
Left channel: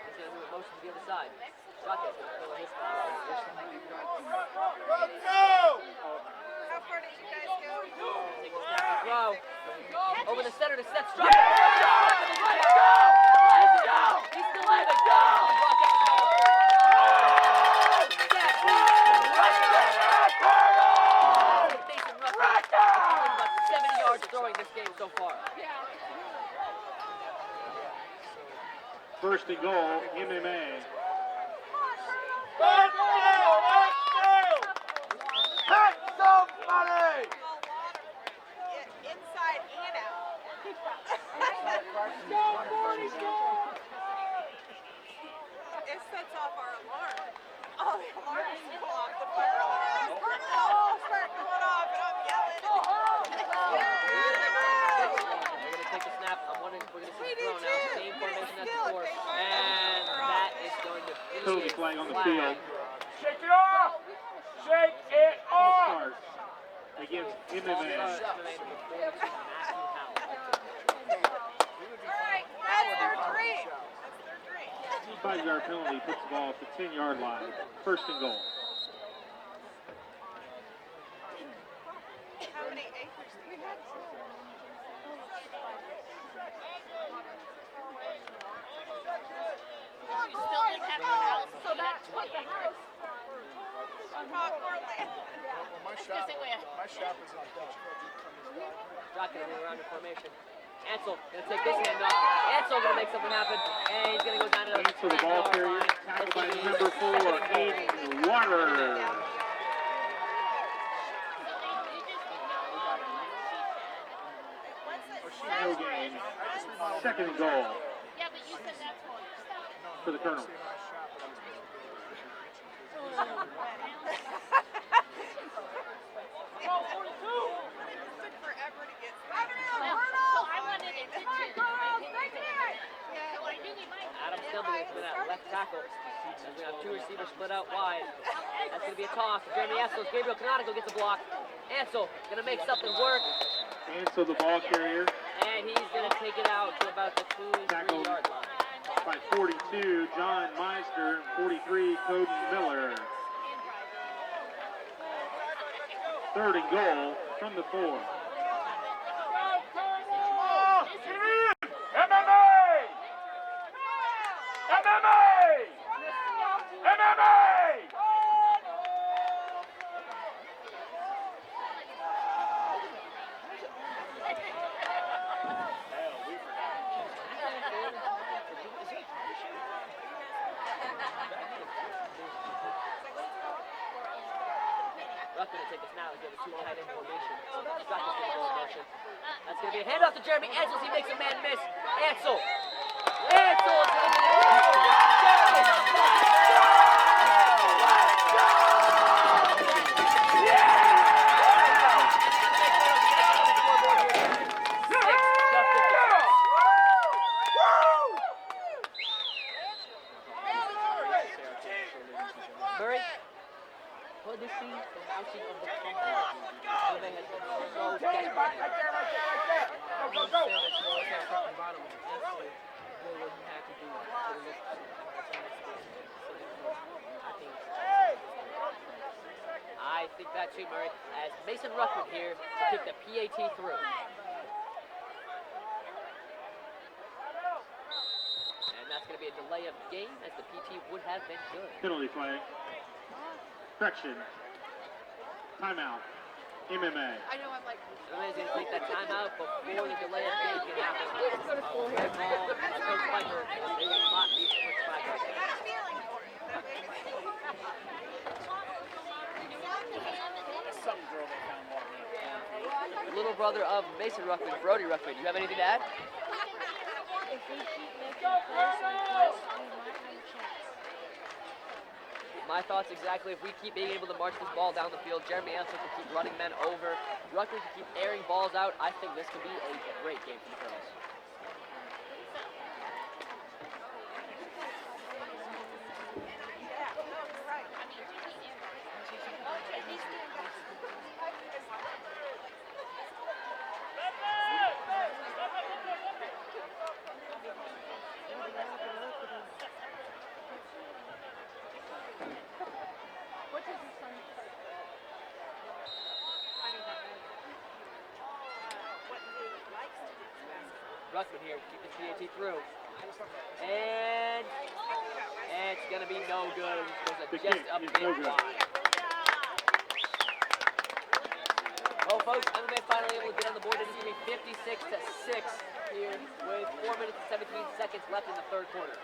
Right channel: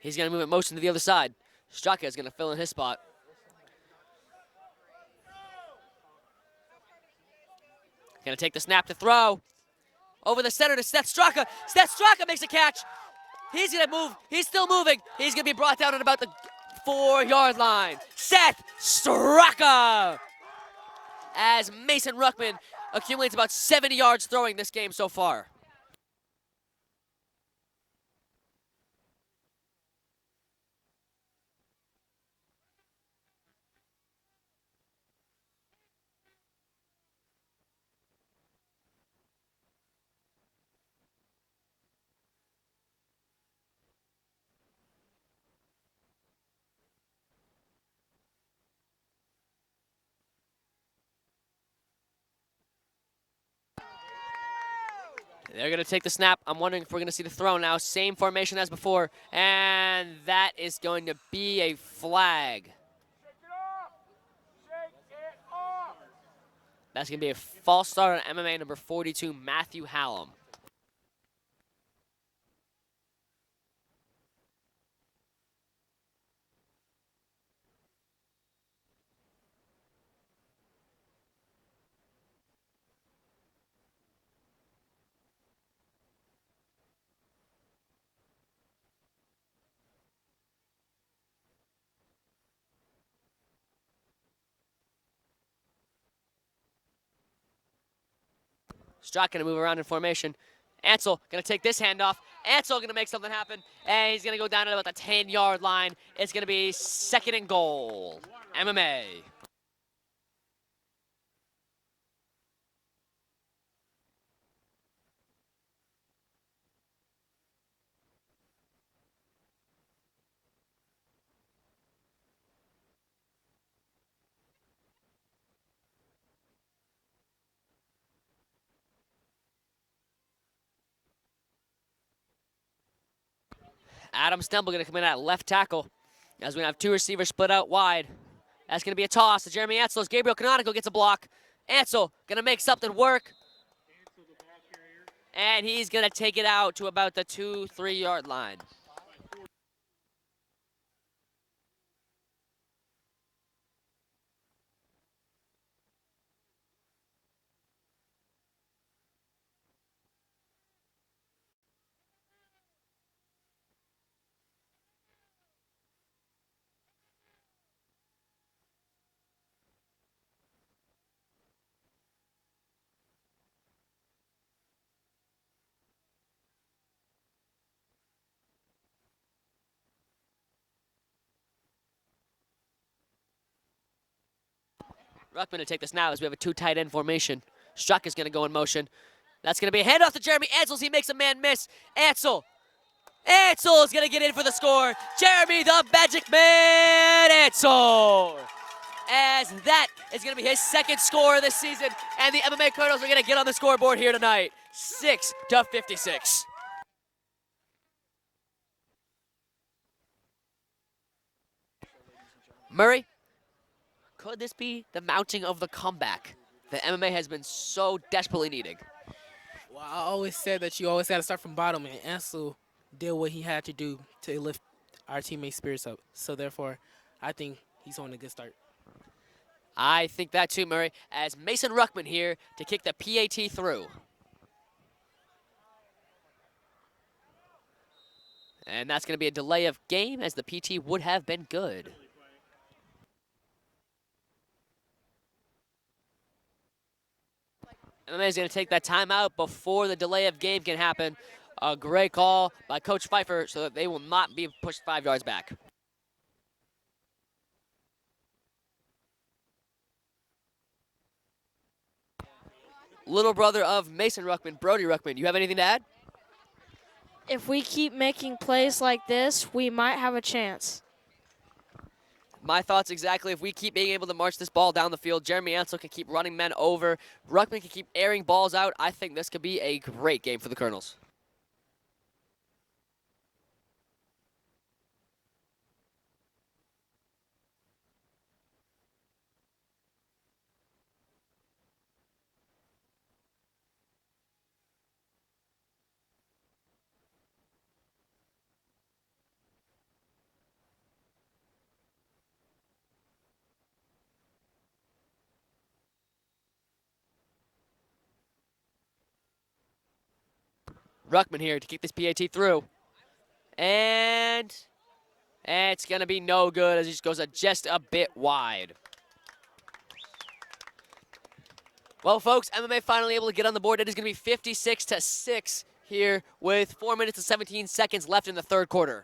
He's going to move it motion to the other side. Straka is going to fill in his spot. Going to take the snap to throw. Over the center to Seth Straka. Seth Straka makes a catch. He's going to move. He's still moving. He's going to be brought down at about the 4-yard line. Seth Straka. As Mason Ruckman accumulates about 70 yards throwing this game so far. First and goal, MMA. Inside and out. It sets off our alarm. Oh, the alarm is go off. The fire alarm. Start going off, and I'm yelling. They're going to take the snap. I'm wondering if we're going to see the throw now. Same formation as before. And that is going to be a flag. Shake it off! Shake it off! That's going to be a false start on MMA number 42, Matthew Hallam. All right, that's their three. 5-yard penalty puts the ball at the 10-yard line. First and goal. How many acres do we have? Still didn't have a house, so that's what the house. Strock going to move around in formation. Ansel going to take this handoff. Ansel going to make something happen, and he's going to go down to about the 10-yard line. It's going to be second and goal. MMA. No gain. Second and goal Yeah, but you said that's one. for the Colonel. So I wanted it to do. Adam Stemple going to come in at left tackle as we have 2 receivers split out wide. That's going to be a toss to Jeremy Ansel as Gabriel Canonical gets a block. Ansel going to make something work. Ansel, the ball carrier. And he's going to take it out to about the 2-3-yard line. By 42, John Meister. 43, Cody Miller. Third and goal from the 4. Ruckman to take this now as we have a 2 tight end formation. Struck is going to go in motion. That's going to be a handoff to Jeremy Ansel as he makes a man miss. Ansel is going to get in for the score. Jeremy the Magic Man Ansel. As that is going to be his second score of the season. And the MMA Colonels are going to get on the scoreboard here tonight. 6-56. Murray, could this be the mounting of the comeback that MMA has been so desperately needing? I always said that you always got to start from bottom, and Ansel did what he had to do to lift our teammates' spirits up. So therefore, I think he's on a good start. I think that too, Murray, as Mason Ruckman here to kick the PAT through. And that's going to be a delay of game as the PT would have been good. Penalty flag. Correction. Timeout. MMA. MMA is going to take that timeout before the delay of game can happen. A great call by Coach Pfeiffer so that they will not be pushed 5 yards back. little brother of Mason Ruckman, Brody Ruckman. You have anything to add? If we keep making plays like this, we might have a chance. My thoughts exactly. If we keep being able to march this ball down the field, Jeremy Ansel can keep running men over. Ruckman can keep airing balls out. I think this could be a great game for the Colonels. Ruckman here to keep this PAT through. And it's going to be no good as he just goes just a bit wide. Well, folks, MMA finally able to get on the board. It is going to be 56-6 here with 4 minutes and 17 seconds left in the third quarter.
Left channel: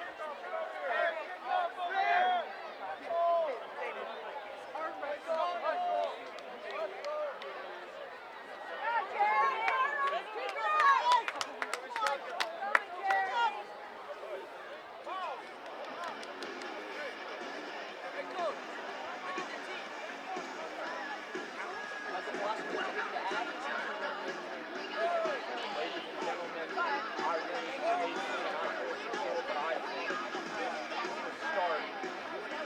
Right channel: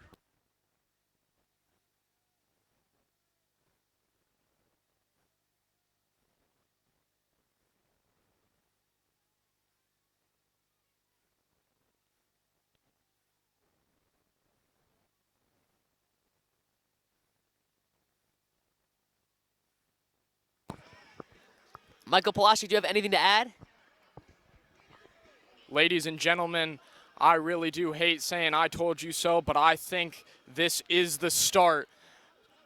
Michael Palashi, do you have anything to add? Ladies and gentlemen, I really do hate saying I told you so, but I think this is the start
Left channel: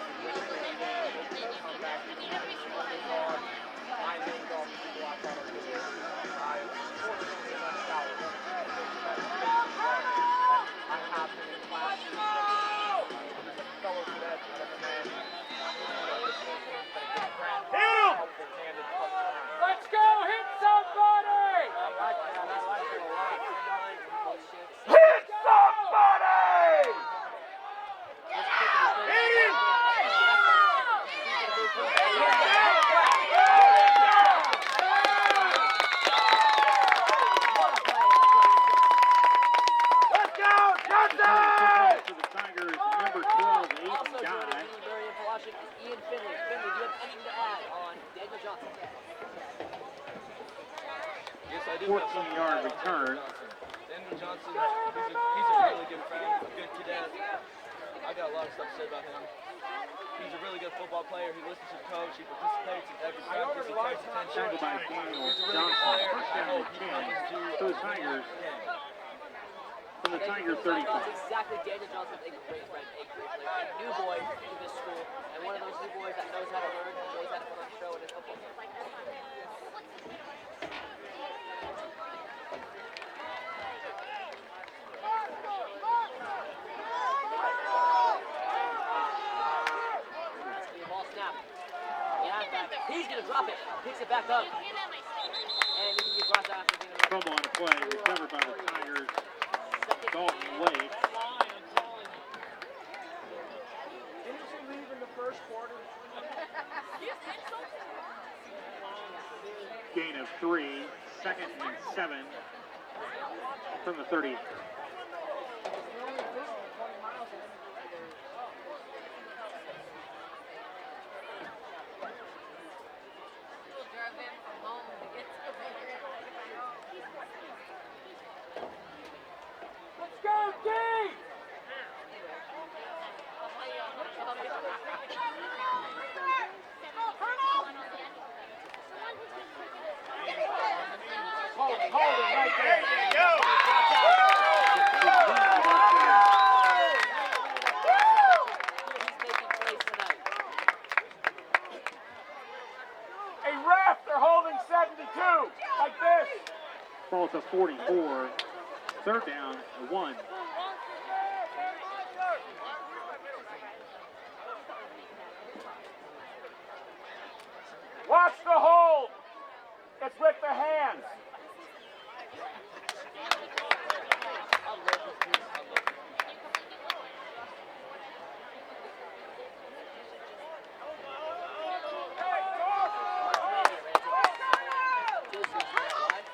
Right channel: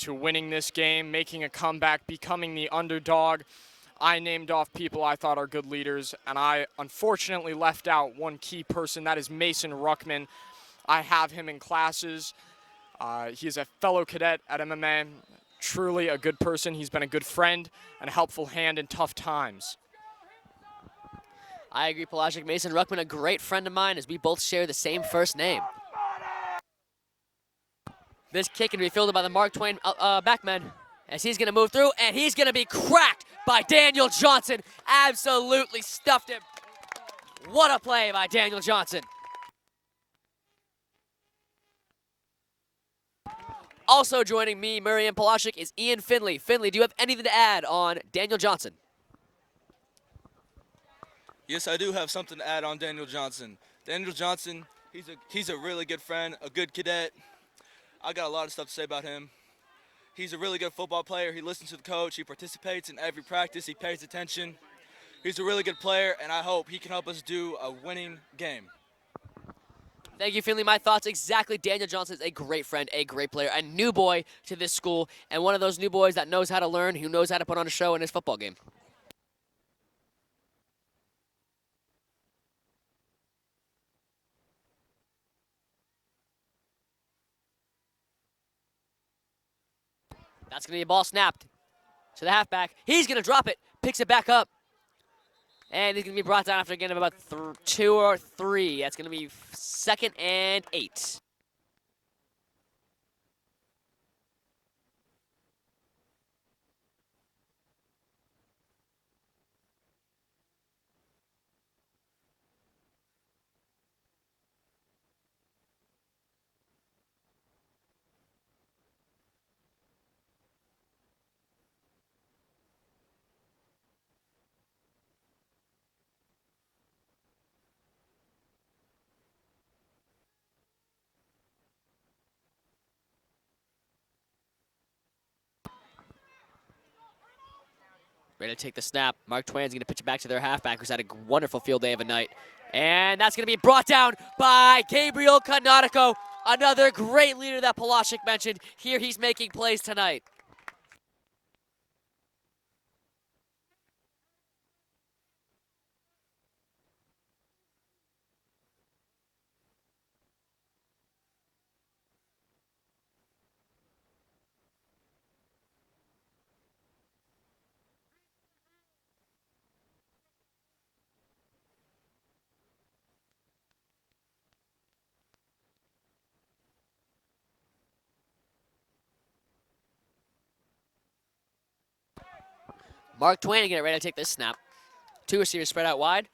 to winning this game, making a comeback, becoming the underdog. I named off people I thought are good leaders, and I unfortunately left out one key person. That is Mason Ruckman. I have him in classes. He's a fellow cadet at MMA. Truly a good person. He's been a good friend and a helpful hand in tough times. Let's go, hit somebody! I agree, Palashi. Mason Ruckman, a great friend of mine, as we both share the same first name. This kick can be fielded by the Mark Twain backman, as he's going to move through, and he's going to be cracked by Daniel Johnson. Absolutely stuffed it. What a play by Daniel Johnson. Let's go, Johnson! Also joining me, Murray and Palashik, is Ian Finley. Finley, do you have anything to add on Daniel Johnson? Yes, I do have something to add on Daniel Johnson. Daniel Johnson, he's a really good friend, a good cadet. I got a lot of stuff to say about him. He's a really good football player. He listens to the coach. He participates in every practice. He pays attention. He's a really good player, and I hope he can help us do a winning game. Thank you, Finley. My thoughts exactly. Daniel Johnson is a great friend, a great player, a new boy to this school, and one of those new boys that knows how to learn, who knows how to put on a show in his football game. That's going to be a ball snapped to the halfback. He's going to drop it, picks it back up, and he's going to be brought down after again of about 2 or 3. That's going to be 2nd and 8. Gain of 3, 2nd and 7 from the 30. Ready to take the snap. Mark Twain's going to pitch it back to their halfback, who's had a wonderful field day of the night. And that's going to be brought down by Gabriel Canonico, another great leader that Palashik mentioned. Here he's making plays tonight. Hey, ref, they're holding 72, like this. Ball to 44. 3rd down, 1. Watch the hold. It's with the hands. Mark Twain getting ready to take this snap. 2 receivers spread out wide.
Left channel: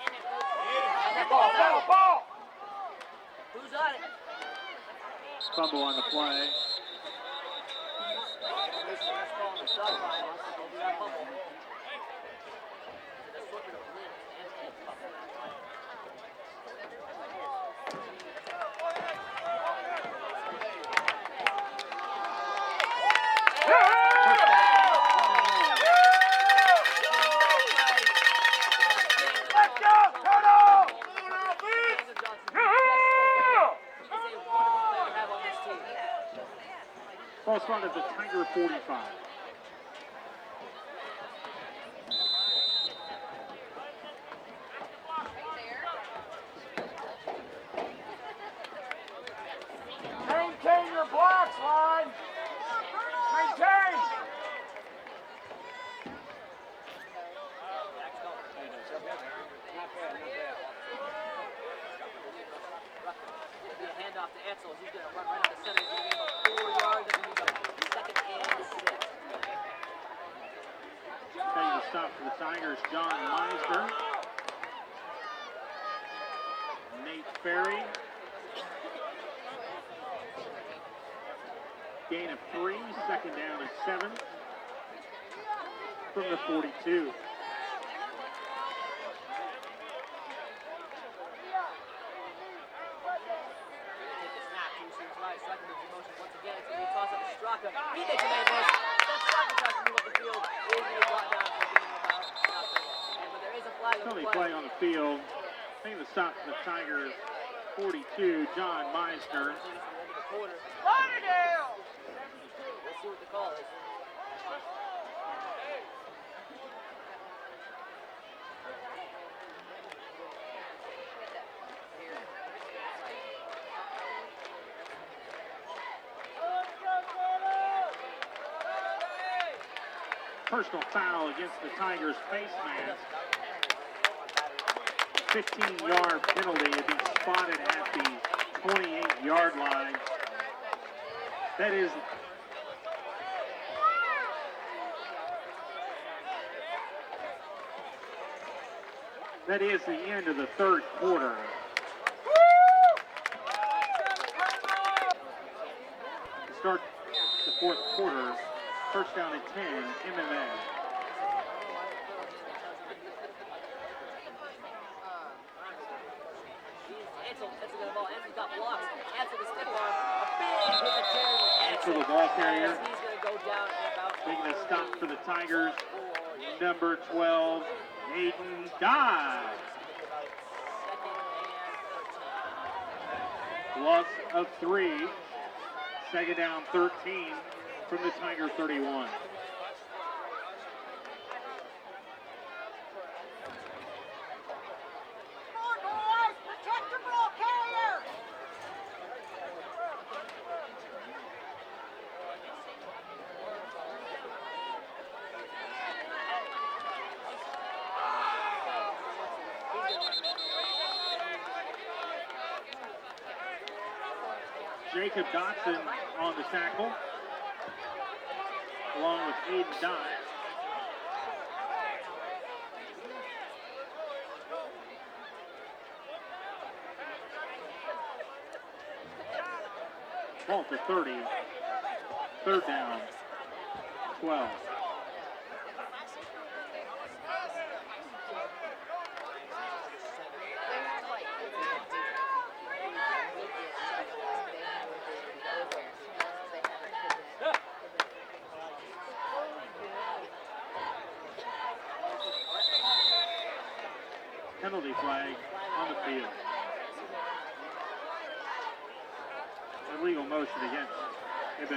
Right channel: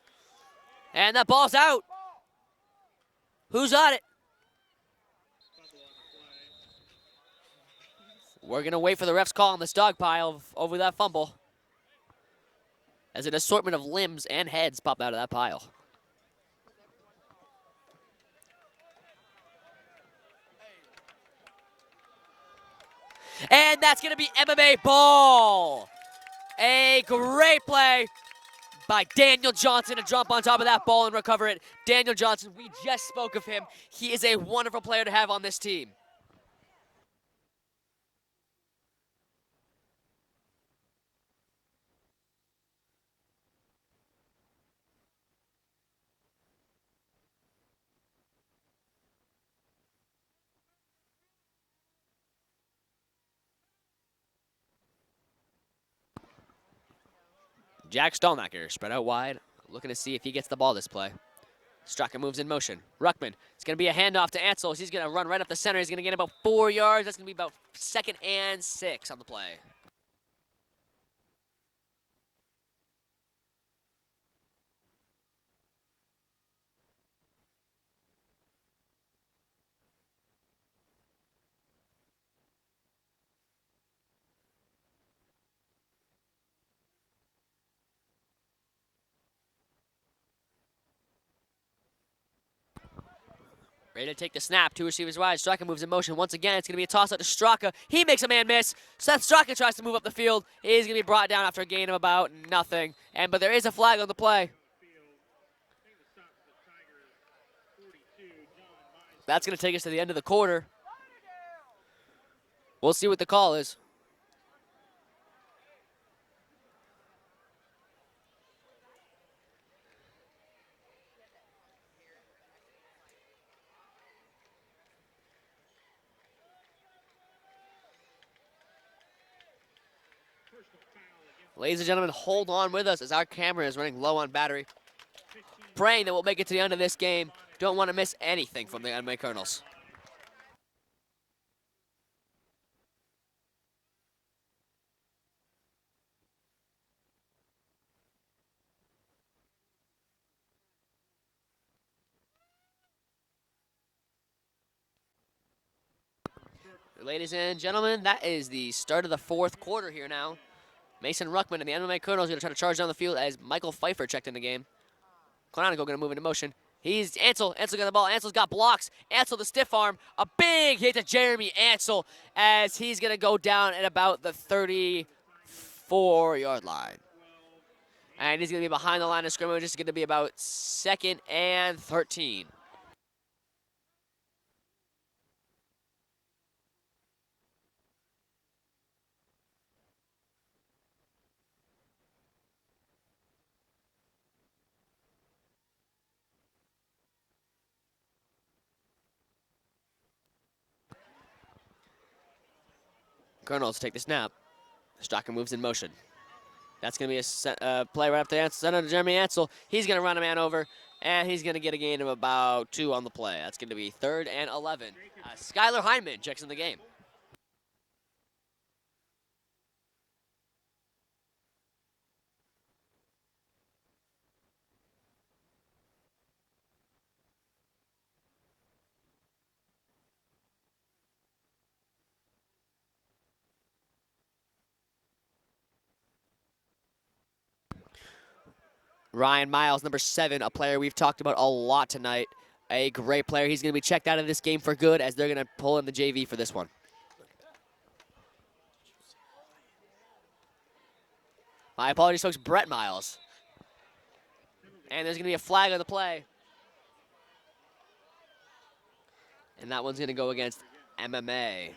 And that ball's out. Who's on it? Fumble on the play. We're going to wait for the ref's call on this dog pile over that fumble. as an assortment of limbs and heads pop out of that pile. And that's going to be MMA ball. A great play by Daniel Johnson to jump on top of that ball and recover it. Daniel Johnson, we just spoke of him. He is a wonderful player to have on this team. Ball spawned at the Tiger 45. Maintain your blocks, line. Maintain. Jack Stallnacker spread out wide, looking to see if he gets the ball this play. Straka moves in motion. Ruckman, it's going to be a handoff to Ansel. He's going to run right up the center. He's going to get about 4 yards. That's going to be about 2nd and 6 on the play. Taking the stop for the Tigers, John Meisner. Nate Ferry. Gain of 3, 2nd down and 7 from the 42. Ready to take the snap. 2 receivers wide. Straka moves in motion. Once again, it's going to be a toss out to Straka. He makes a man miss. Seth Straka tries to move up the field. He's going to be brought down after a gain of about nothing. But there is a flag on the play. On the field. Taking the stop for the Tigers, 42, John Meisner. That's going to take us to the end of the quarter. We'll see what the call is. Personal foul against Ladies and gentlemen, hold on with us as our camera is running low on battery. Praying that we'll make it to the end of this game. Don't want to miss anything from the MMA Colonels. That is the end of the 3rd quarter. Ladies and gentlemen, that is the start of the 4th quarter here now. Mason Ruckman and the MMA Colonels are going to try to charge down the field as Michael Pfeiffer checked in the game. Clonico going to move into motion. He's Ansel. Ansel got the ball. Ansel's got blocks. Ansel the stiff arm. A big hit to Jeremy Ansel as he's going to go down at about the 34-yard line. And he's going to be behind the line of scrimmage. It's going to be about 2nd and 13. Loss of 3. 2nd down, 13 from the Tiger 31. Colonels take the snap. Straka moves in motion. That's going to be a play right up there. Center to Jeremy Ansel. He's going to run a man over, and he's going to get a gain of about 2 on the play. That's going to be 3rd and 11. Skylar Hyman checks in the game. Along with Aiden Dye. Ball to 30. 3rd down. 12. Ryan Miles, number 7, a player we've talked about a lot tonight. A great player. He's going to be checked out of this game for good as they're going to pull in the JV for this one. My apologies, folks. Brett Miles. And there's going to be a flag on the play. And that one's going to go against MMA.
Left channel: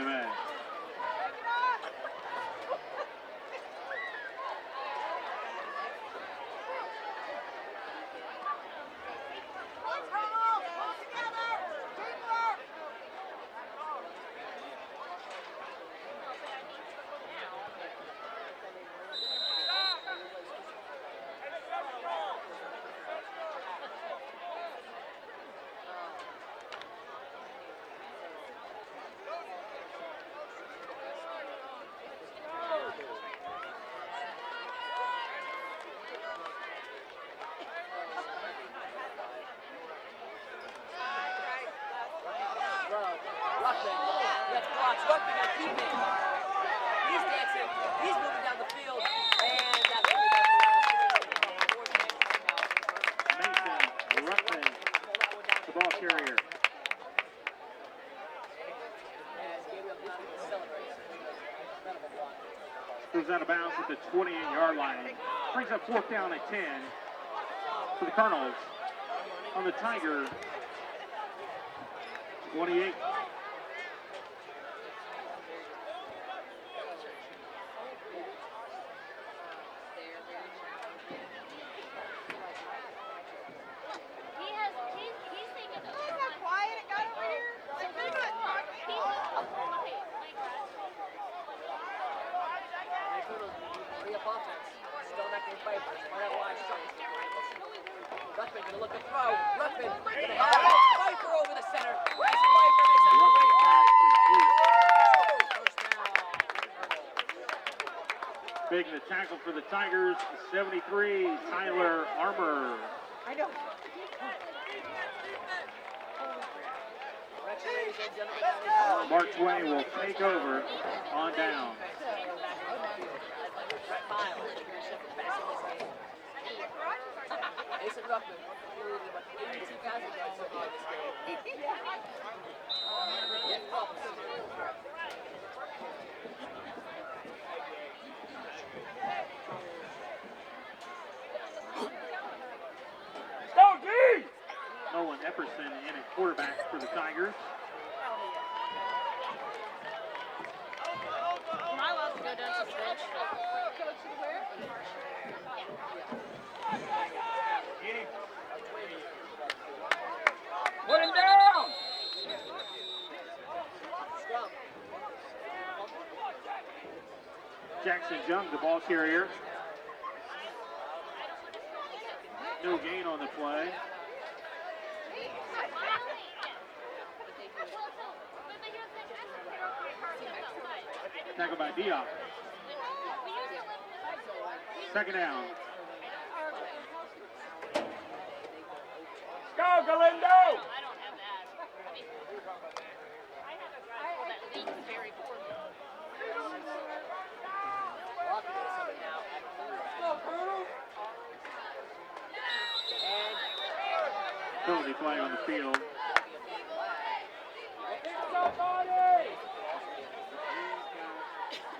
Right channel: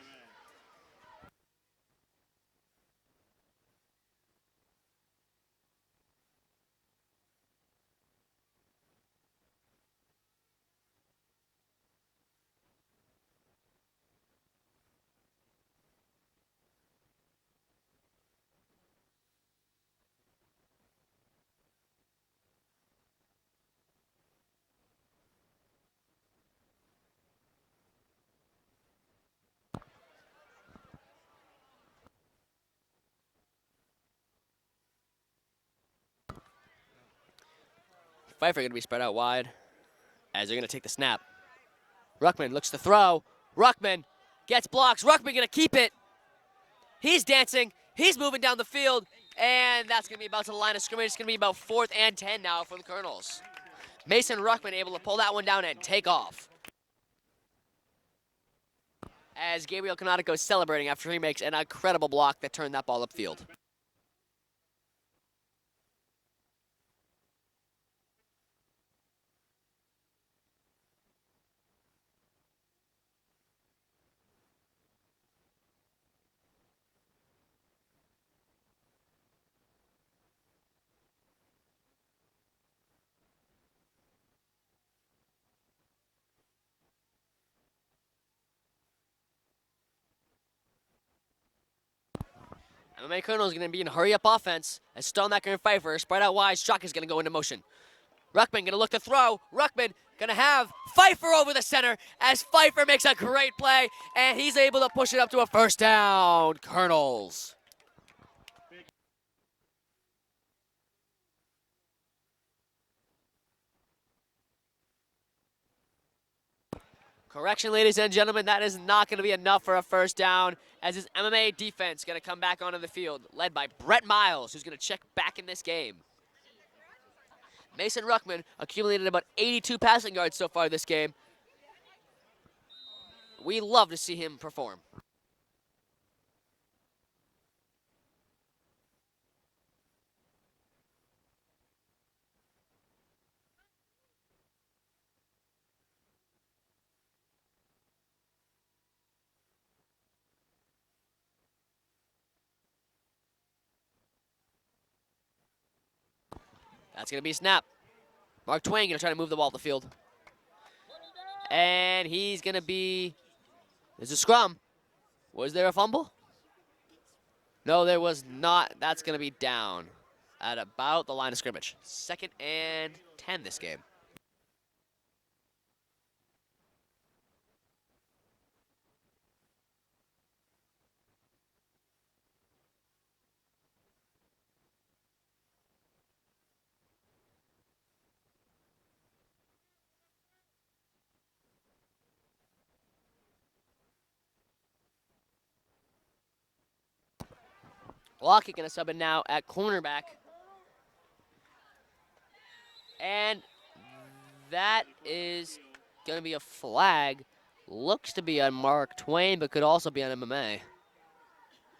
Pfeiffer going to be spread out wide as they're going to take the snap. Ruckman looks to throw. Ruckman gets blocks. Ruckman going to keep it. He's dancing. He's moving down the field. And that's going to be about to the line of scrimmage. It's going to be about 4th and 10 now for the Colonels. Mason Ruckman able to pull that one down and take off. As Gabriel Canonico is celebrating after he makes an incredible block that turned that ball upfield. Out of bounds at the 28-yard line. Brings up 4th down at 10 for the Colonels. On the Tiger 28. MMA Colonel is going to be in hurry-up offense. And Stonebacker and Pfeiffer spread out wide. Shock is going to go into motion. Ruckman going to look to throw. Ruckman going to have Pfeiffer over the center as Pfeiffer makes a great play, and he's able to push it up to a 1st down. Colonels. Making the tackle for the Tigers, 73, Tyler Armour. Correction, ladies and gentlemen, that is not going to be enough for a 1st down, as his MMA defense going to come back onto the field, led by Brett Miles, who's going to check back in this game. Mason Ruckman accumulated about 82 passing yards so far this game. We love to see him perform. Nolan Epperson in at quarterback for the Tigers. Am I allowed to go down to the bench? That's going to be a snap. Mark Twain going to try to move the ball up the field. And he's going to be... Was it scrum? Was there a fumble? No, there was not. That's going to be down at about the line of scrimmage. 2nd and 10 this game. Tackle by Diop. 2nd down. Go, Galindo! Lockett going to sub in now at cornerback. And that is going to be a flag. Looks to be on Mark Twain, but could also be on MMA.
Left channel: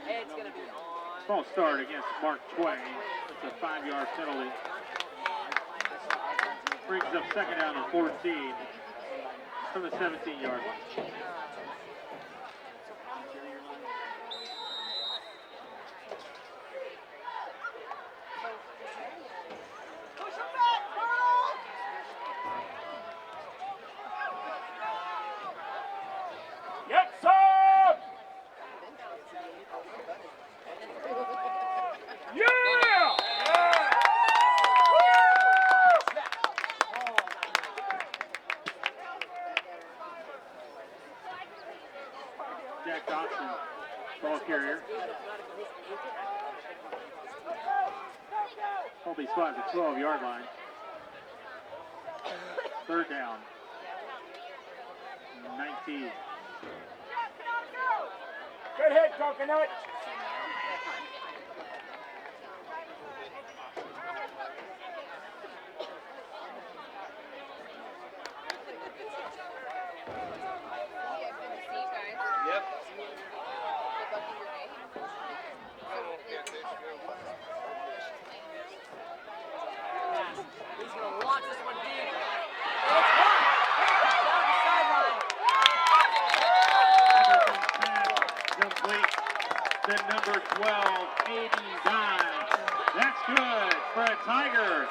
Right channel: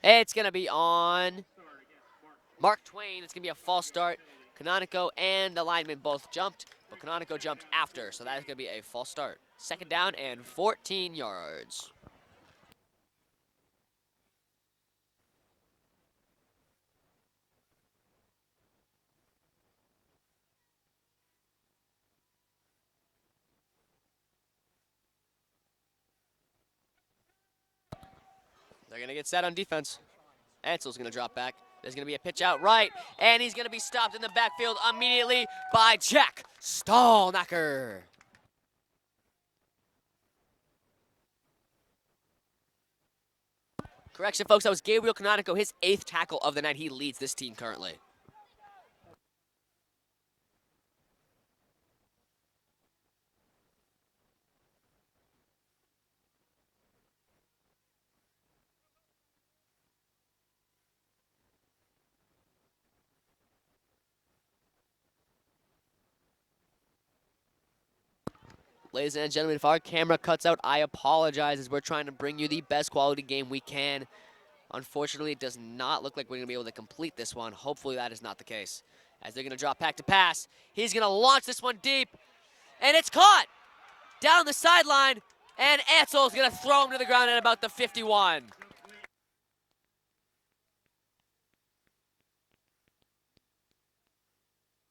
It's going to be on False start against Mark Twain. Mark Twain. It's going to be a false start. Canonico and the lineman both jumped. Canonico jumped after, so that's going to be a false start. 2nd down and 14 yards. Get set on defense. Ansel's going to drop back. There's going to be a pitch out right, and he's going to be stopped in the backfield immediately by Jack Stallnacker. Jack Dodson. Correction, folks, that was Gabriel Canonico, his 8th tackle of the night. He leads this team currently. Colby spot at the 12-yard line. 3rd down. 19. Good hit, Coconut. Ladies and gentlemen, if our camera cuts out, I apologize, as we're trying to bring you the best quality game we can. Unfortunately, it does not look like we're going to be able to complete this one. Hopefully that is not the case, as they're going to drop back to pass. He's going to launch this one deep, and it's caught down the sideline. And Ansel's going to throw him to the ground at about the 51. Complete to number 12, Aiden Dye. That's good for a Tiger.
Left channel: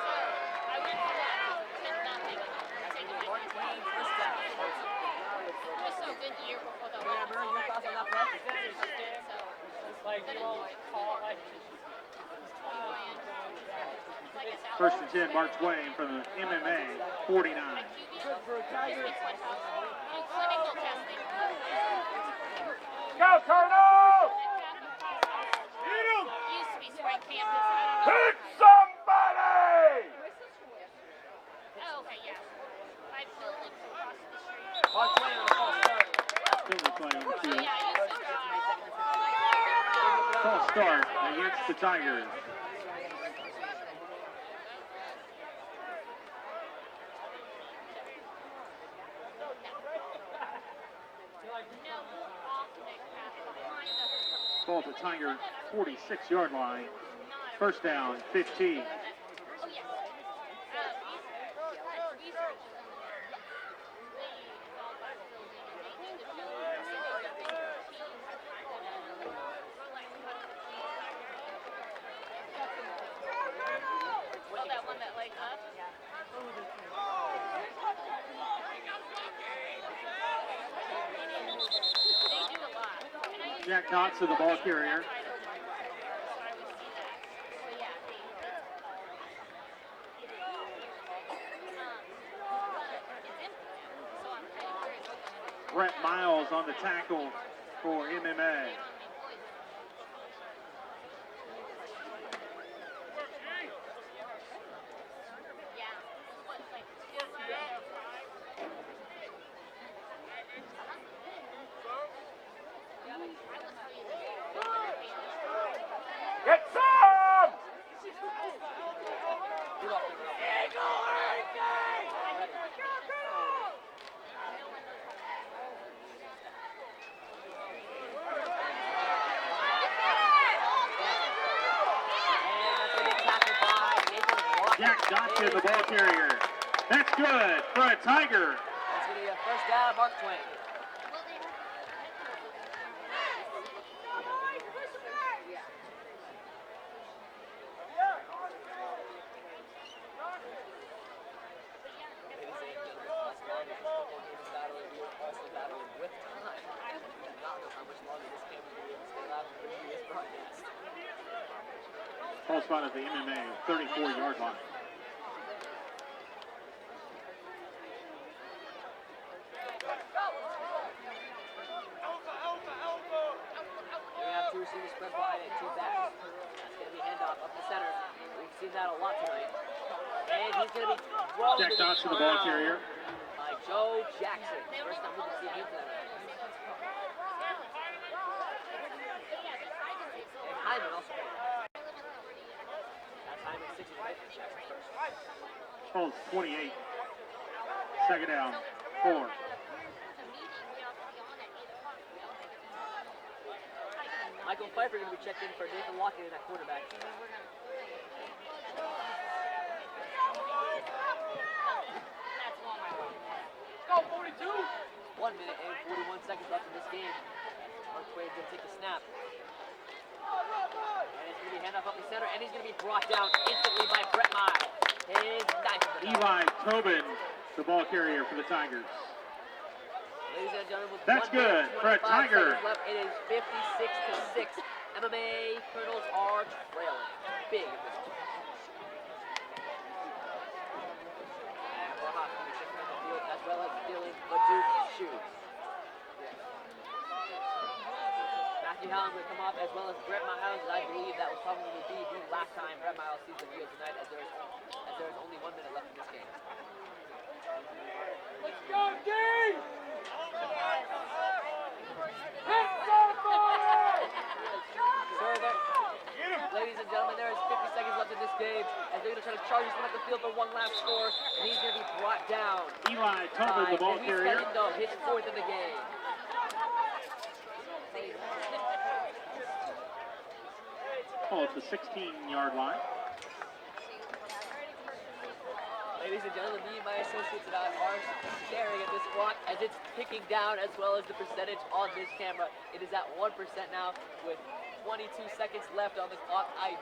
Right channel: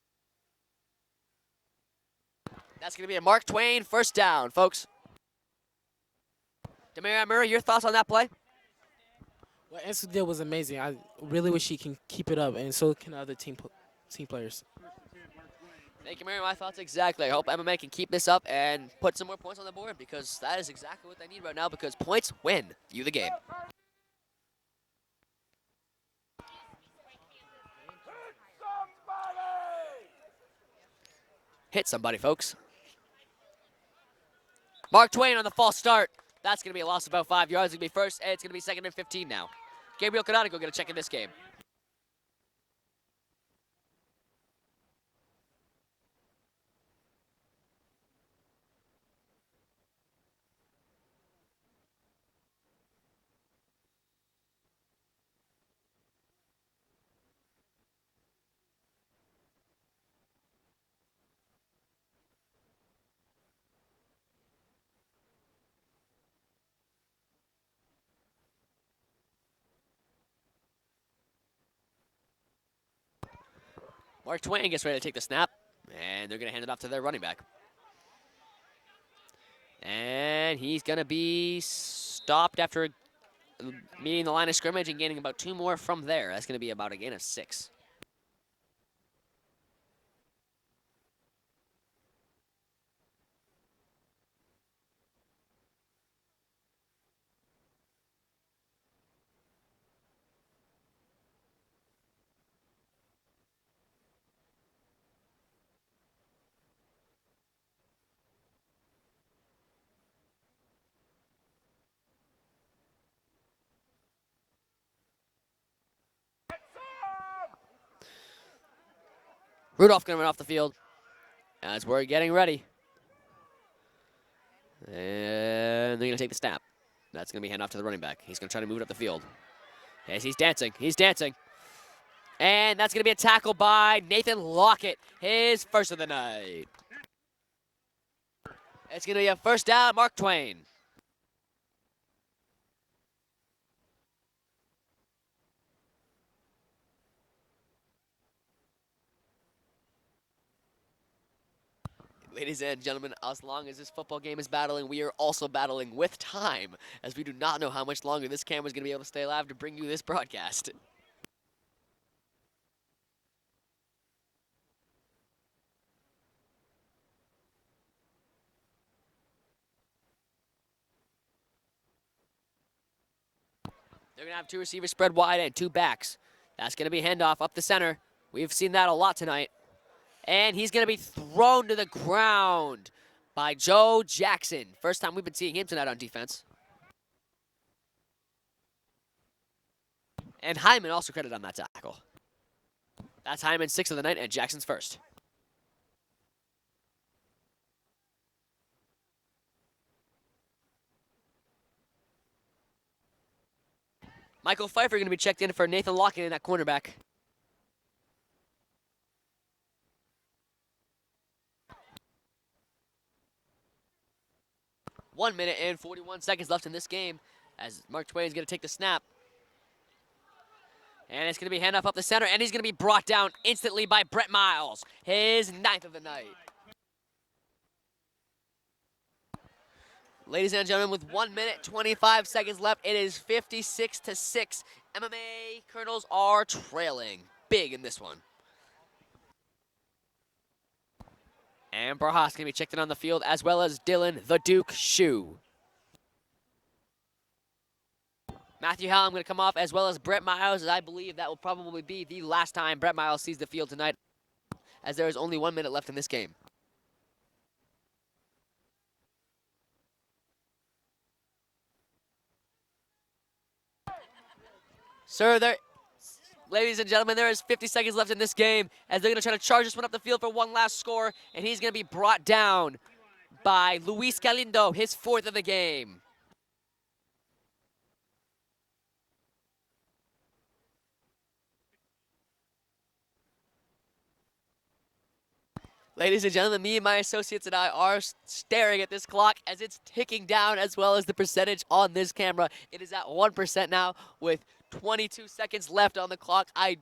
That's going to be a Mark Twain 1st down, folks. Demira Murray, your thoughts on that play? Ansel deal was amazing. I really wish he can keep it up, and so can other team players. 1st and 10, Mark Twain for the MMA. Exactly. I hope MMA can keep this up and put some more points on the board, because that is exactly what we need right now, because points win you the game. Go, Colonel! Hit somebody! Hit somebody, folks. Mark Twain on the false start. That's going to be a loss of about 5 yards. It'll be 1st, and it's going to be 2nd and 15 now. Gabriel Canonico going to check in this game. Against the Tigers. Ball at the Tiger 46-yard line. First down, 15. Mark Twain gets ready to take the snap, and they're going to hand it off to their running back. And he's going to be stopped after being the line of scrimmage and gaining about 2 more from there. That's going to be about a gain of 6. Brett Miles on the tackle for MMA. Get some! Rudolph going to run off the field as we're getting ready. And they're going to take the snap. That's going to be handed off to the running back. He's going to try to move it up the field. As he's dancing. He's dancing. And that's going to be a tackle by Nathan Lockett. His first of the night. That's good for a Tiger. That's going to be a first down, Mark Twain. Ladies and gentlemen, as long as this football game is battling, we are also battling with time, as we do not know how much longer this camera is going to be able to stay alive to bring you this broadcast. Ball spot at the MMA 34-yard line. They're going to have 2 receivers spread wide and 2 backs. That's going to be handoff up the center. We've seen that a lot tonight. And he's going to be thrown to the ground by Joe Jackson. First time we've been seeing him tonight on defense. And Hyman also credited on that tackle. That's Hyman's 6th of the night and Jackson's first. Ball 28. Second down, 4. Michael Pfeiffer going to be checked in for Nathan Lockett in that cornerback. Go, 42. 1 minute and 41 seconds left in this game as Mark Twain is going to take the snap. And it's going to be handoff up the center, and he's going to be brought down instantly by Brett Miles. His 9th of the night. Eli Tobin, the ball carrier for the Tigers. Ladies and gentlemen, with That's 1 minute, good. 25 seconds left, it is 56-6. MMA Colonels are trailing big in this one. And Barhas going to be checked in on the field, as well as Dylan the Duke Shue. Matthew Hallam going to come off, as well as Brett Miles, as I believe that will probably be the last time Brett Miles sees the field tonight, as there is only 1 minute left in this game. Let's go, D! Sir, ladies and gentlemen, there is 50 seconds left in this game as they're going to try to charge this one up the field for one last score, and he's going to be brought down by Luis Galindo, his 4th of the game. Oh, it's the 16-yard line. Ladies and gentlemen, me and my associates and I are staring at this clock as it's ticking down, as well as the percentage on this camera. It is at 1% now with 22 seconds left on the clock. I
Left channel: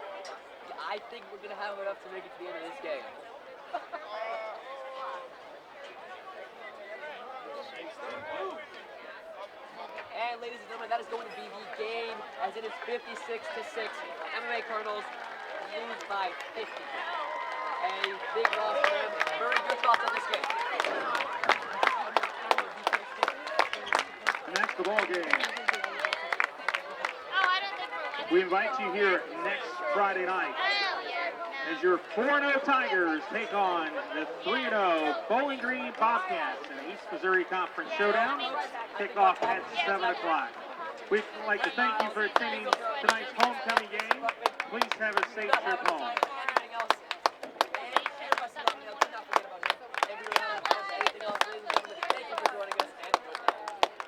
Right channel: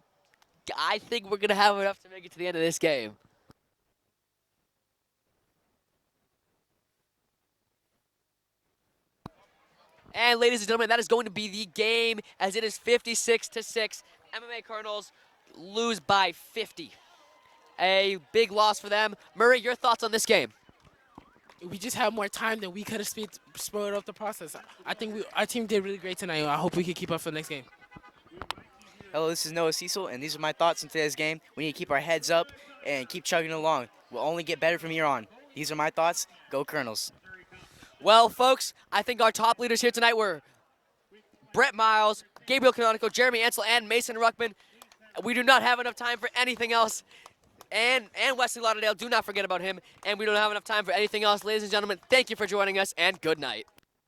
think we're going to have enough to make it to the end of this game. And ladies and gentlemen, that is going to be the game, as it is 56-6. MMA Colonels lose by 50. A big loss for them. Murray, your thoughts on this game? If we just had more time, then we could have slowed up the process. I think they did really great tonight. I hope we can keep up for the next game. We invite you here. Hello, this is Noah Cecil, and these are my thoughts on today's game. We need to keep our heads up and keep chugging along. We'll only get better from here on. These are my thoughts. Go Colonels. Well, folks, I think our top leaders here tonight were We'd like Brett to thank you Miles, for attending Gabriel Canonico, tonight's Jeremy Ansel, homecoming and Mason game. Ruckman. Please have a We do safe not have trip enough home. time for anything else. And Wesley Lauderdale, do not forget about him. And we don't have enough time for anything else. Ladies and gentlemen, thank you for joining us, and good night.